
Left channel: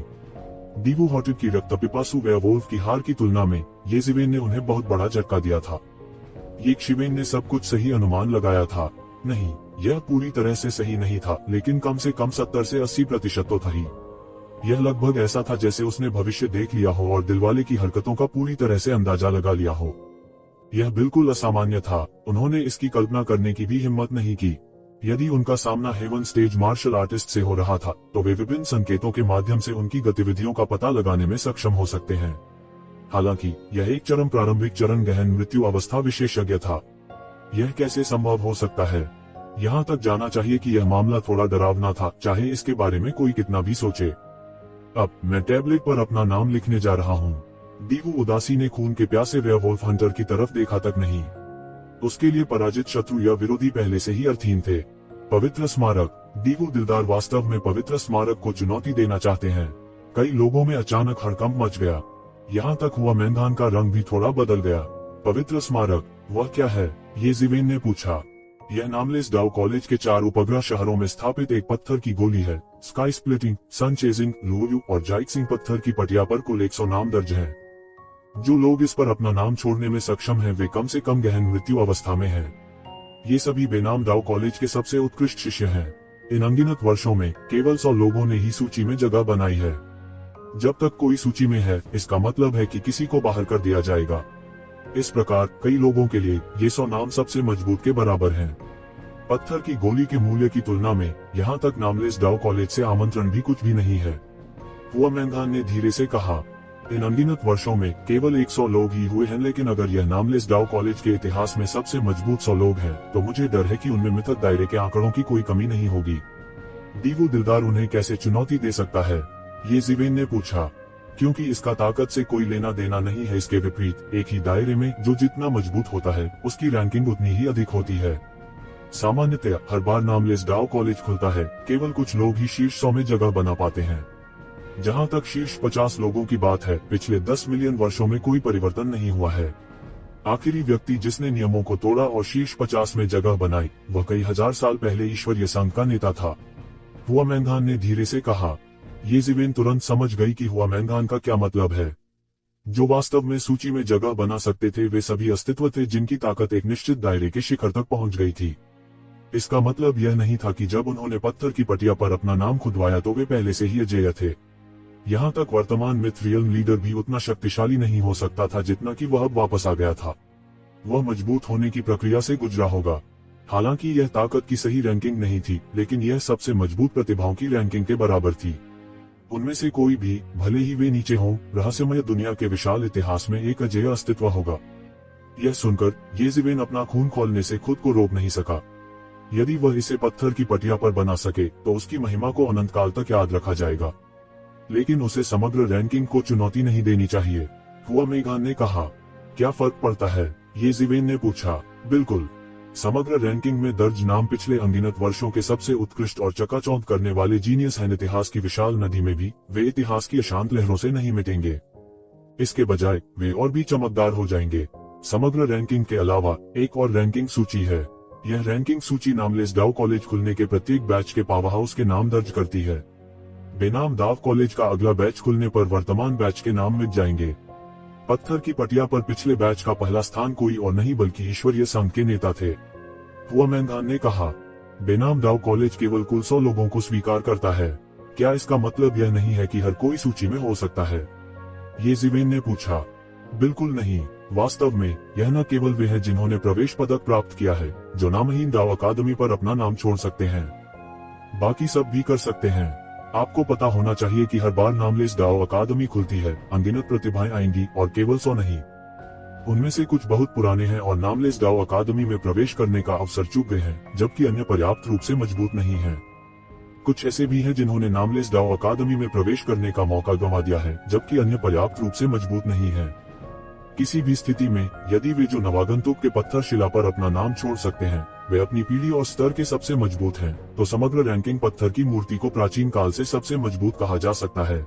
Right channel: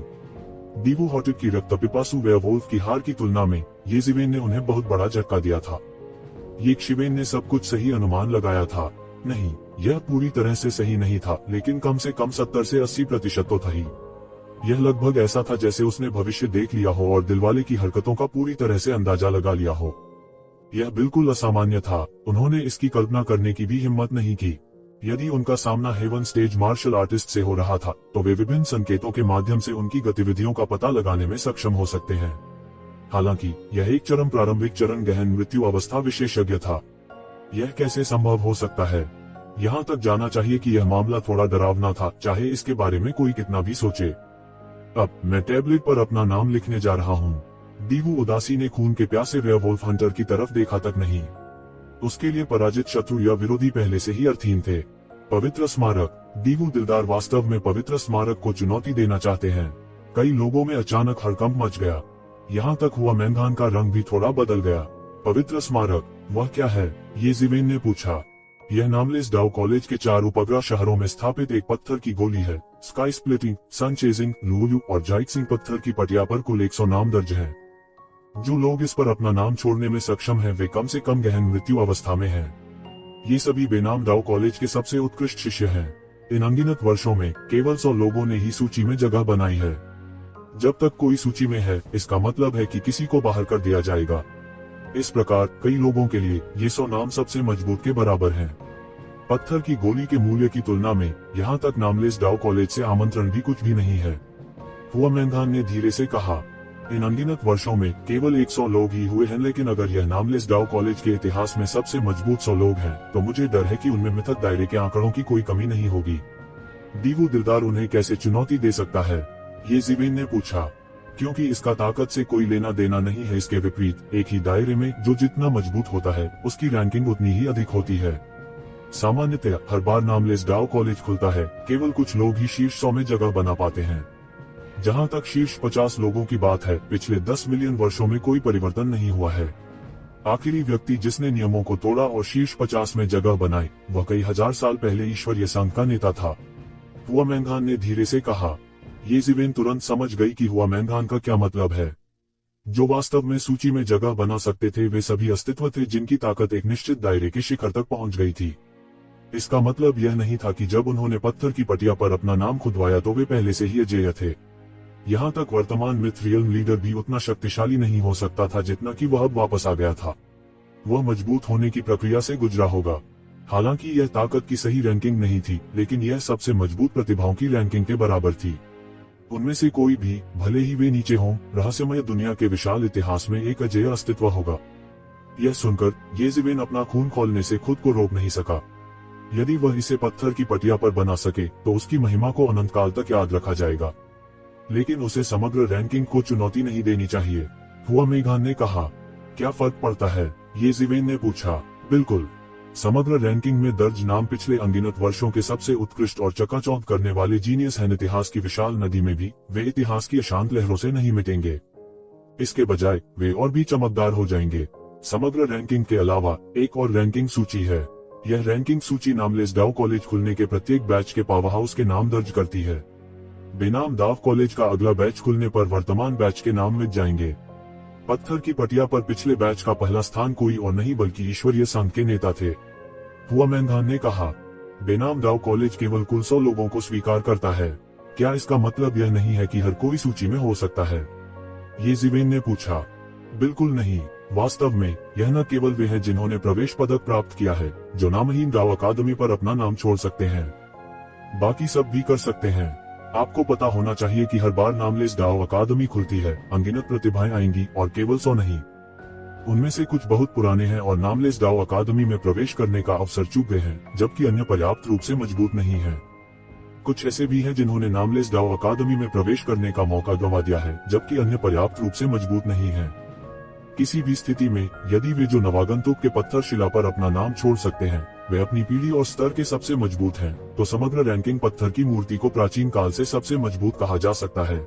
दीवू हॉटेड की रक्तपिपासु वेयरवुल्फ की हार की तुलना में येज़िवेन ने उन्हें बहुत बड़ा झटका दिया था। येज़िवेन ने सब कुछ सही अनुमान लगाया था। नहीं, यह पूरी तरह से सही नहीं था, लेकिन कम से कम 70 से 80% तो था ही। यह लगभग ऐसा था जैसे उसने भविष्य देख लिया हो और दिलवाले की हरकतों का पूरी तरह से अंदाजा लगा लिया हो। यह बिल्कुल असामान्य था। उन्होंने इसकी कल्पना करने की भी हिम्मत नहीं की। यदि उनका सामना हेवन स्टेज मार्शल आर्टिस्ट से हो रहा था, तो वे विभिन्न संकेतों के माध्यम से उनकी गतिविधियों का पता लगाने में सक्षम हो सकते हैं। हालांकि यह एक चरम प्रारंभिक चरण गहन मृत्यु अवस्था विशेषज्ञ था। यह कैसे संभव हो सकता है? यहाँ तक जाना चाहिए कि यह मामला थोड़ा डरावना था, चाहे इसके बारे में कोई कितना भी सोचे। अब मैं टैबलेट पर अपना नाम लिखने जा रहा हूँ। दीवू उदासी ने खून के प्यासे वेयरवुल्फ हंटर की तरफ देखा तक नहीं। उसके लिए पराजित शत्रु या विरोधी पहले से ही अर्थहीन थे। पवित्र स्मारक। दीवू दिलदार वास्तव में पवित्र स्मारक को चुनौती देना चाहते हैं। कई लोगों में अचानक हड़कंप मच गया। यहाँ तक हुआ मैदान का रंग भी थोड़ा बदल गया। पवित्र स्मारक, वह क्या है? येज़िवेन ने पूछा। यह नामलेस डाउ कॉलेज के 4 उपग्रह शहरों में स्थापित एक पत्थर की गोली है। स्काई स्प्लिटिंग, सन चेजिंग, लूयू और जाइक्सिंग पत्थर की पटिया पर कुल 100 नाम दर्ज है। जो लोग इस पर अपना नाम छोड़ने में सक्षम हैं, वे कम से कम गहन मृत्यु अवस्था में हैं। ये सभी बेनाम डाउ कॉलेज के सबसे उत्कृष्ट शिष्य हैं। इन अनगिनत वर्षों में केवल 100 लोगों ने ही सूची में जगह बनाई है। जब तक कोई सूची में है, इसका मतलब है कि किसी को बाहर कर दिया जाएगा। इस प्रकार कई लोगों के लिए ये 100 नाम सबसे मजबूत के बराबर हैं। पत्थर की गोली के मूल्य की तुलना में यहाँ तक नामलेस डाउ कॉलेज से आमंत्रण भी कुछ भी नहीं है। हुआमेंगान ने धीरे से कहा। इन अनगिनत वर्षों में केवल 100 लोग ही हुए हैं, लेकिन अगर यह नामलेस डाउ कॉलेज के इतिहास में सबसे मजबूत 100 लोग हैं, तो मुझे डर है कि उनमें मिथक दायरे के आंकड़ों की कोई कमी नहीं होगी। दीवू दिलदार उन्हें कैसे चुनौती दे सकता है? ये जिवेन ने पूछा। क्योंकि इसका ताकत से कोई लेना देना नहीं है। इसके विपरीत एक ही दायरे में जो जितना मजबूत होता है उसकी रैंकिंग उतनी ही अधिक होती है। सामान्यतः हर बार नामलेस डाउ कॉलेज खुलता है, केवल कुछ लोग ही शीर्ष 100 में जगह बना पाते हैं। जहां तक शीर्ष 50 लोगों की बात है, पिछले 10 मिलियन वर्षों में कोई परिवर्तन नहीं हुआ है। आखिरी व्यक्ति जिसने नियमों को तोड़ा और शीर्ष 50 में जगह बनाई, वह कई हजार साल पहले ईश्वरीय संघ का नेता था। हुआ मैंगान ने धीरे से कहा। ये जिवेन तुरंत समझ गई कि हुआ मैंगान का क्या मतलब है। जो वास्तव में सूची में जगह बना सकते थे वे सभी अस्तित्व थे जिनकी ताकत एक निश्चित दायरे के शिखर तक पहुंच गई थी। इसका मतलब यह नहीं था कि जब उन्होंने पत्थर की पटिया पर अपना नाम खुदवाया तो वे पहले से ही अजेय थे। यहाँ तक वर्तमान मिथरियल लीडर भी उतना शक्तिशाली नहीं हो सकता था जितना कि वह अब वापस आ गया था। वह मजबूत होने की प्रक्रिया से गुजरा होगा। हालांकि यह ताकत की सही रैंकिंग नहीं थी, लेकिन यह सबसे मजबूत प्रतिभाओं की रैंकिंग के बराबर थी। उनमें से कोई भी, भले ही वे नीचे हों, रहस्यमय दुनिया के विशाल इतिहास में एक अजेय अस्तित्व होगा। यह सुनकर ये जिवेन अपना खून खोलने से खुद को रोक नहीं सका। यदि वह इसे पत्थर की पटिया पर बना सके तो उसकी महिमा को अनंत काल तक याद रखा जाएगा। लेकिन उसे समग्र रैंकिंग को चुनौती नहीं देनी चाहिए। हुआ मेघान ने कहा। क्या फर्क पड़ता है? ये जिवेन ने पूछा। बिल्कुल। समग्र रैंकिंग में दर्ज नाम पिछले अनगिनत वर्षों के सबसे उत्कृष्ट और चकाचौंध करने वाले जीनियस हैं। इतिहास की विशाल नदी में भी वे इतिहास की अशांत लहरों से नहीं मिटेंगे। इसके बजाय वे और भी चमकदार हो जाएंगे। समग्र रैंकिंग के अलावा एक और रैंकिंग सूची है। यह रैंकिंग सूची नामलेस डाउ कॉलेज खुलने के प्रत्येक बैच के पावर हाउस के नाम दर्ज करती है। बेनाम डाउ कॉलेज का अगला बैच खुलने पर वर्तमान बैच के नाम मिट जाएंगे। पत्थर की पटिया पर पिछले बैच का पहला स्थान कोई और नहीं बल्कि ईश्वरीय संघ के नेता थे। हुआ मैंगान ने कहा। बेनाम डाउ कॉलेज केवल कुल 100 लोगों को स्वीकार करता है। क्या इसका मतलब यह नहीं है कि हर कोई सूची में हो सकता है? ये जिवेन ने पूछा। बिल्कुल नहीं। वास्तव में यह न केवल वे हैं जिन्होंने प्रवेश पदक प्राप्त किया है, जो नामहीन डाउ अकादमी पर अपना नाम छोड़ सकते हैं, बाकी सब भी कर सकते हैं। आपको पता होना चाहिए कि हर बार नामलेस डाउ अकादमी खुलती है, अनगिनत प्रतिभाएं आएंगी और केवल 100 नहीं। उनमें से कुछ बहुत पुराने हैं और नामलेस डाउ अकादमी में प्रवेश करने का अवसर चूक गए हैं, जबकि अन्य पर्याप्त रूप से मजबूत नहीं है। कुछ ऐसे भी हैं जिन्होंने नामलेस डाउ अकादमी में प्रवेश करने का मौका गंवा दिया है, जबकि अन्य पर्याप्त रूप से मजबूत नहीं है। किसी भी स्थिति में यदि वे जो नवागंतुक के पत्थर शिला पर अपना नाम छोड़ सकते हैं वे अपनी पीढ़ी और स्तर के सबसे मजबूत हैं, तो समग्र रैंकिंग पत्थर की मूर्ति को प्राचीन काल से सबसे मजबूत कहा जा सकता है।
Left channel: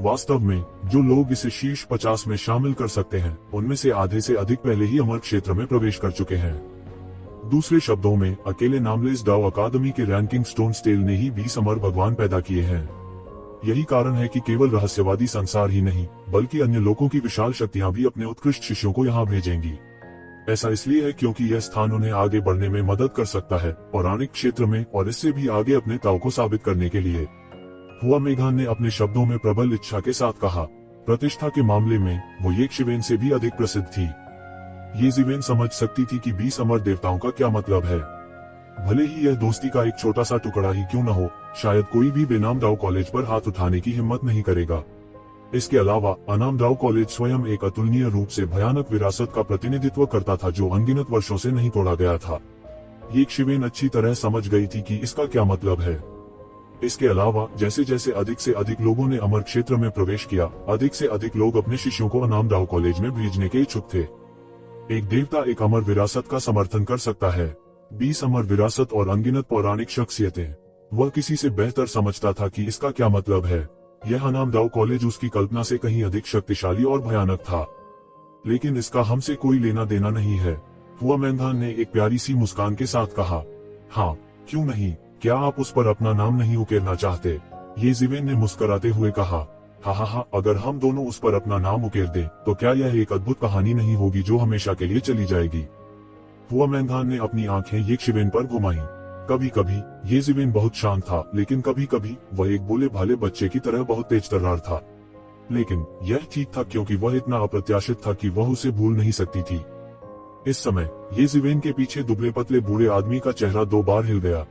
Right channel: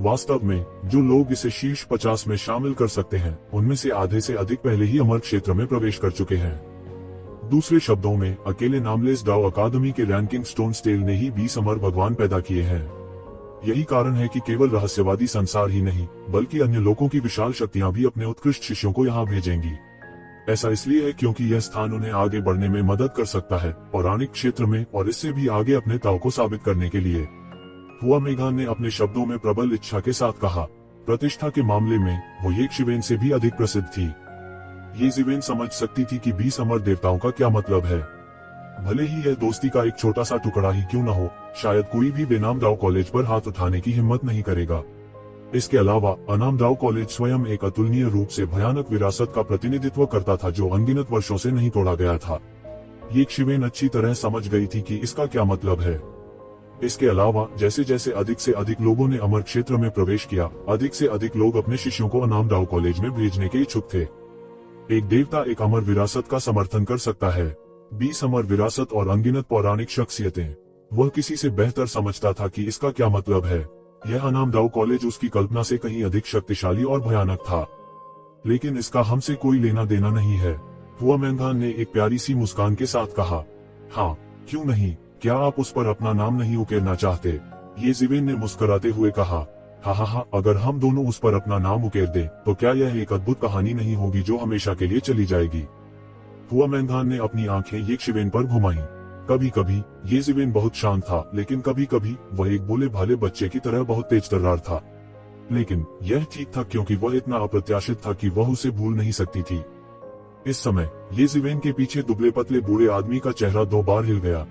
वास्तव में जो लोग इसे शीर्ष 50 में शामिल कर सकते हैं उनमें से आधे से अधिक पहले ही अमर क्षेत्र में प्रवेश कर चुके हैं। दूसरे शब्दों में अकेले नामलेस डाउ अकादमी के रैंकिंग स्टोन स्टेल ने ही 20 अमर भगवान पैदा किए हैं। यही कारण है कि केवल रहस्यवादी संसार ही नहीं बल्कि अन्य लोगों की विशाल शक्तियां भी अपने उत्कृष्ट शिष्यों को यहाँ भेजेंगी। ऐसा इसलिए है क्योंकि यह स्थान उन्हें आगे बढ़ने में मदद कर सकता है, पौराणिक क्षेत्र में और इससे भी आगे अपने ताव को साबित करने के लिए। हुआ मेघान ने अपने शब्दों में प्रबल इच्छा के साथ कहा। प्रतिष्ठा के मामले में वो ये शिवेन से भी अधिक प्रसिद्ध थी। ये जिवेन समझ सकती थी कि 20 अमर देवताओं का क्या मतलब है। भले ही यह दोस्ती का एक छोटा सा टुकड़ा ही क्यों न हो, शायद कोई भी बेनाम डाउ कॉलेज पर हाथ उठाने की हिम्मत नहीं करेगा। इसके अलावा अनाम डाउ कॉलेज स्वयं एक अतुलनीय रूप से भयानक विरासत का प्रतिनिधित्व करता था जो अनगिनत वर्षों से नहीं तोड़ा गया था। ये शिवेन अच्छी तरह समझ गई थी कि इसका क्या मतलब है। इसके अलावा जैसे जैसे अधिक से अधिक लोगों ने अमर क्षेत्र में प्रवेश किया, अधिक से अधिक लोग अपने शिष्यों को अनाम डाउ कॉलेज में भेजने के इच्छुक थे। एक देवता एक अमर विरासत का समर्थन कर सकता है। 20 अमर विरासत और अनगिनत पौराणिक शख्सियतें। वह किसी से बेहतर समझता था कि इसका क्या मतलब है। यह अनाम डाउ कॉलेज उसकी कल्पना से कहीं अधिक शक्तिशाली और भयानक था, लेकिन इसका हमसे कोई लेना देना नहीं है। हुआ मैंगान ने एक प्यारी सी मुस्कान के साथ कहा। हाँ, क्यों नहीं, क्या आप उस पर अपना नाम नहीं उकेरना चाहते? ये जिवेन ने मुस्कुराते हुए कहा। हाँ, अगर हम दोनों उस पर अपना नाम उकेर दें तो क्या यह एक अद्भुत कहानी नहीं होगी जो हमेशा के लिए चली जाएगी? हुआ मैंगान ने अपनी आंखें ये शिवेन पर घुमाई। कभी कभी ये जिवेन बहुत शांत था, लेकिन कभी कभी वह एक भोले भाले बच्चे की तरह बहुत तेज तर्रार था। लेकिन यह ठीक था क्योंकि वह इतना अप्रत्याशित था कि वह उसे भूल नहीं सकती थी। इस समय ये जिवेन के पीछे दुबले पतले बूढ़े आदमी का चेहरा 2 बार हिल गया।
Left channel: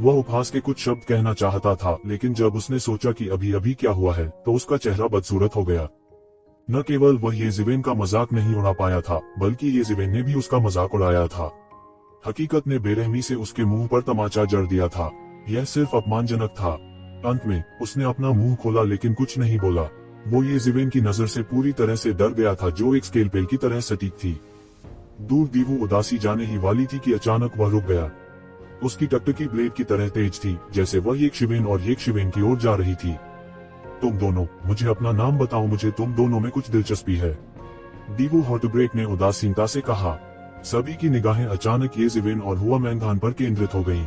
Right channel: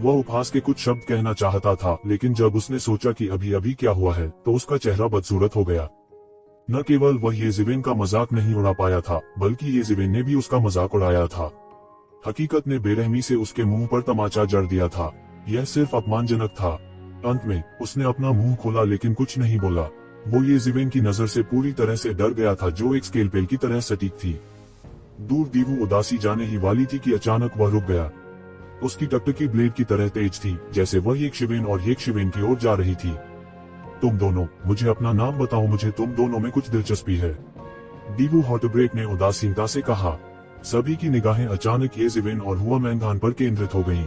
वह उपहास के कुछ शब्द कहना चाहता था, लेकिन जब उसने सोचा कि अभी अभी क्या हुआ है तो उसका चेहरा बदसूरत हो गया। न केवल वह येज़ेवेन का मजाक नहीं उड़ा पाया था, बल्कि येज़ेवेन ने भी उसका मजाक उड़ाया था। हकीकत ने बेरहमी से उसके मुंह पर तमाचा जड़ दिया था। यह सिर्फ अपमानजनक था। अंत में उसने अपना मुंह खोला लेकिन कुछ नहीं बोला। वो येज़ेवेन की नजर से पूरी तरह से डर गया था, जो एक स्केलपेल की तरह सटीक थी। दूर दीवू उदासी जाने ही वाली थी कि अचानक वह रुक गया। उसकी टकटकी ब्लेड की तरह तेज थी, जैसे वह येशिवेन और येशिवेन की ओर जा रही थी। तुम दोनों, मुझे अपना नाम बताओ, मुझे तुम दोनों में कुछ दिलचस्पी है। दीवू हॉटब्रेक ने उदासीनता से कहा। सभी की निगाहें अचानक येज़ेवेन और हुआमैंगान पर केंद्रित हो गईं।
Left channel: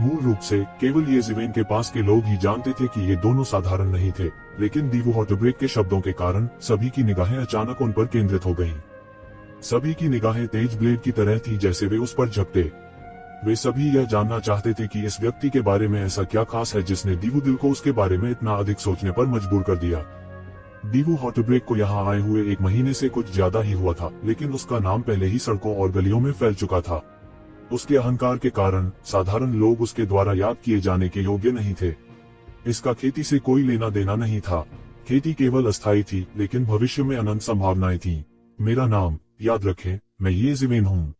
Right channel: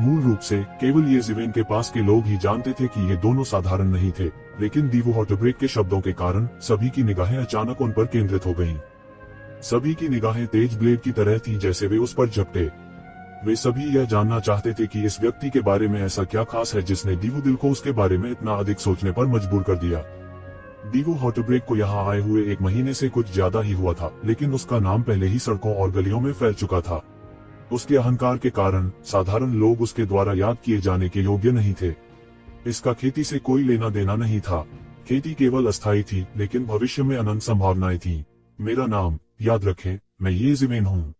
मूल रूप से केवल येज़ेवेन के पास के लोग ही जानते थे कि ये दोनों साधारण नहीं थे, लेकिन दीवू हॉटब्रेक के शब्दों के कारण सभी की निगाहें अचानक उन पर केंद्रित हो गईं। सभी की निगाहें तेज ब्लेड की तरह थी, जैसे वे उस पर झपटे। वे सभी यह जानना चाहते थे कि इस व्यक्ति के बारे में ऐसा क्या खास है जिसने दीवू दिल को उसके बारे में इतना अधिक सोचने पर मजबूर कर दिया। दीवू हॉटब्रेक को यहाँ आए हुए 1 महीने से कुछ ज्यादा ही हुआ था, लेकिन उसका नाम पहले ही सड़कों और गलियों में फैल चुका था। उसके अहंकार के कारण साधारण लोग उसके द्वारा याद किए जाने के योग्य नहीं थे। इसका खेती से कोई लेना देना नहीं था। खेती केवल अस्थायी थी, लेकिन भविष्य में अनंत संभावनाएं थीं। मेरा नाम, याद रखें, मैं येज़ेवेन हूँ।